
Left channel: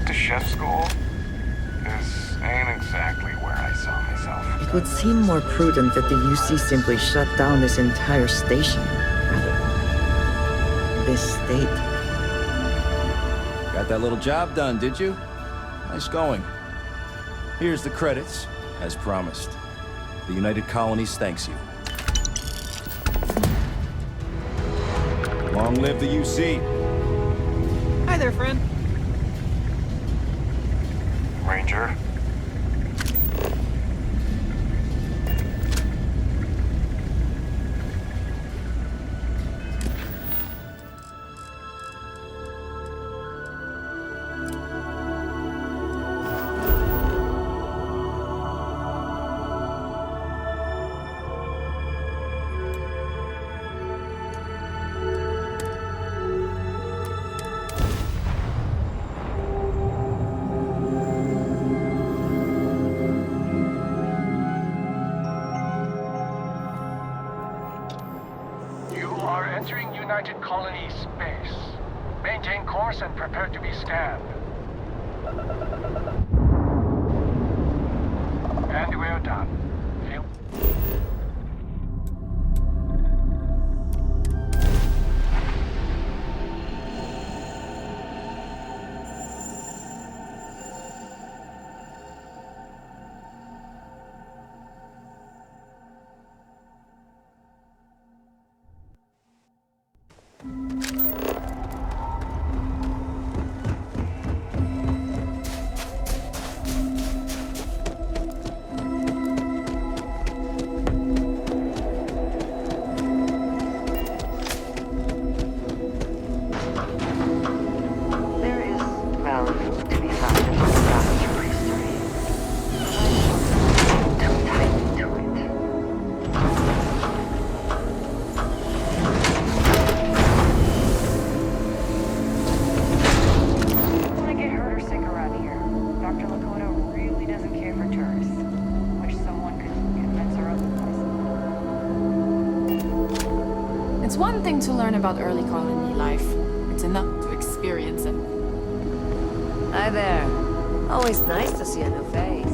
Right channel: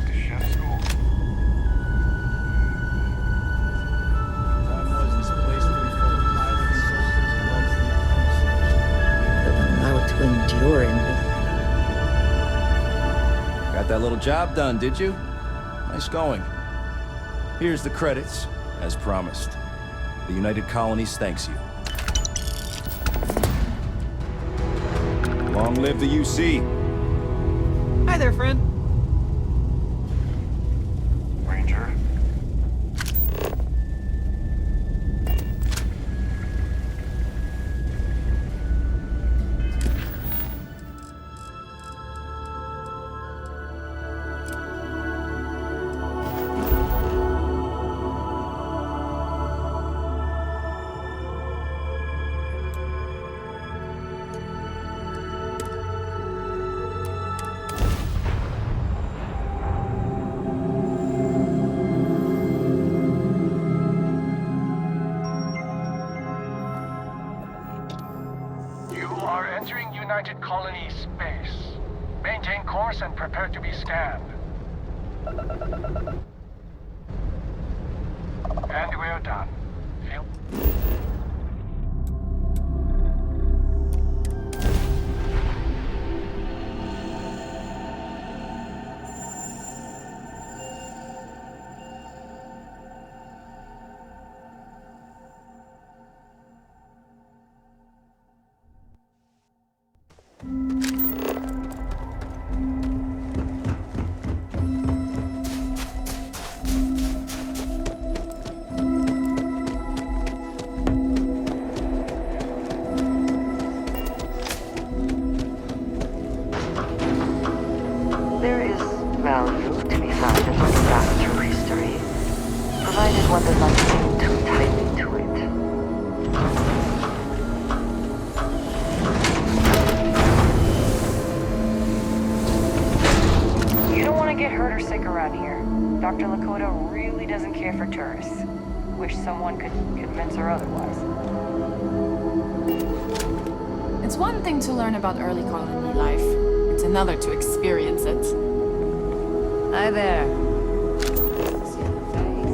went to chef school. This ain't exactly where I saw myself. It would seem more prudent that the UC simply shut down this entire station, rather than allow it to endure in this state. Got that little job done, did you? Nice going. Here's the credits, as promised. The United Colonies thanks you. Long live the UC. Hi there, friend. Ranger. Entering United Colony space. Maintain course and prepare to be scanned. And we're done. Feel... There is value to be found in looking back through history, provided one does not cling too tightly to it. You don't want to get hurt or sick around here. Dr. Lakota really doesn't care for tourists. Wish someone could convince her otherwise. It's one thing to learn about early colony life. It's another to experience it. Hi there. Always nice to see a new face.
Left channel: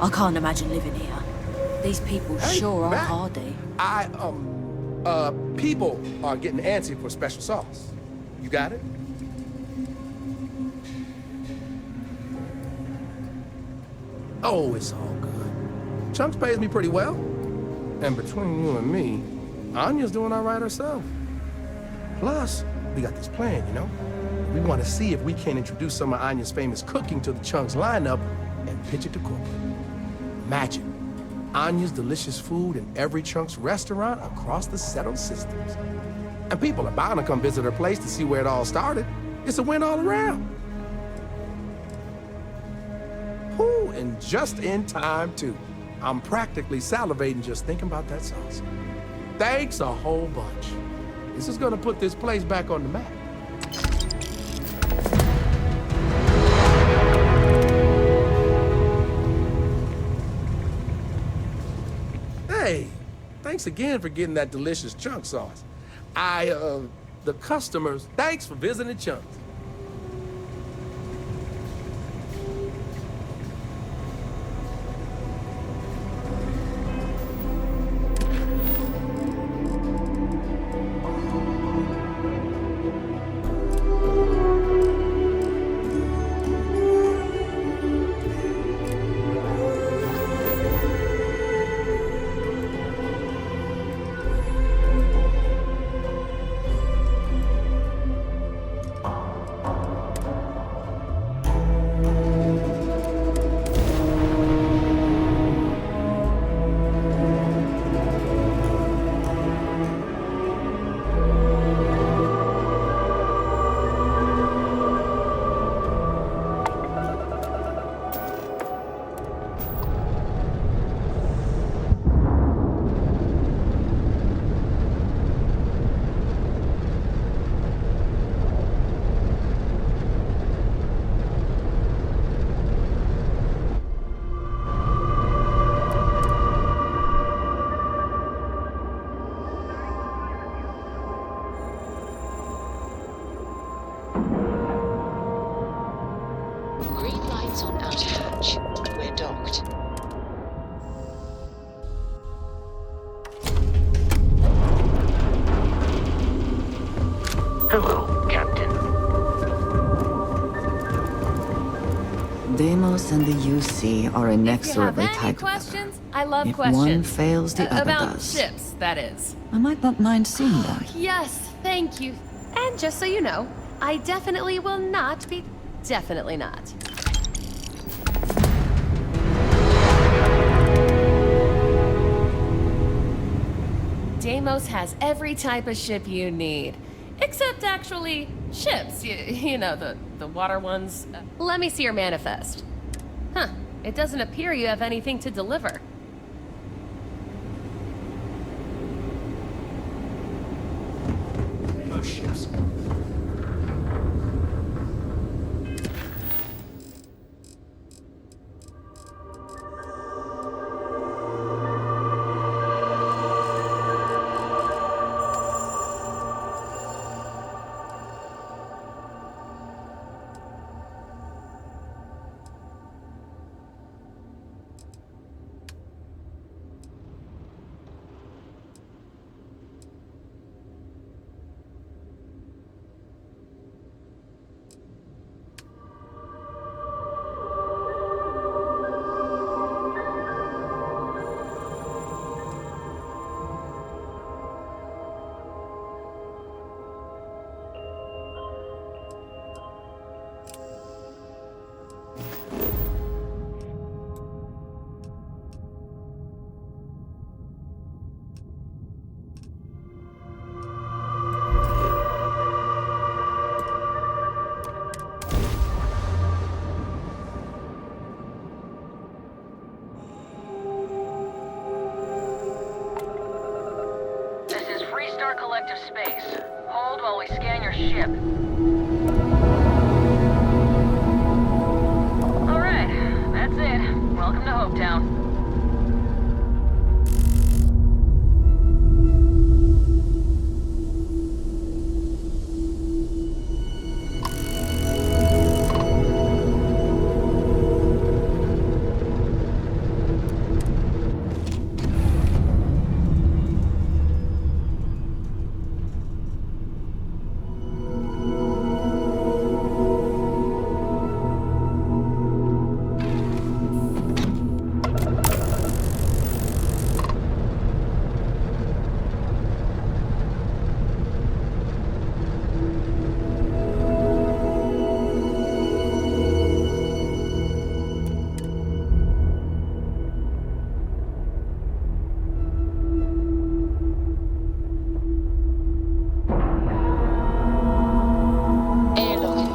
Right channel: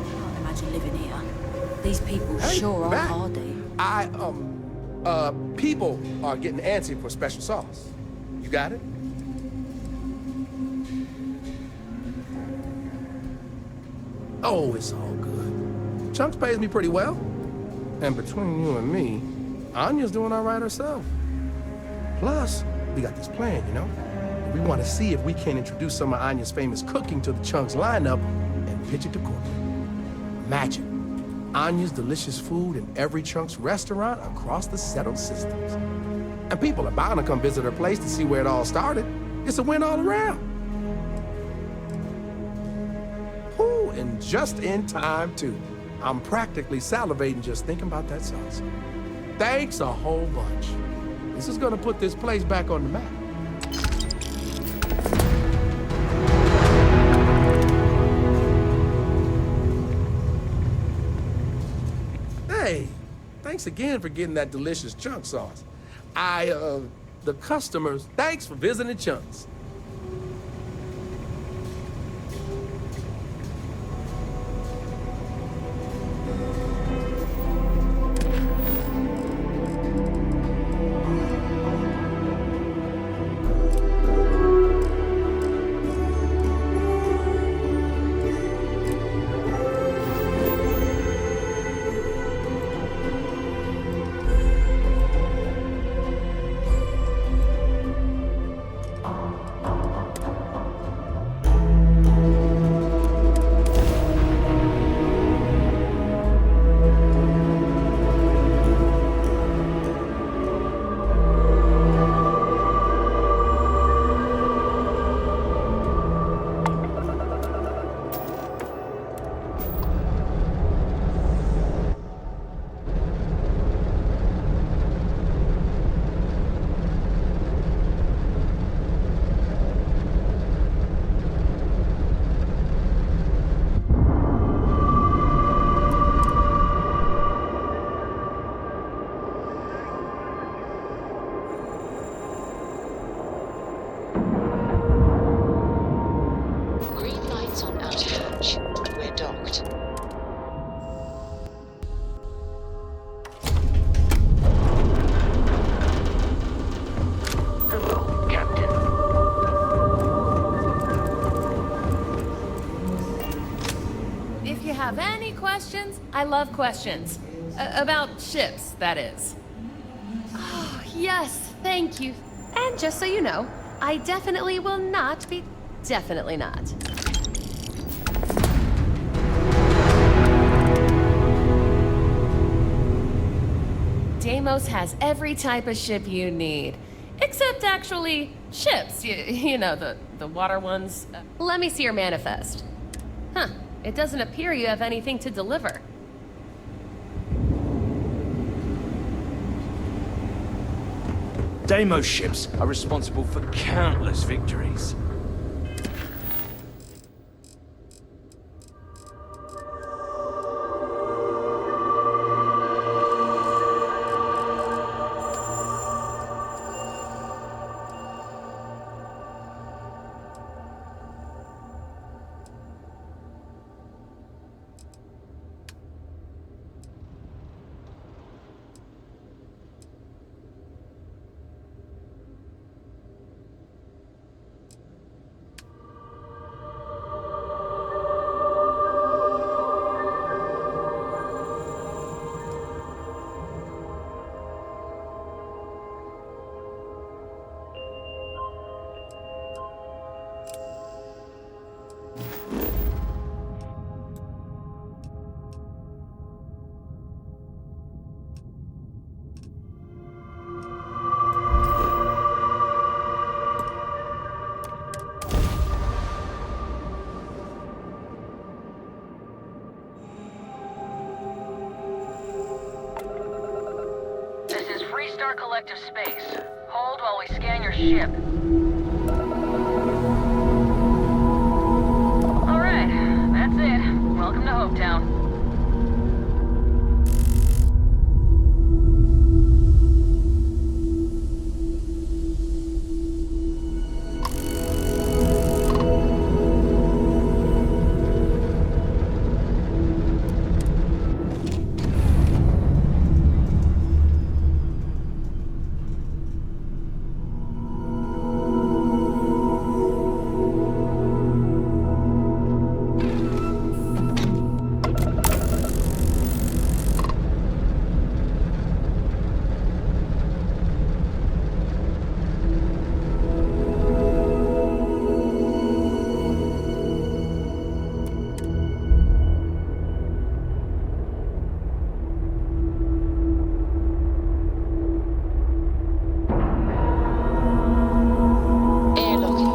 I can't imagine living here. These people sure are hardy. People are getting antsy for special sauce. You got it? Oh, it's all good. Chunks pays me pretty well. And between you and me, Anya's doing all right herself. Plus, we got this plan, you know? We want to see if we can introduce some of Anya's famous cooking to the Chunks lineup and pitch it to corporate. Imagine Anya's delicious food in every Chunks restaurant across the settled systems. And people are bound to come visit her place to see where it all started. It's a win all around. Ooh, and just in time, too. I'm practically salivating just thinking about that sauce. Thanks a whole bunch. This is gonna put this place back on the map. Hey, thanks again for getting that delicious chunk sauce. The customers, thanks for visiting Chunks. Coordinates on outer hatch. We're docked. Hello, Captain. Deimos and the UC are If you inexorably have any tied. questions, I love If questions. one fails, the other About does. ships, that is. I might not mind seeing them. Yes, thank you. And just so you know, I definitely will not be... Definitely not. Deimos has every type of ship you need. Except actually, ships. You know, the water ones. Let me see your manifest. Huh. It doesn't appear you have anything to deliver. Deimos ships are responsible for countless victories. Star Collective Space. Hold while we scan your ship. Alright, that's it. Welcome to Hopetown.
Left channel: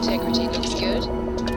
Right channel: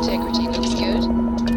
Integrity looks good.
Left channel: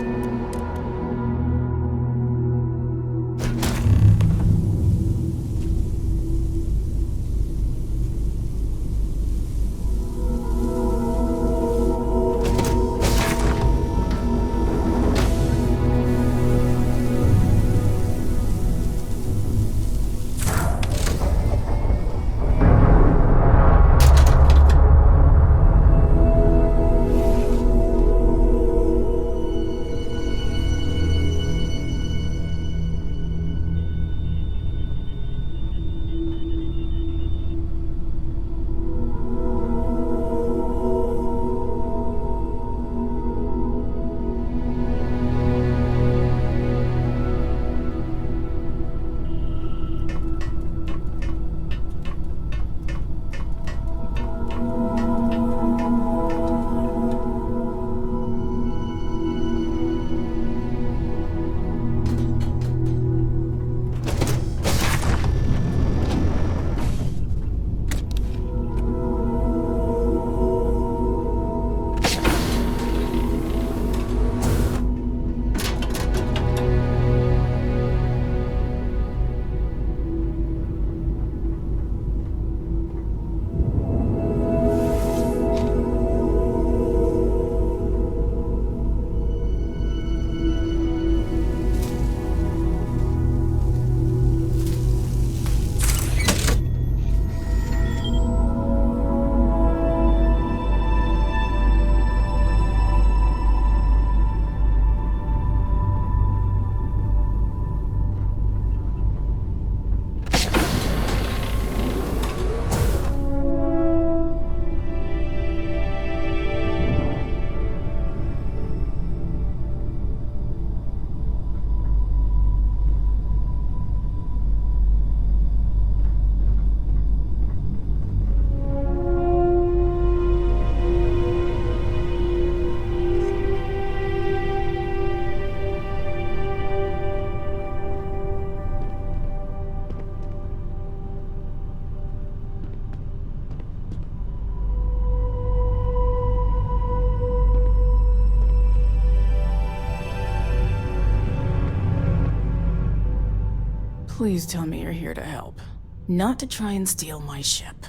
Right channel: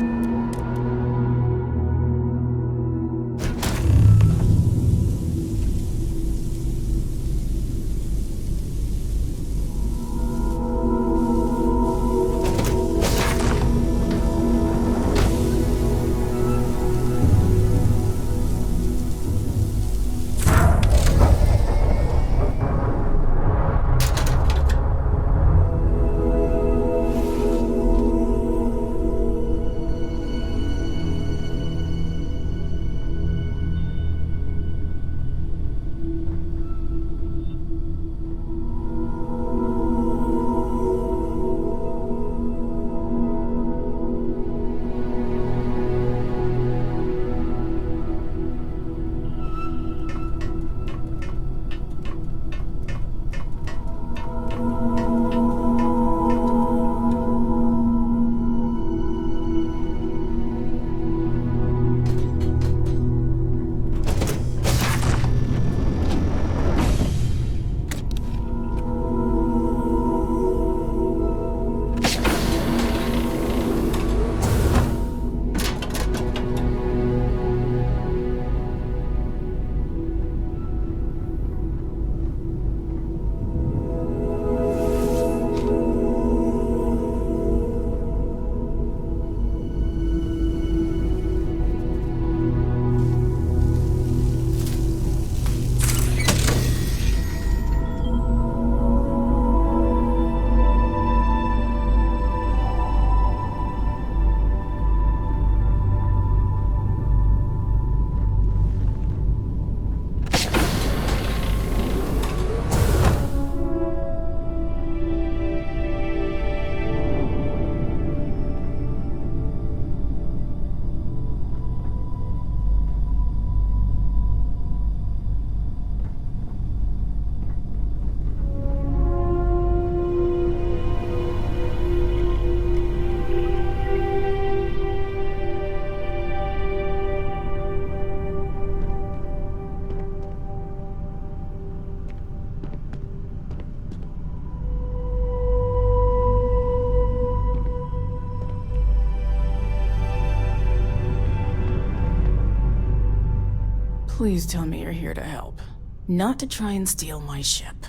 Please tell me you're here to help, not to try and steal my ship.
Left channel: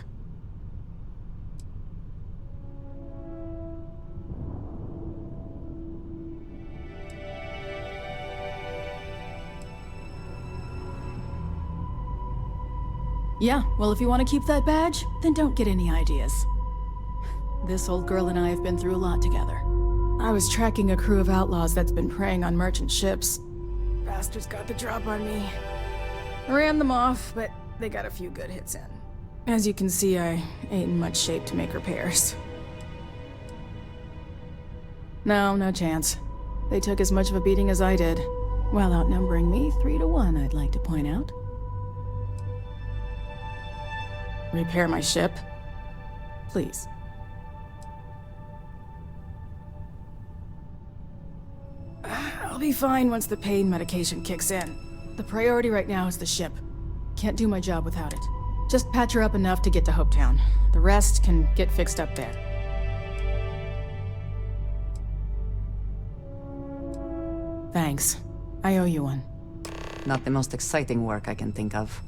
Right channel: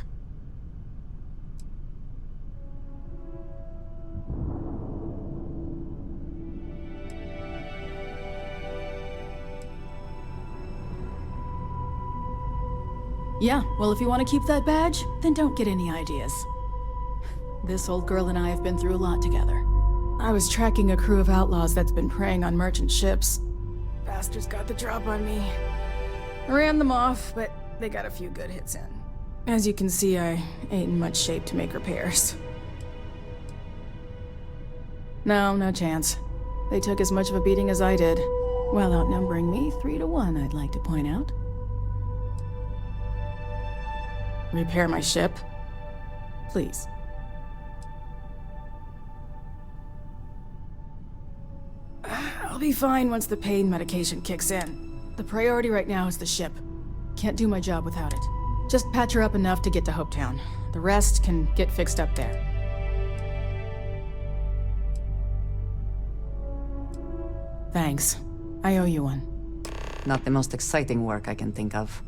Yeah, well, if you want to keep that badge, then don't get any ideas. This old girl and I have been through a lot together. I was tracking a crew of outlaws that's been preying on merchant ships. Bastards got the drop on me. I ran them off, but they got a few good hits in. As you can see, I ain't in much shape to make repairs. No chance. They took as much of a beating as I did, while outnumbering me 3-1, I'd like to point out. Repair my ship? Please. I'll be fine once the pain medication kicks in. The priority right now is the ship. Can't do my job without it. Just patch her up enough to get to Hopetown. The rest can get fixed up there. Thanks. I owe you one. Not the most exciting work I can think of.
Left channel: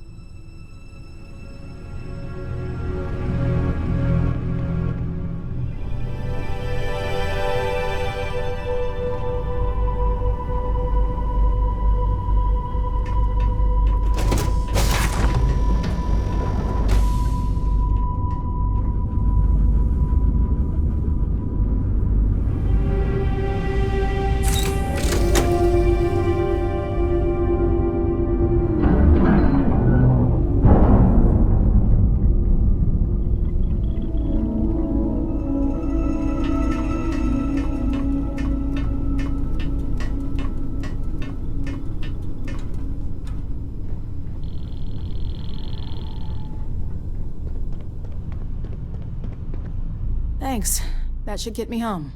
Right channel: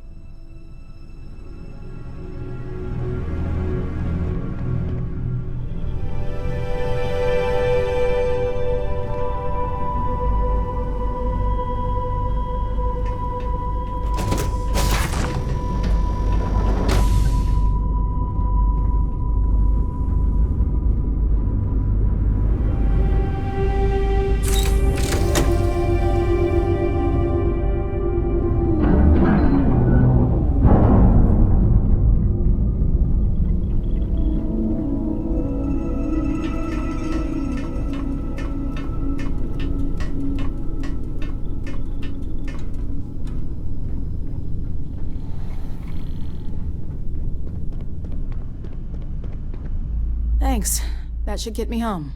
Thanks. That should get me home.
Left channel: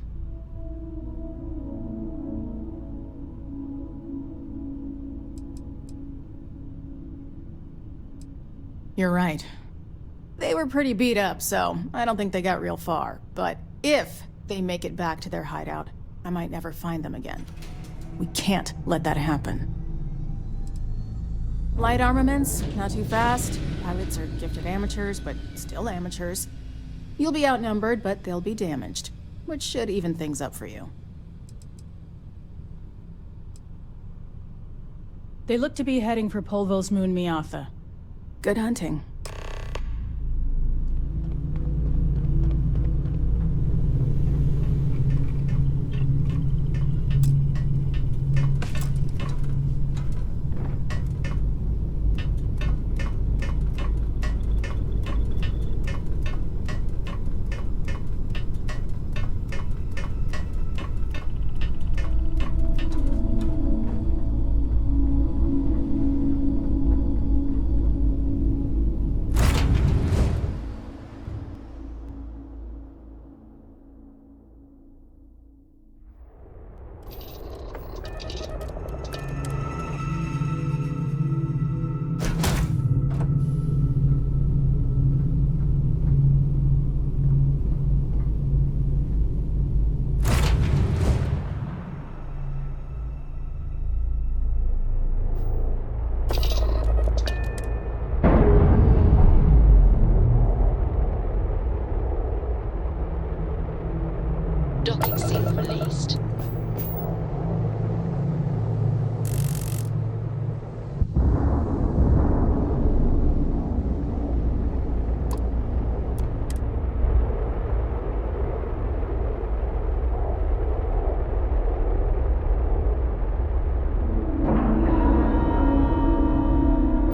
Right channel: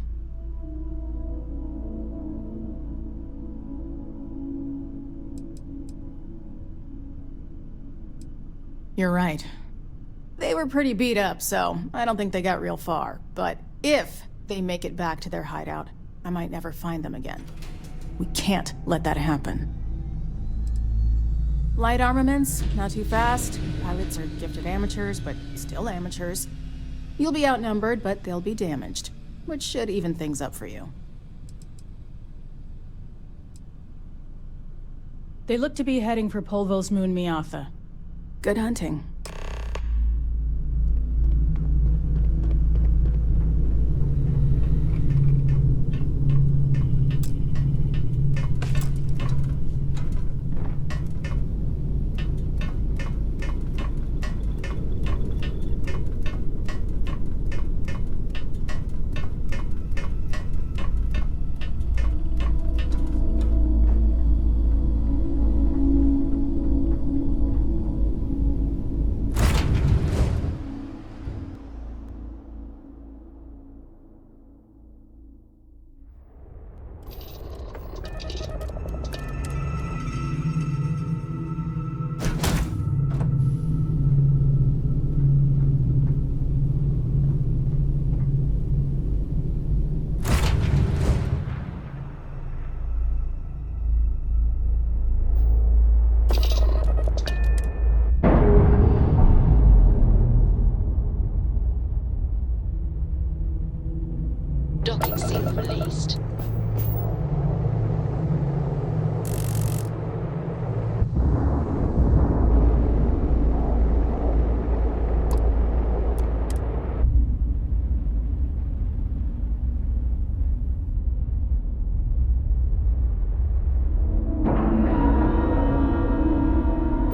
You're right. They were pretty beat up, so I don't think they got real far. But if they make it back to their hideout, I might never find them again. We can't let that happen. Light armaments, not too fast. Pilots are gifted amateurs, but still amateurs. You'll be outnumbered, but they'll be damaged, which should even things up for you. They look to be heading for Polvo's moon Miatha. Good hunting. Docking seal released.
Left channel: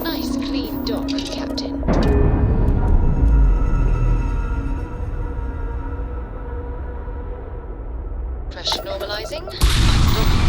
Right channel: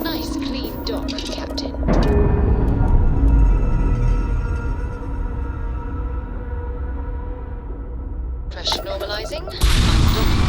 Nice clean dock, Captain. Pressure normalizing. Undock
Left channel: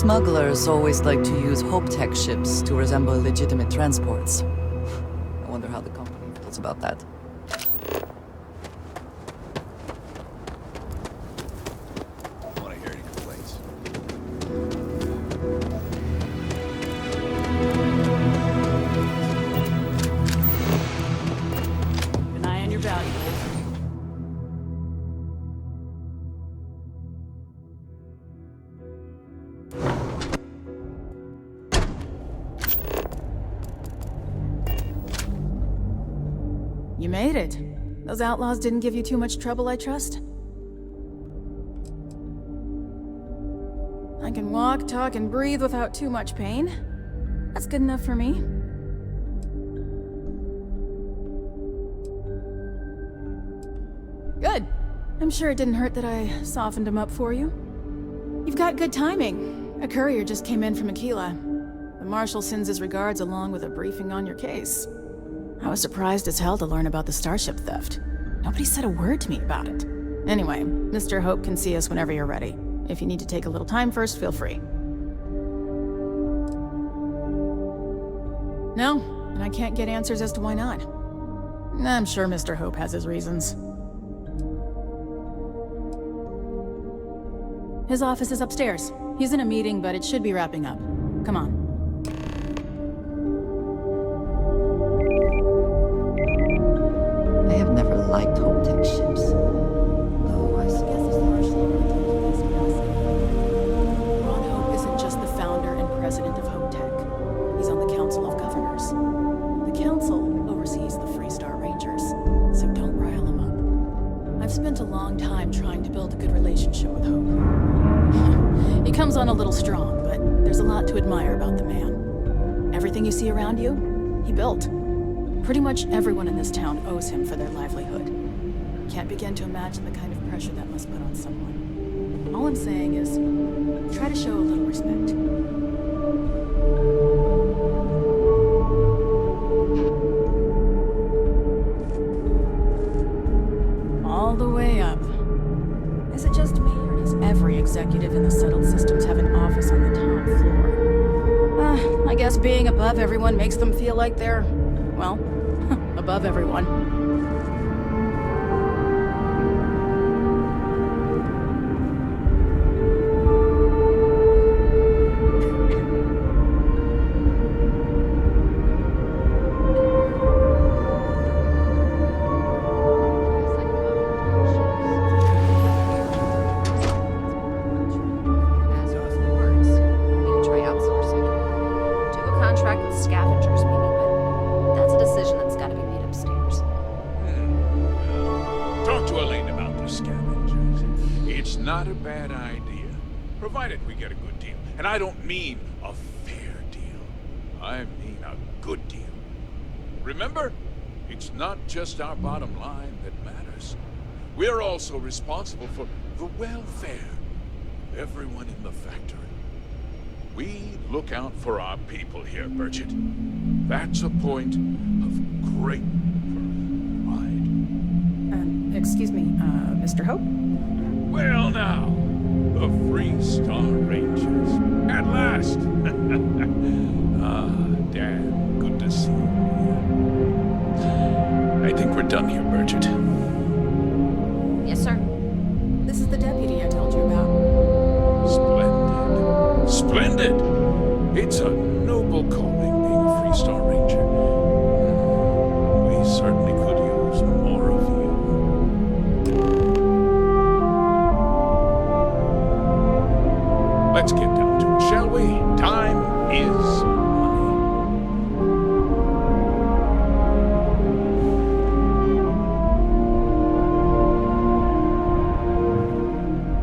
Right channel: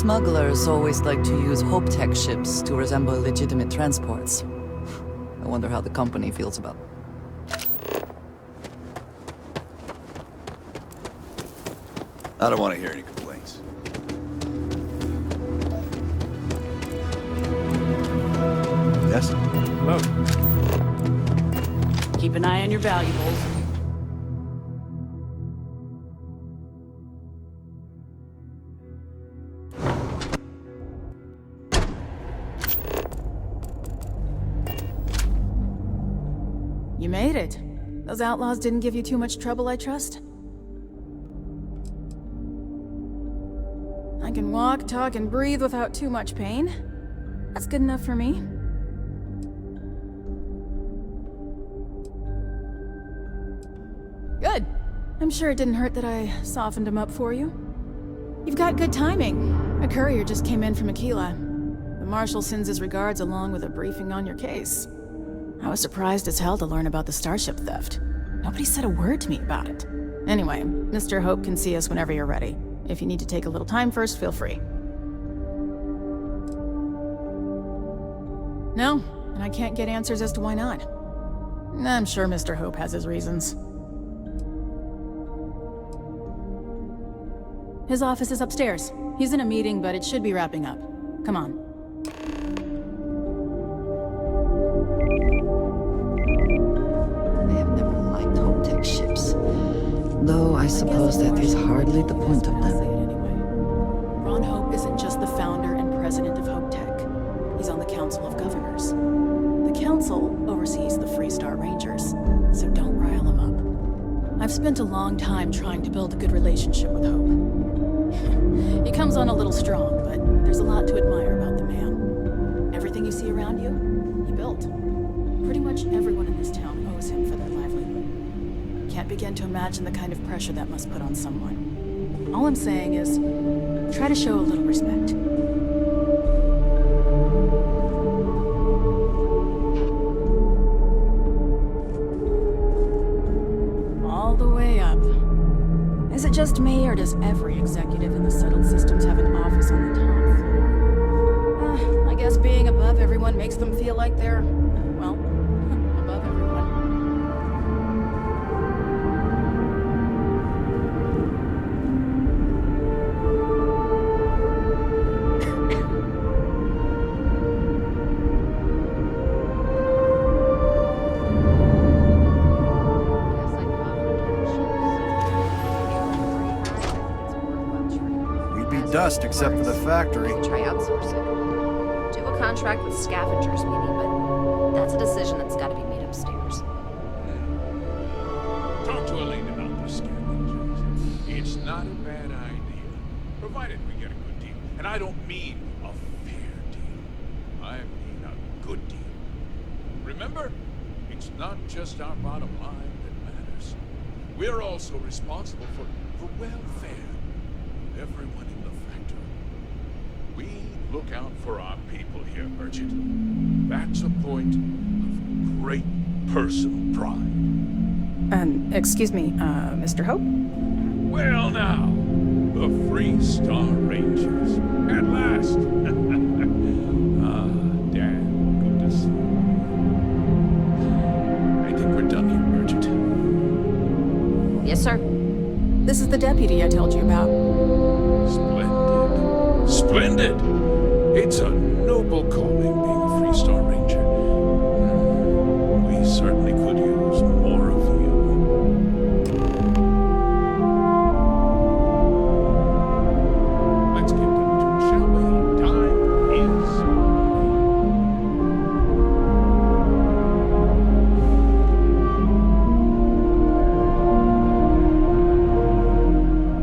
Smugglers always like to use Hope-Tech ships to resemble legitimate transports. I wonder how the company feels about that. I don't want to hear any complaints. Yes? Hello. Keep an eye on your valuables. You made it. Those outlaws didn't give you too much trouble, I trust? I can walk, talk, and breathe without too much pain. That's good enough for me. Good. I'm sure it didn't hurt that I softened him up for you. You've got good timing. A courier just came in from Aquila. The Marshal sends his regards along with a briefing on your case. I was surprised as hell to learn about the starship theft. Nobody said a word to me about it. Anyway, Mr. Hope can see us whenever you're ready. If you need to take a little time first, feel free. No, and I can't get answers as to why not. I'm sure Mr. Hope has his reasons. His office is upstairs. He's in a meeting, but it should be wrapping up. Come on. I have never liked Hope-Tech ships, though I suppose that is hardly the point of them. Ron Hope isn't just the founder and president of Hope-Tech. He's on the Council of Governors. The Council oversees the Freestar Rangers, so don't rile him up. I've spent a long time trying to build a good relationship with Hope. He comes on a little strong, but there's a lot to admire about the man. Everything you see around you, he built. Pretty much everyone in this town owes him for their livelihood. Can't begin to imagine the kind of pressure that must put on someone. All I'm saying is, try to show a little respect. All the way up. Is it just me, or does every executive in the settled systems have an office on the top floor? I guess being above everyone makes them feel like they're, well, above everyone. Dust except for the factory. Try outsourcing. Do a contract with scavengers, maybe, but that's a decision that's got to be made upstairs. Talk to Elaine about the scavengers. It's not a bad idea, provided we get a good deal. And I don't mean a fair deal. I mean a good deal. Remember, it's not just our bottom line that matters. We're also responsible for the welfare of everyone in the factory. We look out for our people here, Bridget. That's a point of great personal pride. Excuse me, Mr. Hope? Well now, the Freestar Rangers. At last! Damn, good to see you. I think we're done here, Bridget. Yes, sir. This is the deputy I told you about. Splendid. Splendid! It's a noble calling being a Freestar Ranger. We certainly could use more of you. Let's get down to it, shall we? Time is money.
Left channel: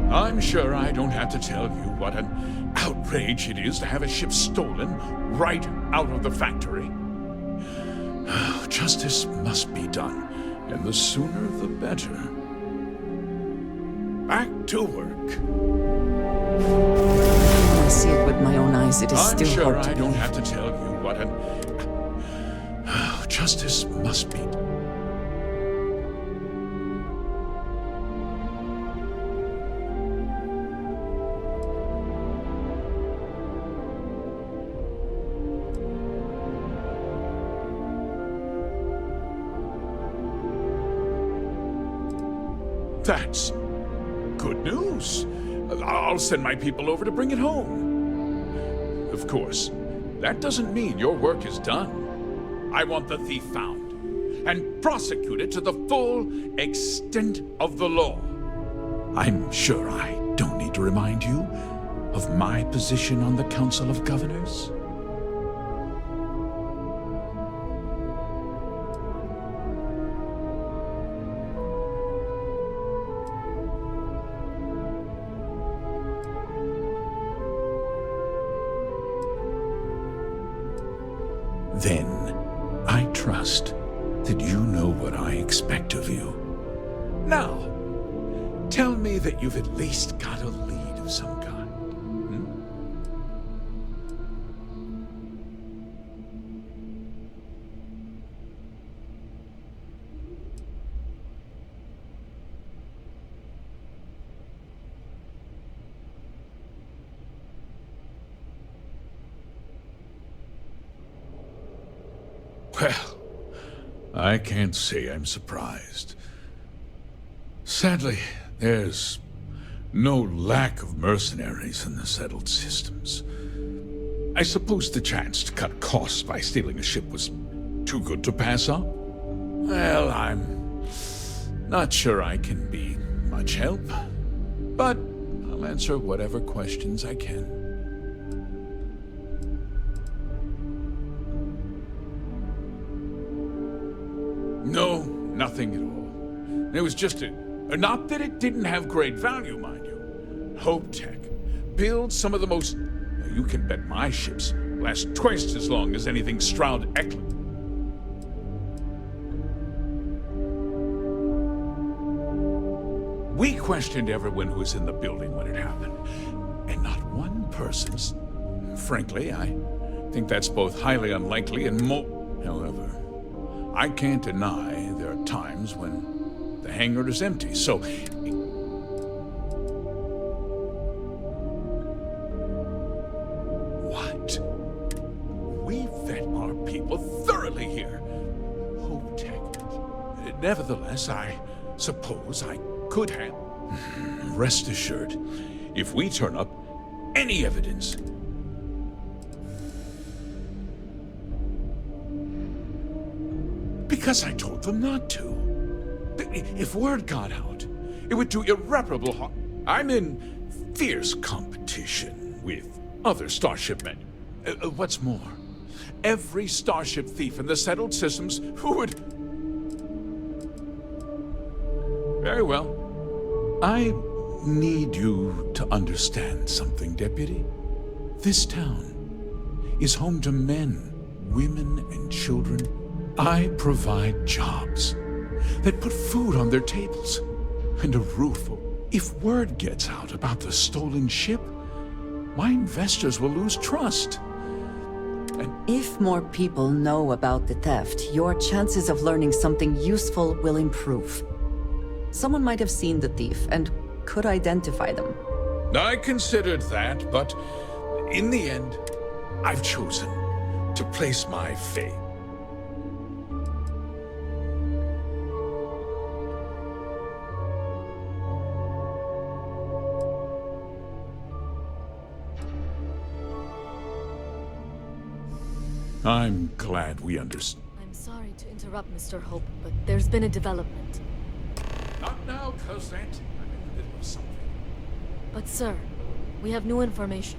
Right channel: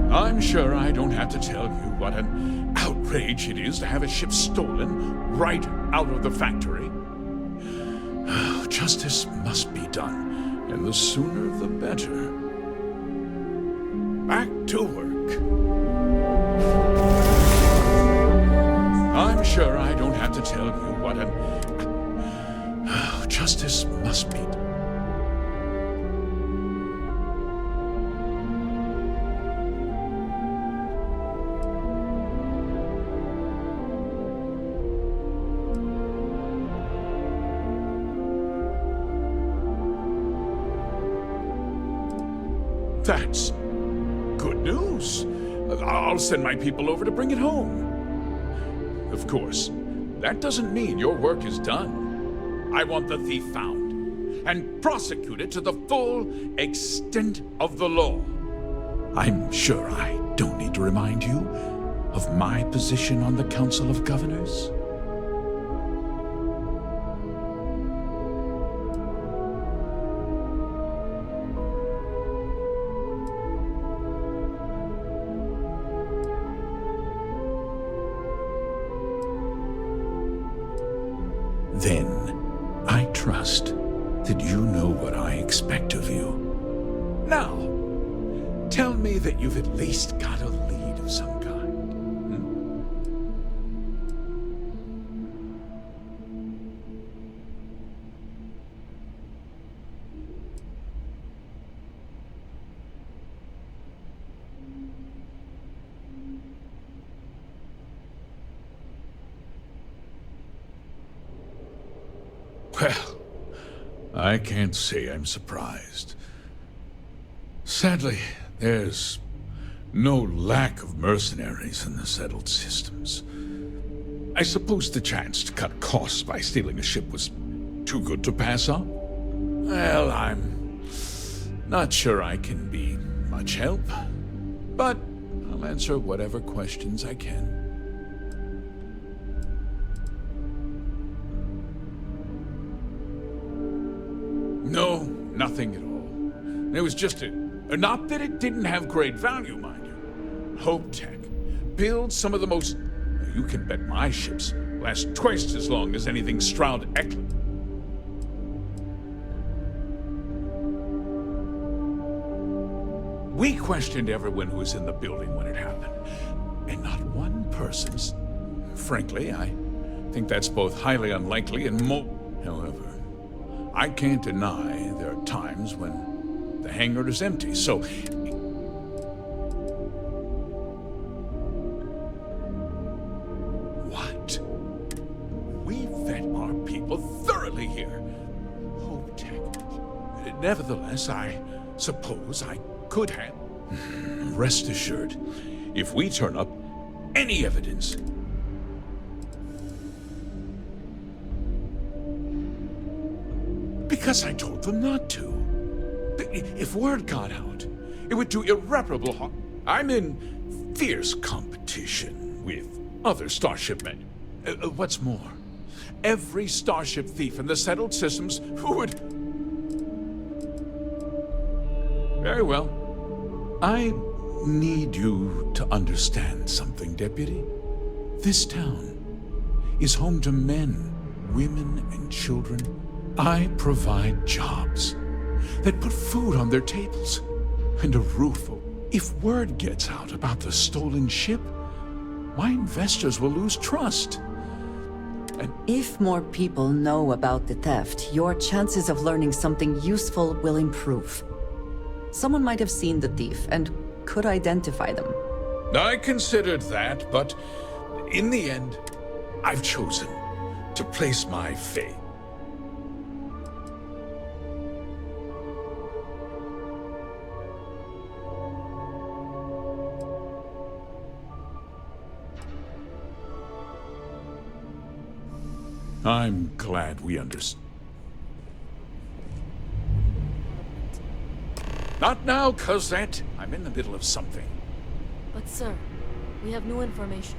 I'm sure I don't have to tell you what an outrage it is to have a ship stolen right out of the factory. Justice must be done, and the sooner the better. Back to work. I see it with my own eyes. It is I'm still sure I don't have to tell you what an... Justice must be done. That's good news. I'll send my people over to bring it home. Of course, that doesn't mean your work is done. I want the thief found and prosecuted to the full extent of the law. I'm sure I don't need to remind you of my position on the Council of Governors. Then, I trust that you know what I expect of you. Now, tell me that you've at least got a lead of some kind. Well, I can't say I'm surprised. Sadly, there's no lack of mercenaries in the settled systems. I suppose the chance to cut costs by stealing a ship was too good to pass up? Well, I'm not sure I can be much help, but I'll answer whatever questions I can. No, nothing at all. It was just not that it didn't have great value, mind you. Hope Tech builds some of the most... You can bet my ships last twice as long as anything Stroud Eklund. We questioned everyone who was in the building when it happened, and not one person's... Frankly, I think that's both highly unlikely and However, I can't deny there are times when the hangar is empty, so... What? We vet our people thoroughly here. Hope Tech. Nevertheless, I suppose I could have... Rest assured, if we turn up any evidence... Because I told them not to. If word got out, it would do irreparable harm. I'm in fierce competition with other starship men. What's more, every starship thief in the settled systems who would... Very well. I need you to understand something, Deputy. This town is home to men, women, and children. I provide jobs that put food on their tables and a roof over. If word gets out about the stolen ship, my investors will lose trust. And if more people know about the theft, your chances of learning something useful will improve. Someone might have seen the thief and could identify them. I considered that, but in the end, I've chosen to place my faith. I'm glad we understand. I'm sorry to interrupt, Mr. Hope, but there's been a development. Not now, Cosette. I'm in the middle of something. But sir, we have new information.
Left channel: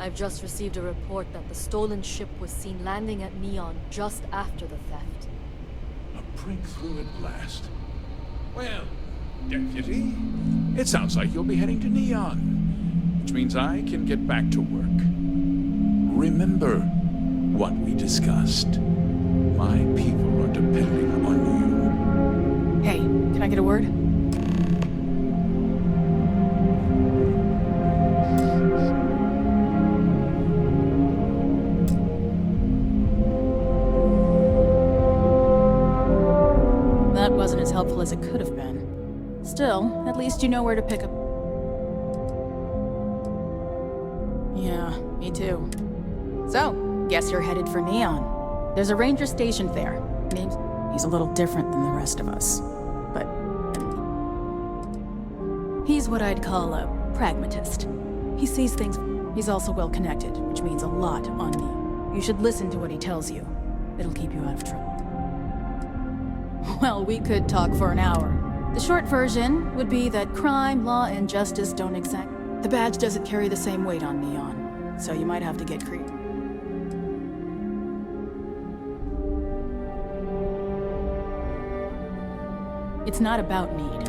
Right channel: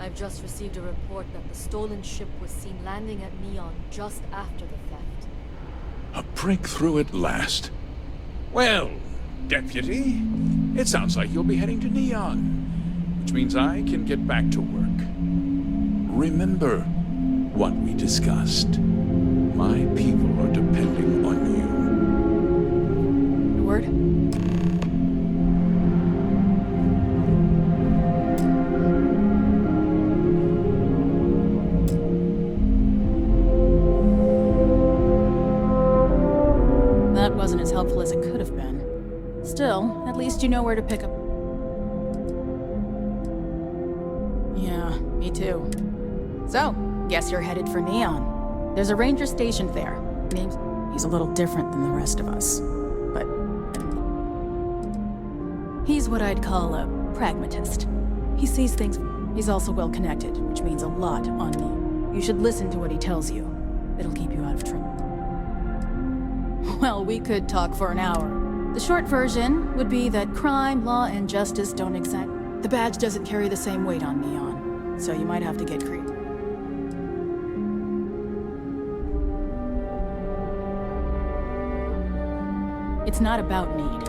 I've just received a report that the stolen ship was seen landing at Neon just after the theft. A breakthrough at last. Well, Deputy, it sounds like you'll be heading to Neon, which means I can get back to work. Remember what we discussed. My people are depending on you. Hey, can I get a word? That wasn't as helpful as it could have been. Still, at least you know where to pick up. Yeah, me too. So, guess you're headed for Neon. There's a ranger stationed there. He's a little different than the rest of us. But He's what I'd call a pragmatist. He sees things. He's also well connected, which means a lot on me. You should listen to what he tells you. It'll keep you out of trouble. Well, we could talk for an hour. The short version would be that crime, law, and justice don't The badge doesn't carry the same weight on Neon, so you might have to get creative. It's not about need.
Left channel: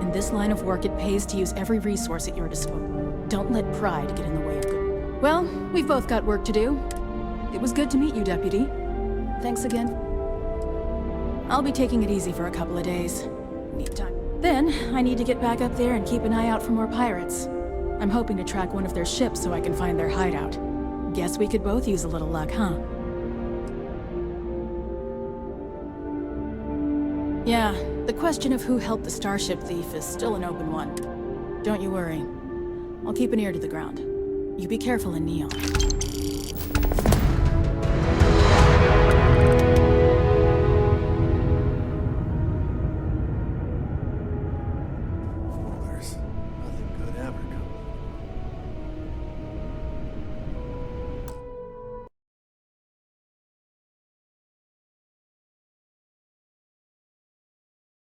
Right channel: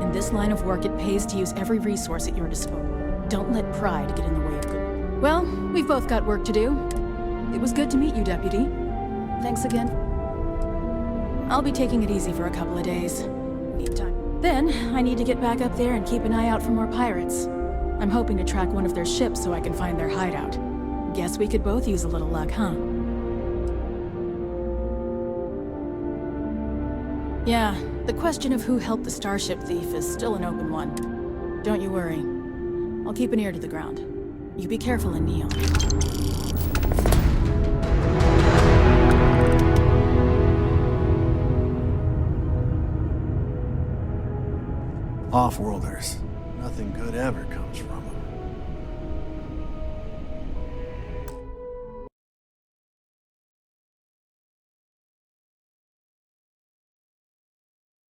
In this line of work, it pays to use every resource at your disposal. Don't let pride get in the way of good. Well, we've both got work to do. It was good to meet you, Deputy. Thanks again. I'll be taking it easy for a couple of days. Need time. Then, I need to get back up there and keep an eye out for more pirates. I'm hoping to track one of their ships so I can find their hideout. Guess we could both use a little luck, huh? Yeah, the question of who helped the starship thief is still an open one. Don't you worry. I'll keep an ear to the ground. You be careful in Neon. Off-worlders. Nothing good ever comes from